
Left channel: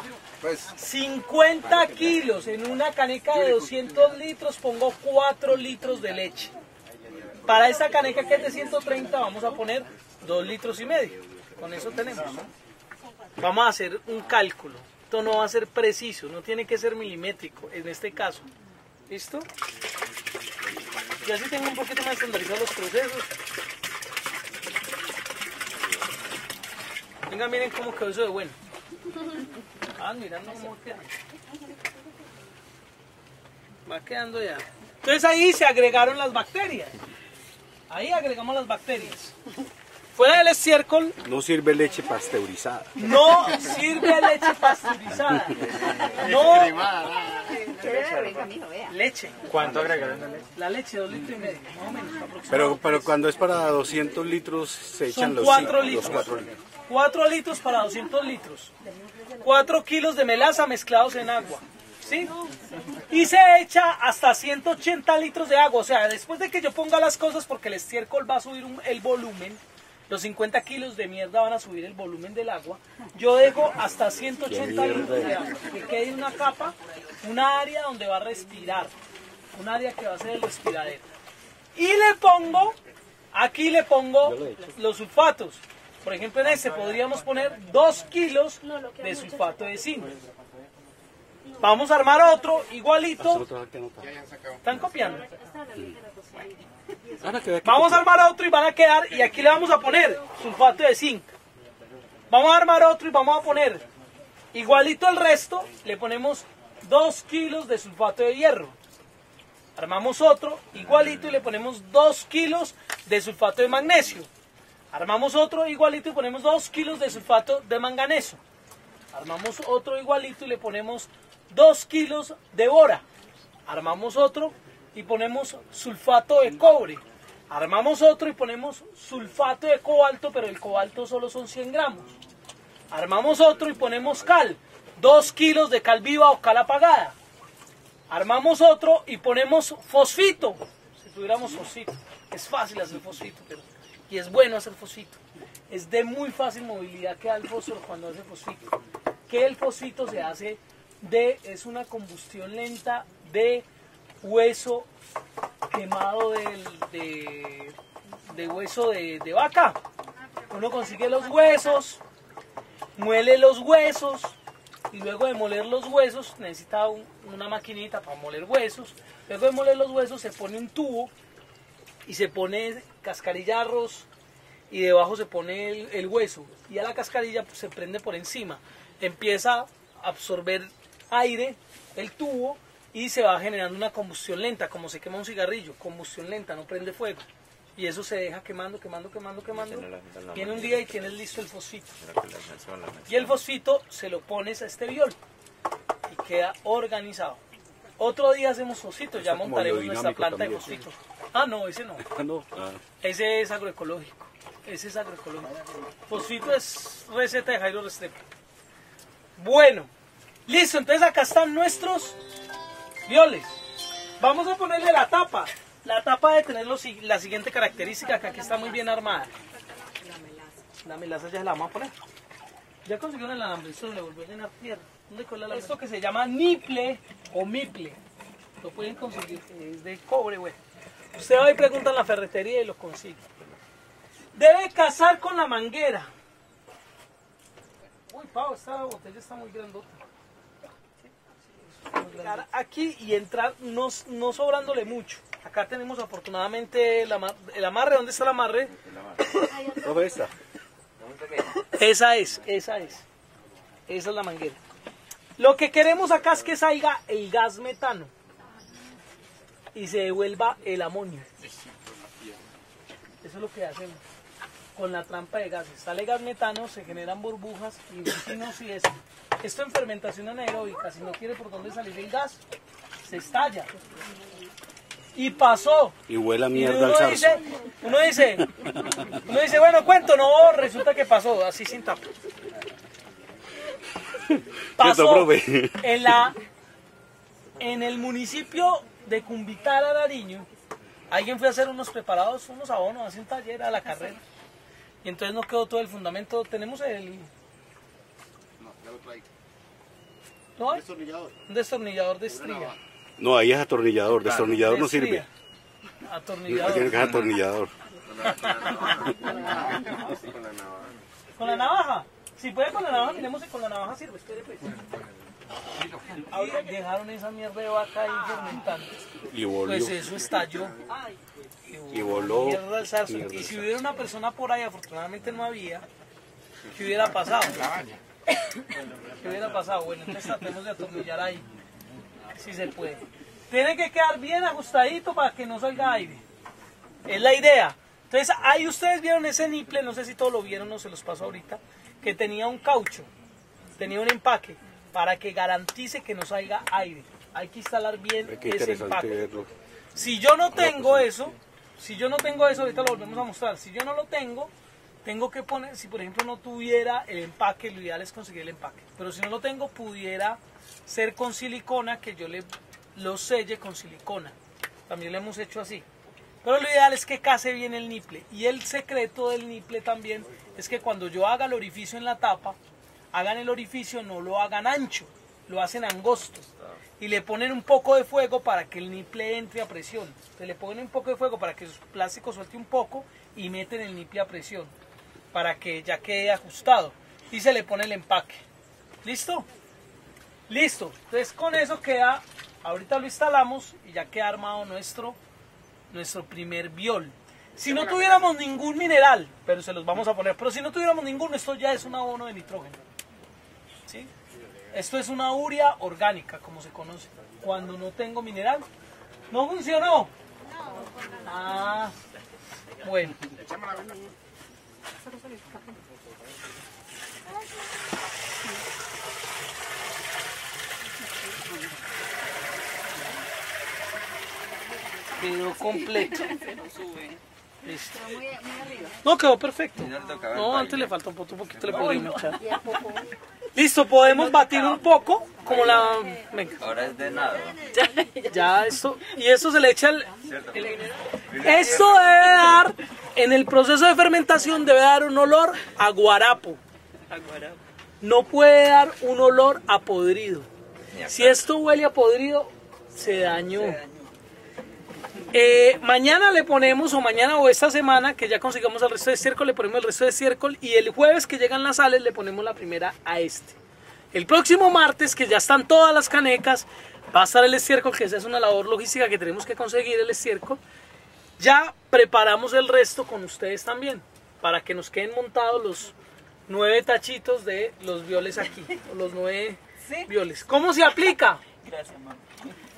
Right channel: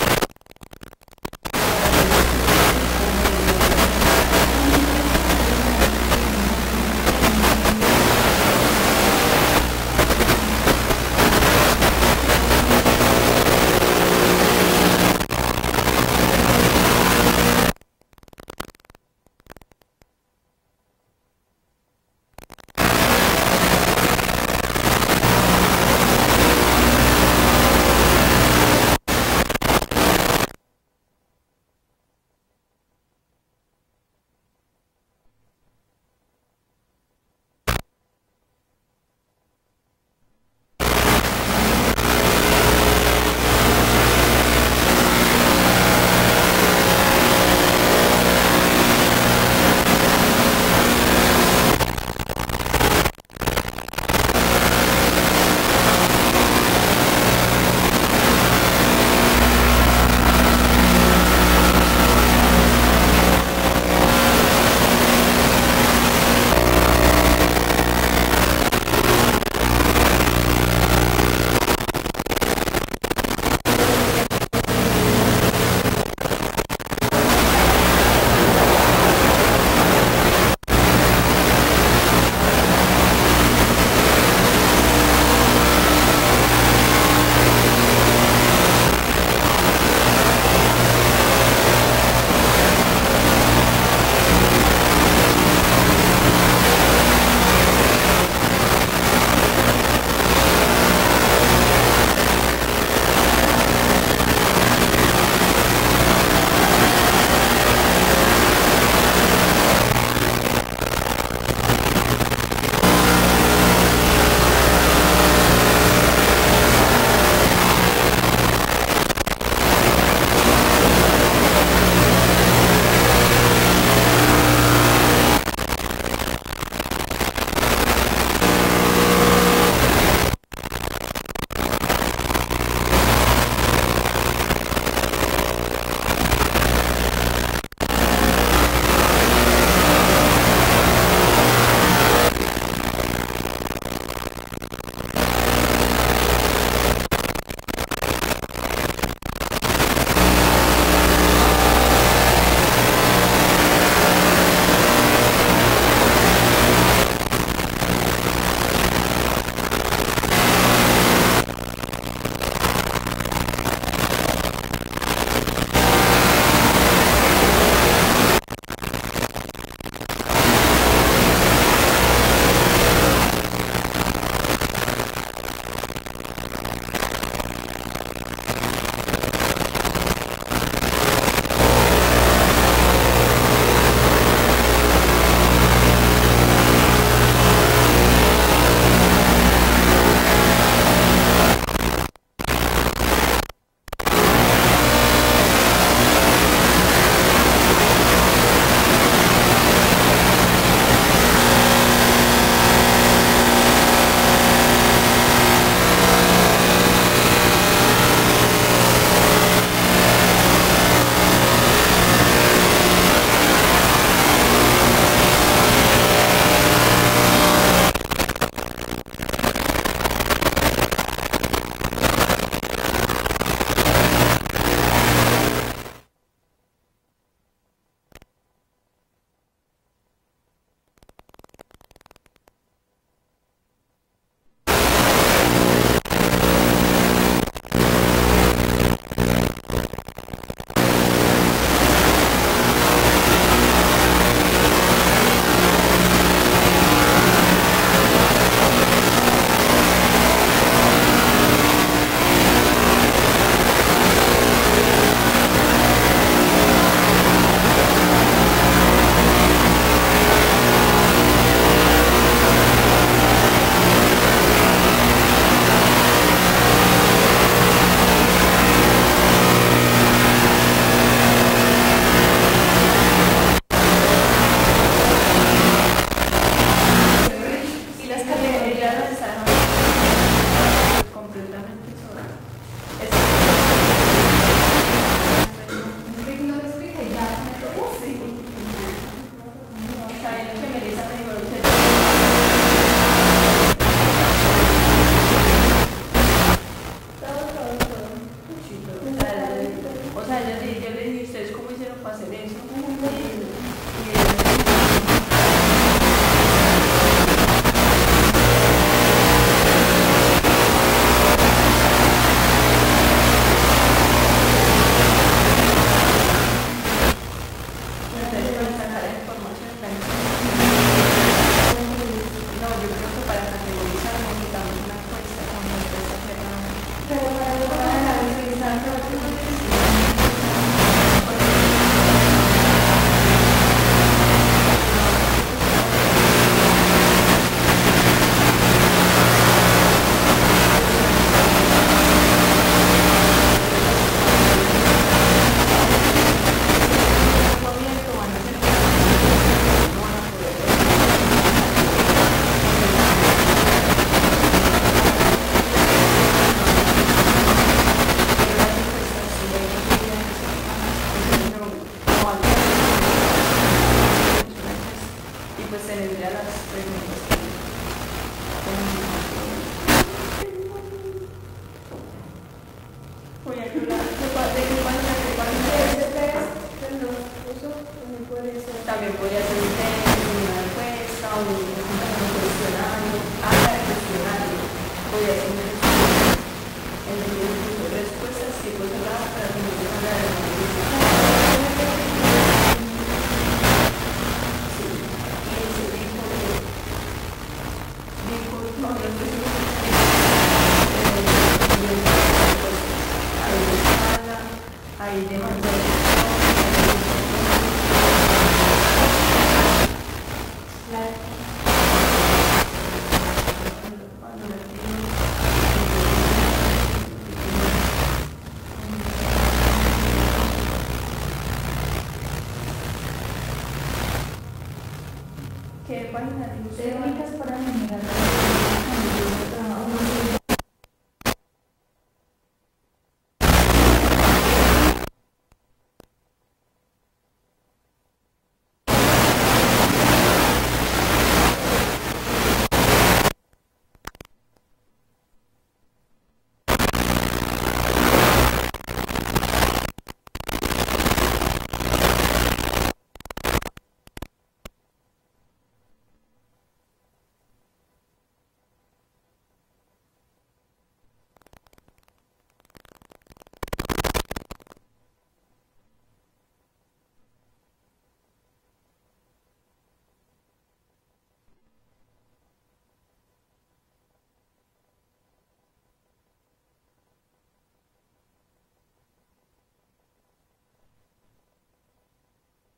50 kilos una califa de 200 kilos como 4 litros de leche. Para esa cantidad de leche no va a ser preciso en este caso. ¿Listo? Ya sí tengo un poquito más estandarizados los puntos. Va quedando ya. Entonces ahí se agregaron las bacterias. Ahí agregamos las bacterias. Fuera del estiércol. No Pero cuando es para 200 litros. 4 kilos de melaza y se echa hasta 180 grados. O sea, yo dejo hasta 180 grados en una capa y le pongo, aquí le pongo vamos a armar otro. Vamos a armar otro y van a quedar, y aquí le vamos a poner pastecito. Vamos a armar otro y vamos a poner igualito al resto. Vamos otro igualito y le ponemos 2 kilos de pastel magnesio. Vamos otro igualito y le ponemos 2 kilos de magnesio. 2 kilos de bora. Sulfato de cobre. Armamos otro y ponemos cobalto, pero el cobalto solo son 100 gramos. Armamos otro y ponemos cal. 2 kilos de cal viva o cal apagada. Armamos otro y ponemos tocino. Y es bueno hacer tocino. Que el tocino vaca, los huesos, muele los huesos, luego moler los huesos, luego moler los huesos, y debajo se pone el hueso, y a la cascarilla se prende por encima, empieza a absorber aire. Está muy bien armada. Esto que se llama niple o miple. Lo pueden conseguir, es de cobre, bueno. Usted va y pregunta en la ferretería y lo consigue. Debe pasar esa es. Lo que queremos acá es Uno dice, bueno, pues, pero no, ¿qué pasó? Así sin tapa. Pasó en el municipio de Cumbital, Ararima, alguien fue a hacer No, ahí es atornillador. Pero lo ideal es que case bien el líquido. Y el secreto de taller es que cuando yo haga el orificio en la tapa, hagan el orificio, lo hagan ancho, y le ponen un poco de fuego para que ajustado, y se le pone el impacto. ¿Listo? Listo. Eso queda, entonces instalamos, ya queda listo, perdió. Si no tuviéramos ningún mineral, esto es una urea. No. Bueno. Quedó completo. No, quedó perfecto. No, antes le falta un poquito le podríamos echar. Listo, podemos batir un poco, como la... Venga. Ahora es de nada. Ya esto, y eso se le echa. Esto debe dar, en el proceso de fermentación debe dar un olor a guarapo. No puede dar un olor a podrido. Si esto huele a podrido, se dañó. Mañana le ponemos, o mañana o esta semana, que ya consigamos el resto de estiércol, le ponemos el resto de estiércol, y el jueves que llegan las sales le ponemos la primera a este. El próximo martes, que ya están todas las canecas, va a estar el estiércol, que esa es una labor logística que tenemos que conseguir el estiércol. Ya preparamos el resto con ustedes también, para que nos queden montados los 9 tachitos de los violes aquí, los 9 violes. ¿Cómo se aplica? Gracias, mamá.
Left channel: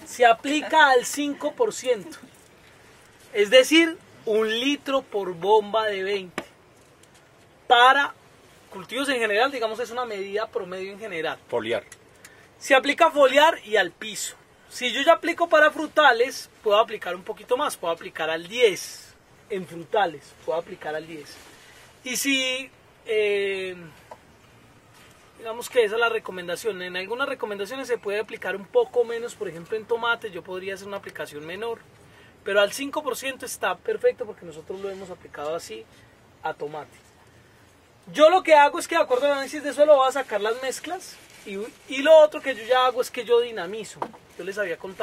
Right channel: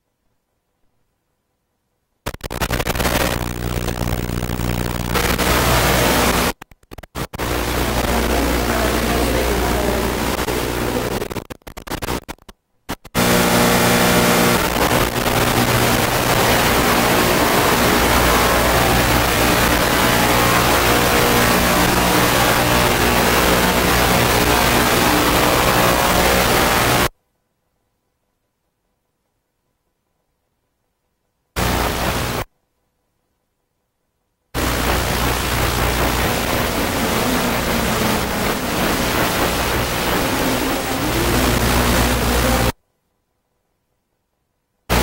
Se aplica al 5%, es decir, 1 litro por gota para Foliar. se aplica foliar. Si yo le aplico para frutales, algunas recomendaciones se puede aplicar un poco menos, por ejemplo en tomate yo podría hacer una aplicación menos, pero al 5% está perfecto porque nos... Yo lo que hago es que lo que hago es que yo dinamizo. Yo les había contado.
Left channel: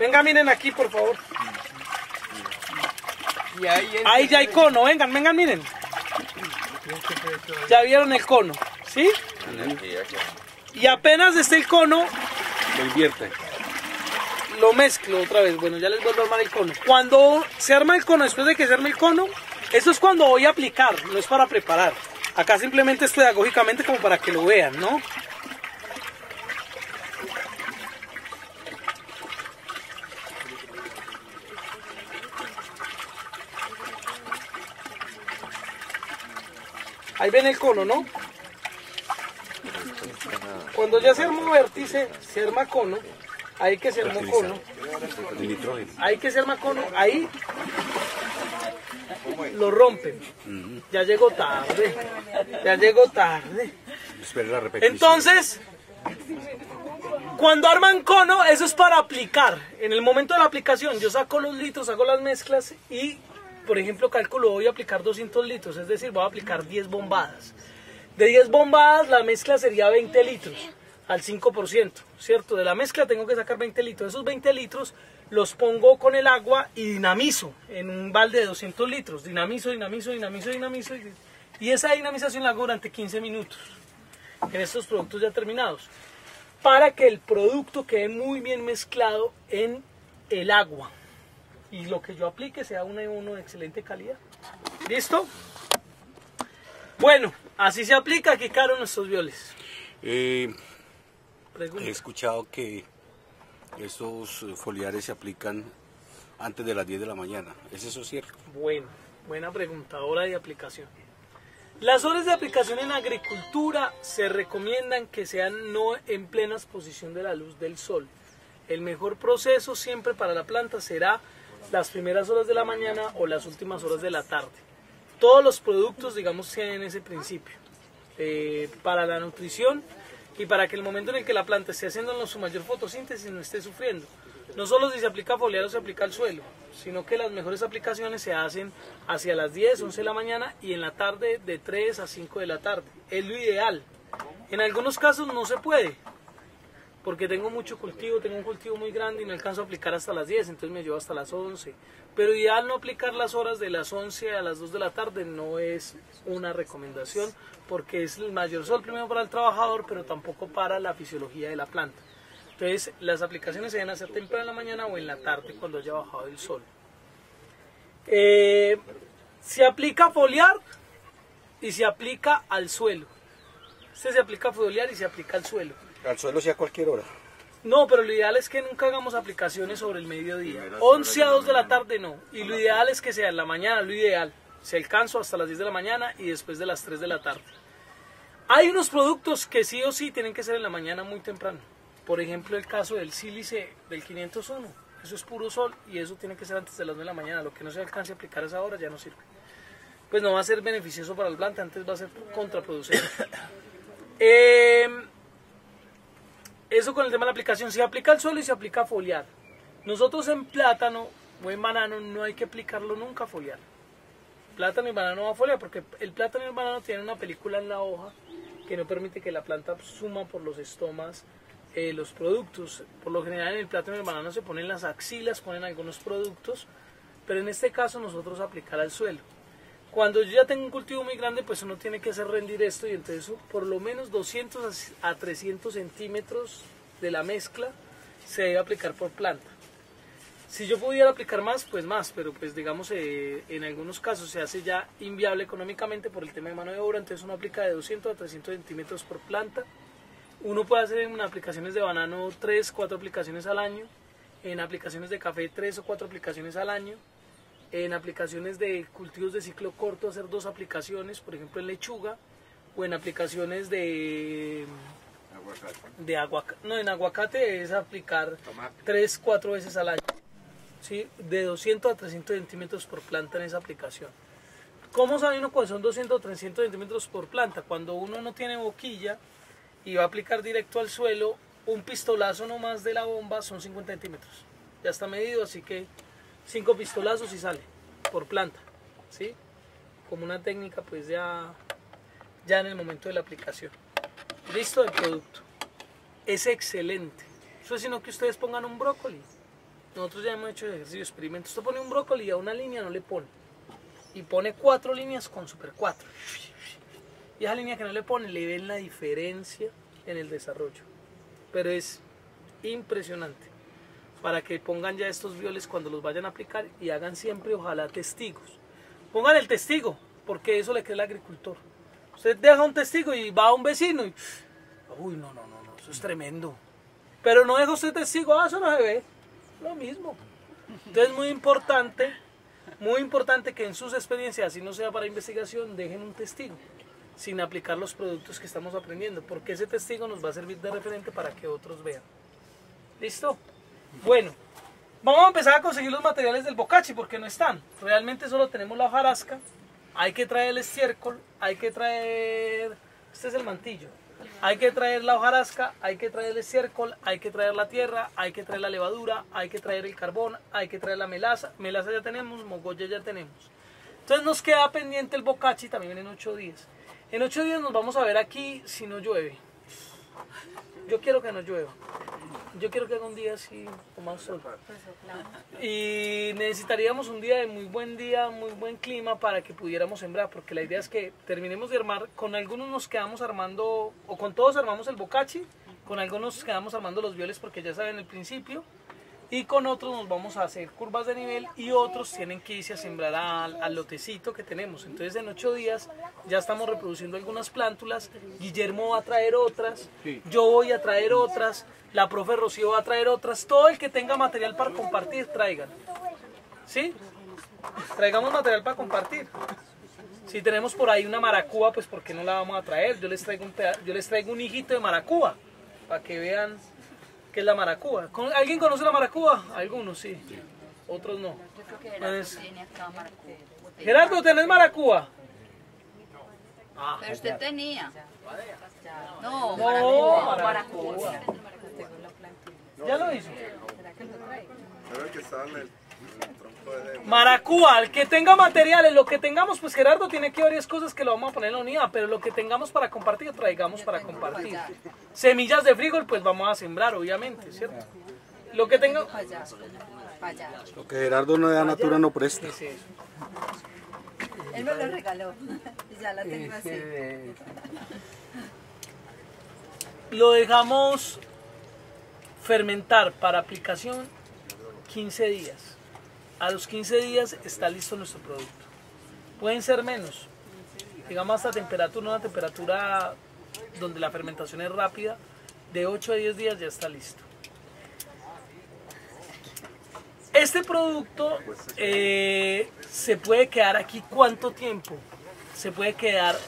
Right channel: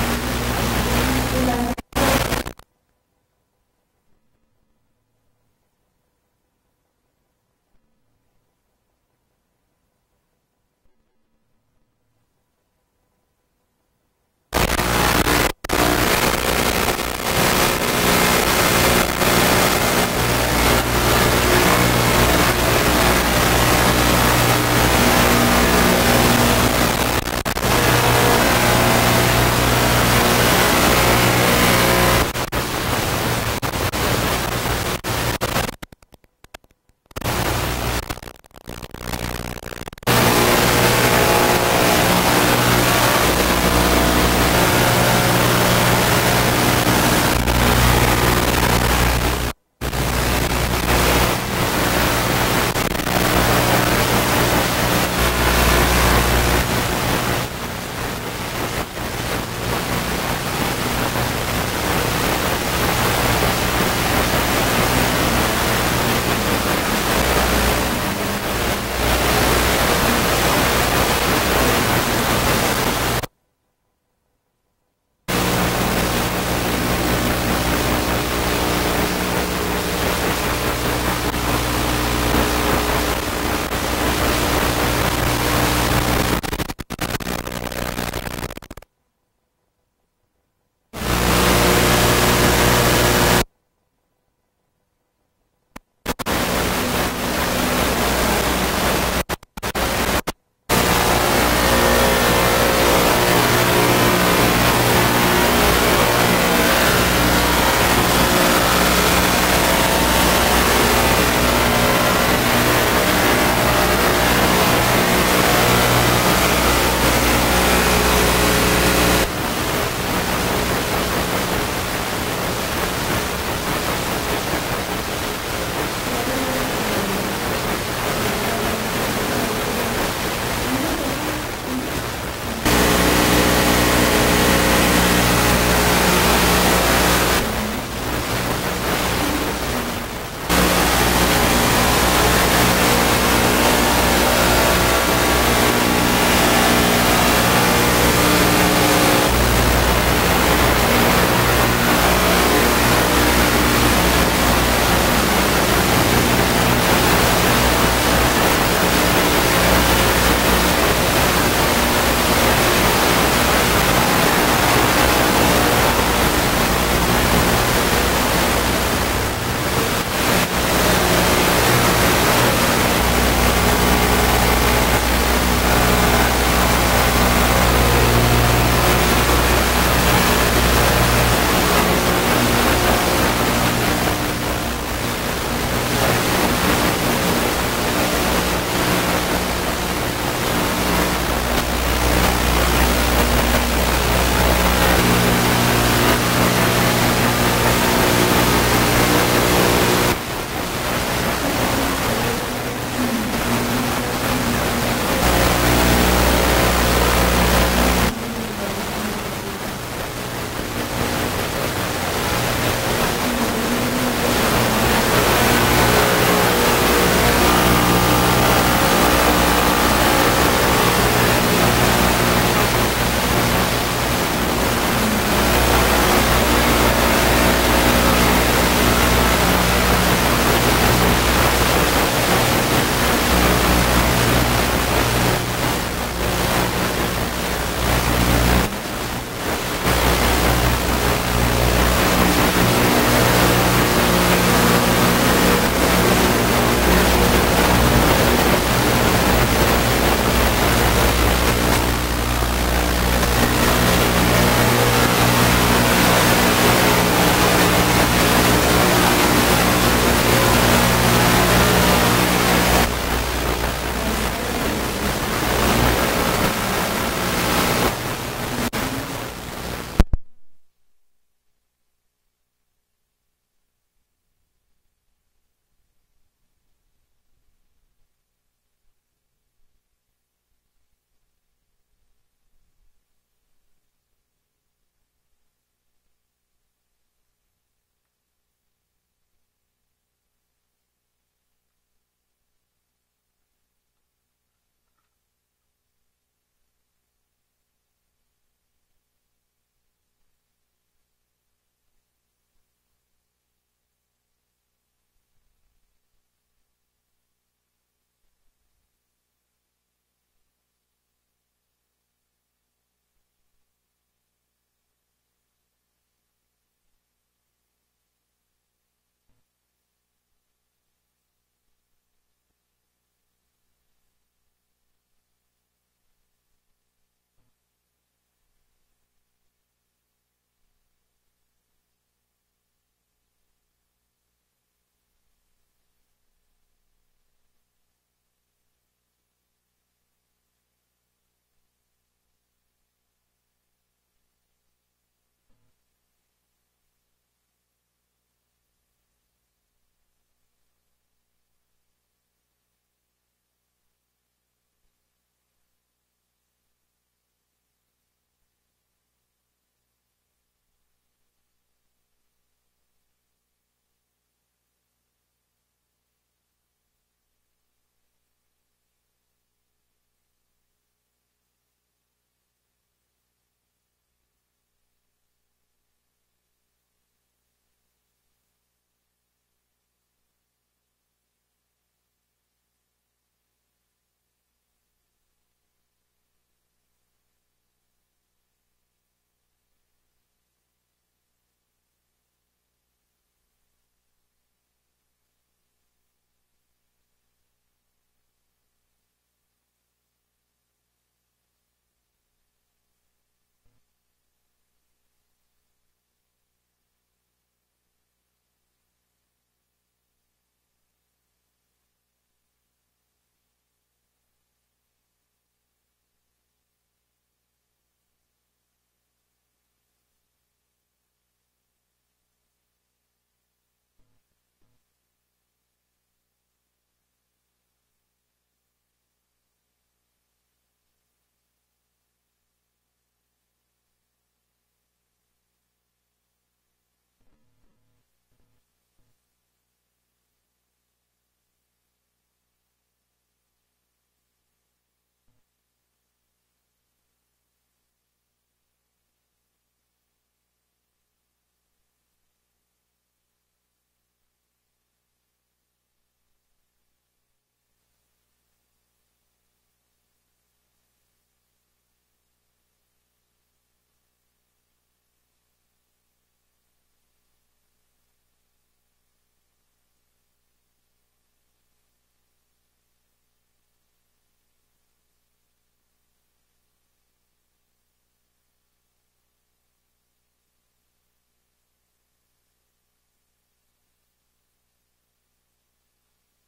Venga, miren aquí, por favor. Y ahí ya hay cono, vengan, miren. Ya vieron el cono, ¿sí? Y apenas esté el cono, Lo invierte. lo mezclo. Cuando se arma el cono, después de que se arme el cono, esto es cuando voy a aplicar, no es para preparar. Acá simplemente es pedagógicamente como para que lo vean. Entonces, cuando arman cono, eso es para aplicar. En el momento de la aplicación, yo saco los litros y todas las mezclas. De 10 bombas, la mezcla sería 20 litros. Generalmente tengo que sacar 20 litros. Esos 20 litros los pongo con el agua en la misma. Balde de litros, en la misma. Y esa es la para que el producto quede muy bien mezclado en el agua. Excelente calidad. ¿Listo? Bueno, así se aplica y claro los controles. Todos los productos para la producción, para que no se que la planta sea hacia las 10 de la mañana. Se aplica foliar, se aplica no, pero ideal es 11 a 2 de la tarde, ideales que sea mañana, de caso hasta las 10 de la mañana. Hay unos productos que sí o sí nosotros en plata ¿sí? De 200 a 300 centímetros por planta en esa aplicación. ¿Cómo sabe uno cuando son 200 o 300 centímetros por planta? Cuando uno no tiene boquilla y va a aplicar directo al suelo, un pistolazo nomás de la bomba son 50 centímetros. Ya está medido, así que 5 pistolazos y sale por planta, ¿sí? Como una técnica pues ya en el momento de la aplicación. Listo el producto. Es excelente. Eso es sino que ustedes pongan un brócoli. Nosotros ya hemos hecho el ejercicio de experimentos. Usted pone un brócoli y a una línea no le pone. Y pone 4 líneas con Super 4. Y esa línea que no le pone, le ven la diferencia en el desarrollo. Pero es impresionante. Para que pongan ya estos violes cuando los vayan a aplicar y hagan siempre, ojalá, testigos. Pongan el testigo, porque eso le cree el agricultor. Usted deja un testigo y va a un vecino y... Uy, no, eso es tremendo. Pero no deja usted testigo, eso no se ve. Lo mismo. Entonces es muy importante que en sus experiencias, si no sea para investigación, dejen un testigo sin aplicar los productos que estamos aprendiendo, porque ese testigo nos va a servir de referente para que otros vean. ¿Listo? Bueno, vamos a empezar a conseguir los materiales del bocachi porque no están. Realmente solo tenemos la hojarasca, hay que traer el estiércol, hay que traer... Este es el mantillo. Hay que traer la hojarasca, hay que traer el estiércol, hay que traer la tierra, hay que traer la levadura, hay que traer el carbón, hay que traer la melaza. Melaza ya tenemos, mogolla ya tenemos. Entonces nos queda pendiente el bocachi, también en 8 días. En 8 días nos vamos a ver aquí si no llueve. Yo quiero que no llueva. Yo quiero que haga un día así con más sol. Y necesitaríamos un día, muy buen clima para que pudiéramos sembrar, porque la idea es que terminemos de armar, con algunos nos quedamos armando, o con todos armamos el bocachi, con algunos nos quedamos armando los violes porque ya saben el principio, y con otros nos vamos a hacer curvas de nivel y otros tienen que irse a sembrar al lotecito que tenemos. Entonces en 8 días ya estamos reproduciendo algunas plántulas, Guillermo va a traer otras, yo voy a traer otras, la profe Rocío va a traer otras, todo el que tenga material para compartir, traigan. ¿Sí? Traigamos material para compartir. Si tenemos por ahí una maracúa, pues ¿por qué no la vamos a traer? Yo les traigo un hijito de maracúa, para que vean qué es la maracúa. ¿Alguien conoce la maracúa? Algunos sí, otros no. Yo creo que Gerardo tiene acá maracúa. Gerardo, ¿tenés maracúa? Pero usted tenía. No, maracúa. ¿Ya lo hizo? Maracúa, el que tenga materiales, lo que tengamos, pues Gerardo tiene que varias cosas que lo vamos a poner en la unidad, pero lo que tengamos para compartir, traigamos para compartir. Semillas de frijol, pues vamos a sembrar, obviamente, ¿cierto? Lo que tenga... Lo que Gerardo no da natura no presta. Él me lo regaló, ya la tengo así. Lo dejamos fermentar para aplicación 15 días. A los 15 días está listo nuestro producto. Pueden ser menos, digamos hasta temperatura, una temperatura donde la fermentación es rápida, de 8 a 10 días ya está listo. Este producto se puede quedar aquí ¿cuánto tiempo? Se puede quedar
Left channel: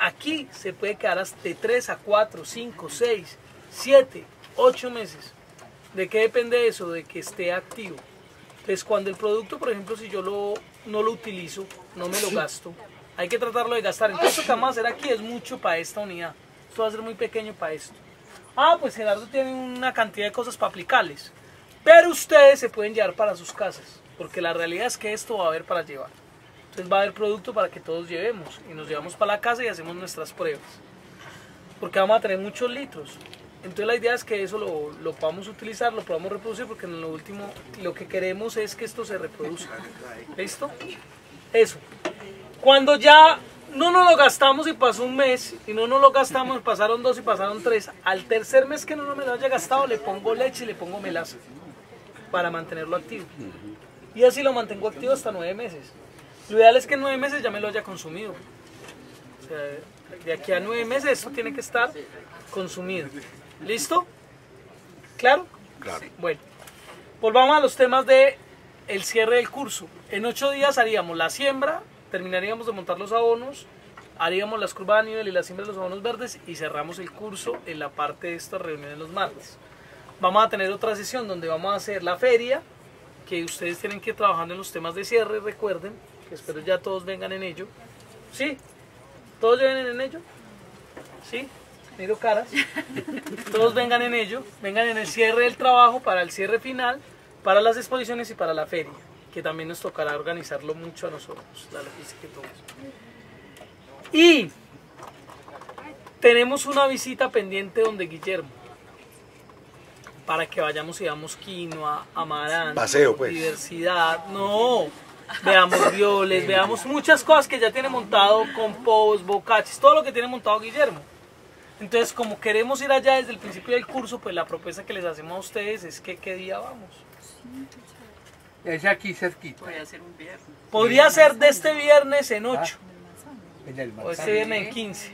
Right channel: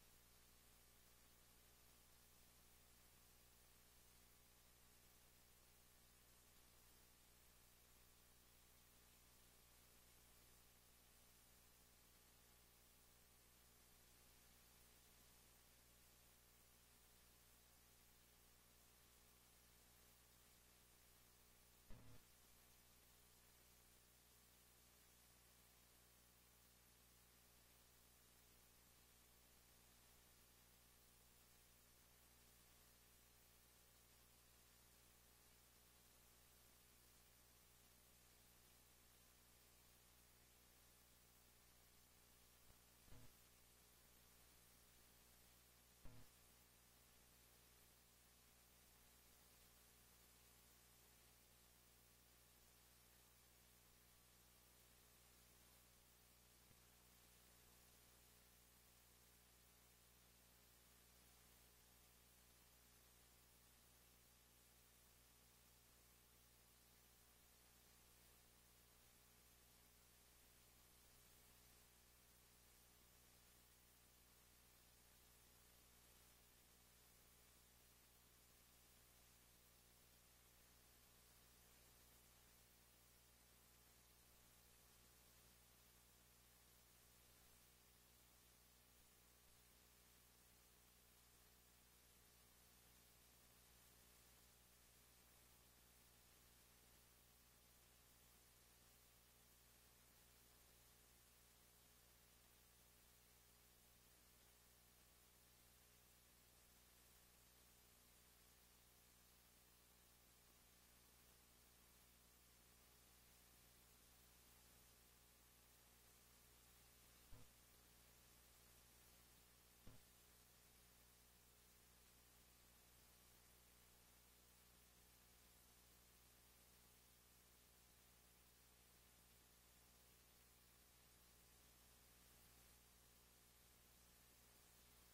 aquí, se puede quedar hasta de 3 a 4, 5, 6, 7, 8 meses. ¿De qué depende eso? De que esté activo. Entonces cuando el producto, por ejemplo, si yo no lo utilizo, no me lo gasto, hay que tratarlo de gastar. Entonces lo que vamos a hacer aquí es mucho para esta unidad. Esto va a ser muy pequeño para esto. Pues Gerardo tiene una cantidad de cosas para aplicarles. Pero ustedes se pueden llevar para sus casas, porque la realidad es que esto va a haber para llevar. Entonces va a haber producto para que todos llevemos, y nos llevamos para la casa y hacemos nuestras pruebas. Porque vamos a tener muchos litros. Entonces la idea es que eso lo podamos utilizar, lo podamos reproducir, porque en lo último lo que queremos es que esto se reproduzca. ¿Listo? Eso. Cuando ya no nos lo gastamos y pasó un mes, y no nos lo gastamos, pasaron 2 y pasaron 3, al tercer mes que no me lo haya gastado le pongo leche y le pongo melaza para mantenerlo activo. Y así lo mantengo activo hasta 9 meses. Lo ideal es que en 9 meses ya me lo haya consumido. O sea, de aquí a 9 meses esto tiene que estar consumido. ¿Listo? ¿Claro? Claro. Bueno, volvamos a los temas de el cierre del curso. En 8 días haríamos la siembra, terminaríamos de montar los abonos, haríamos las curvas de nivel y la siembra de los abonos verdes y cerramos el curso en la parte de estas reuniones los martes. Vamos a tener otra sesión donde vamos a hacer la feria, que ustedes tienen que ir trabajando en los temas de cierre, recuerden, que espero ya todos vengan en ello. ¿Sí? ¿Todos vienen en ello? ¿Sí? Miro caras. Todos vengan en ello, vengan en el cierre del trabajo, para el cierre final, para las exposiciones y para la feria, que también nos tocará organizarlo mucho a nosotros, la logística y todo eso. Y tenemos una visita pendiente donde Guillermo, para que vayamos y veamos quinoa, amaranto, paseo, pues. Diversidad, no, veamos violes, veamos muchas cosas que ya tiene montado, compost, bocachis, todo lo que tiene montado Guillermo. Entonces, como queremos ir allá desde el principio del curso, pues la propuesta que les hacemos a ustedes es que ¿qué día vamos? Es aquí cerquita. Podría ser de este viernes en 8, En el o este viernes en 15.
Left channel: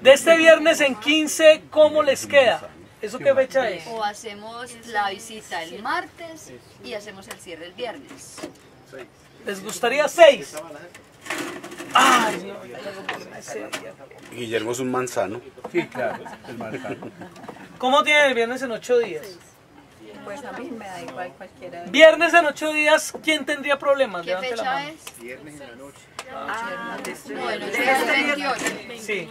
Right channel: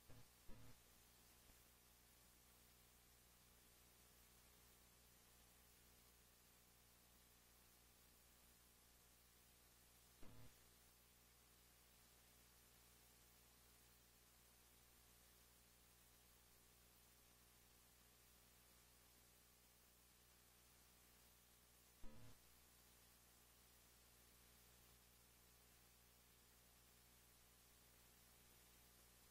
De este viernes en 15, ¿cómo les queda? ¿Eso qué fecha es? O hacemos la visita el martes y hacemos el cierre el viernes. ¿Les gustaría 6? Ay, Dios. Guillermo es un manzano. Sí, claro, el manzano. ¿Cómo tienen el viernes en 8 días? Pues a mí me da igual cualquiera. Viernes en 8 días, ¿quién tendría problemas? ¿Qué Levante la fecha mano. es? Viernes en la noche. Bueno, es el 28. Sí.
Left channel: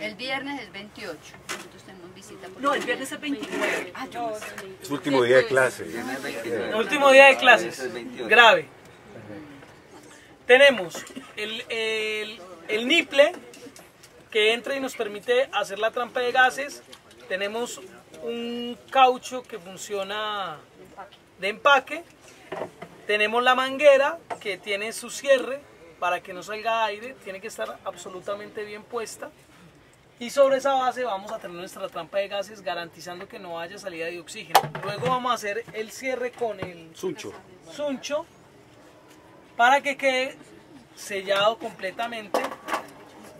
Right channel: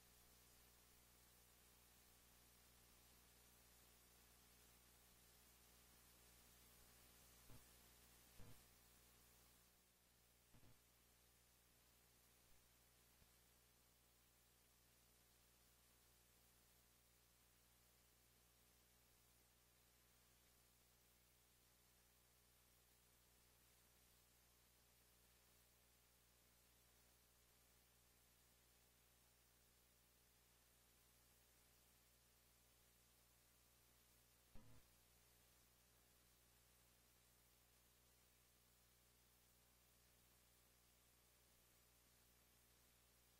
El viernes es 28. Nosotros tenemos visita por No, el viernes es 29. Ah, yo Es su último día de clase. El último día de clases. Grave. Tenemos el niple que entra y nos permite hacer la trampa de gases. Tenemos un caucho que funciona de empaque. Tenemos la manguera que tiene su cierre para que no salga aire. Tiene que estar absolutamente bien puesta. Y sobre esa base vamos a tener nuestra trampa de gases garantizando que no haya salida de oxígeno. Luego vamos a hacer el cierre con el suncho para que quede sellado completamente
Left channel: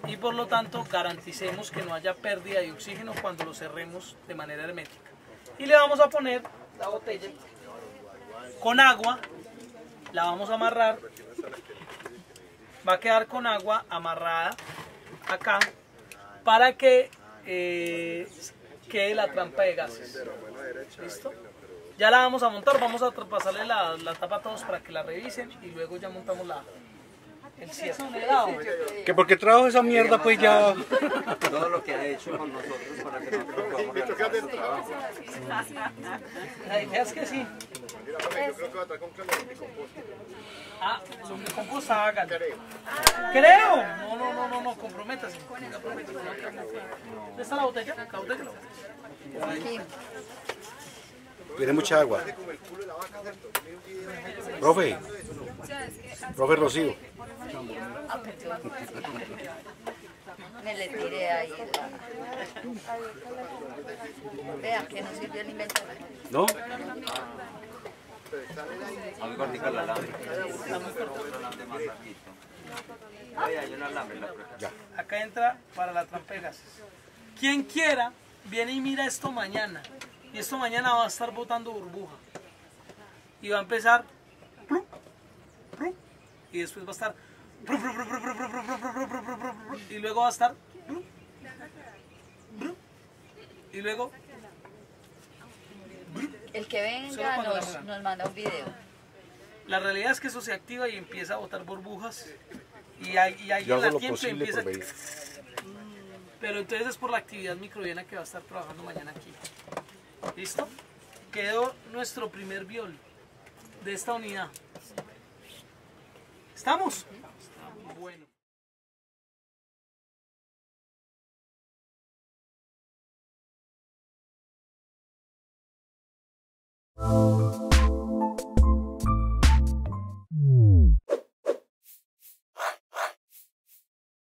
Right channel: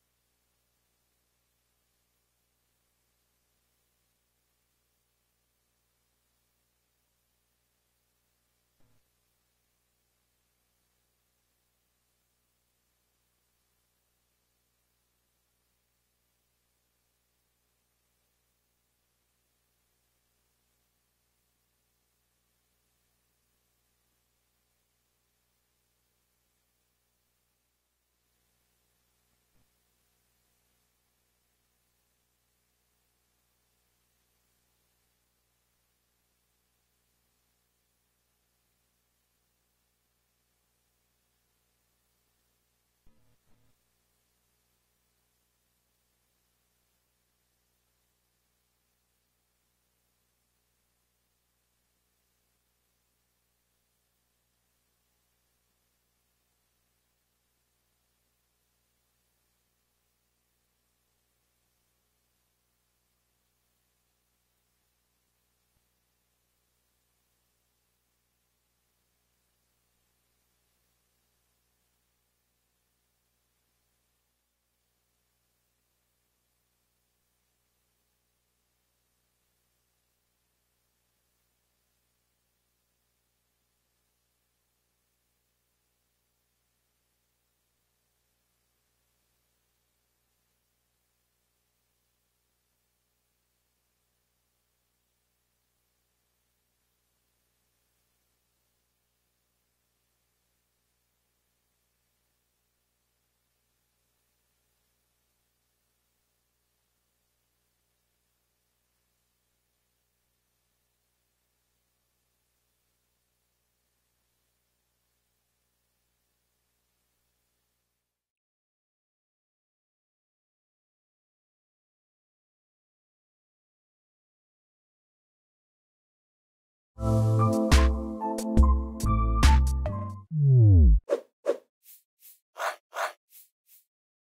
y por lo tanto garanticemos que no haya pérdida de oxígeno cuando lo cerremos de manera hermética. Y le vamos a poner la botella con agua, la vamos a amarrar, va a quedar con agua amarrada acá para que quede la trampa de gases. ¿Listo? Ya la vamos a montar, vamos a pasarle la tapa a todos para que la revisen y luego ya montamos el cierre. ¿Que por qué trajo esa mierda pues ya? Todo lo que ha hecho con nosotros para que nosotros podamos realizar nuestro trabajo. La idea es que sí. Ah, sobre composta háganlo. Creo. No, comprométase. ¿Dónde está la botella? La botella. aquí. Tiene mucha agua. Profe Rocío. Me le tiré ahí Vea que no sirvió el invento. ¿No? A mí cortica el alambre. Un alambre más larguito. Ahí hay un alambre en la prueba. Ya. Acá entra para la trampa de gases. Quien quiera, viene y mira esto mañana. Y esto mañana va a estar botando burbuja. Y va a empezar. Y después va a estar. Y luego va a estar. Y luego. El que venga nos manda un video. La realidad es que eso se activa y empieza a botar burbujas. Y ahí Yo en la hago lo tiempo posible empieza. por venir. Pero entonces es por la actividad microbiana que va a estar trabajando mañana aquí. ¿Listo? Quedó nuestro primer biol de esta unidad. ¿Estamos? Bueno.